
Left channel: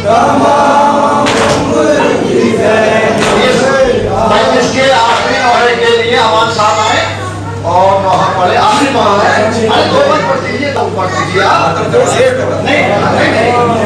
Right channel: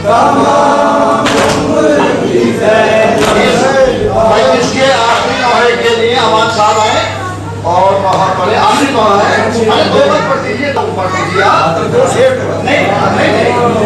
تمام عمر بھی زین اس کے آخری نوحے کے لیے ہمارے ساتھ آئے اور نوحہ پڑھے آخری نوحہ ہے دو بار پڑھ دیجیے تو پڑھ دیجیے نہیں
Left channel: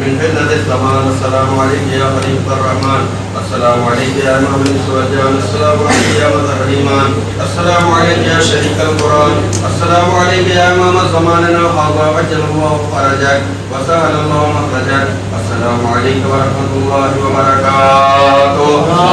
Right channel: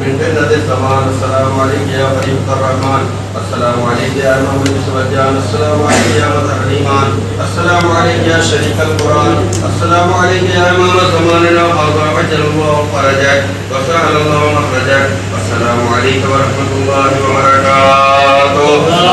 من فتنة الزمان السلام عليك يا خليفة الرحمن السلام عليك يا إمام السوجان السلام عليك يا مظهر الإيمان السلام عليك يا شريك القرآن السلام عليك يا إمام زماننا وهذا عجل الله فرجك وسهل الله مخرجك السلام عليك ورحمة الله وبركاته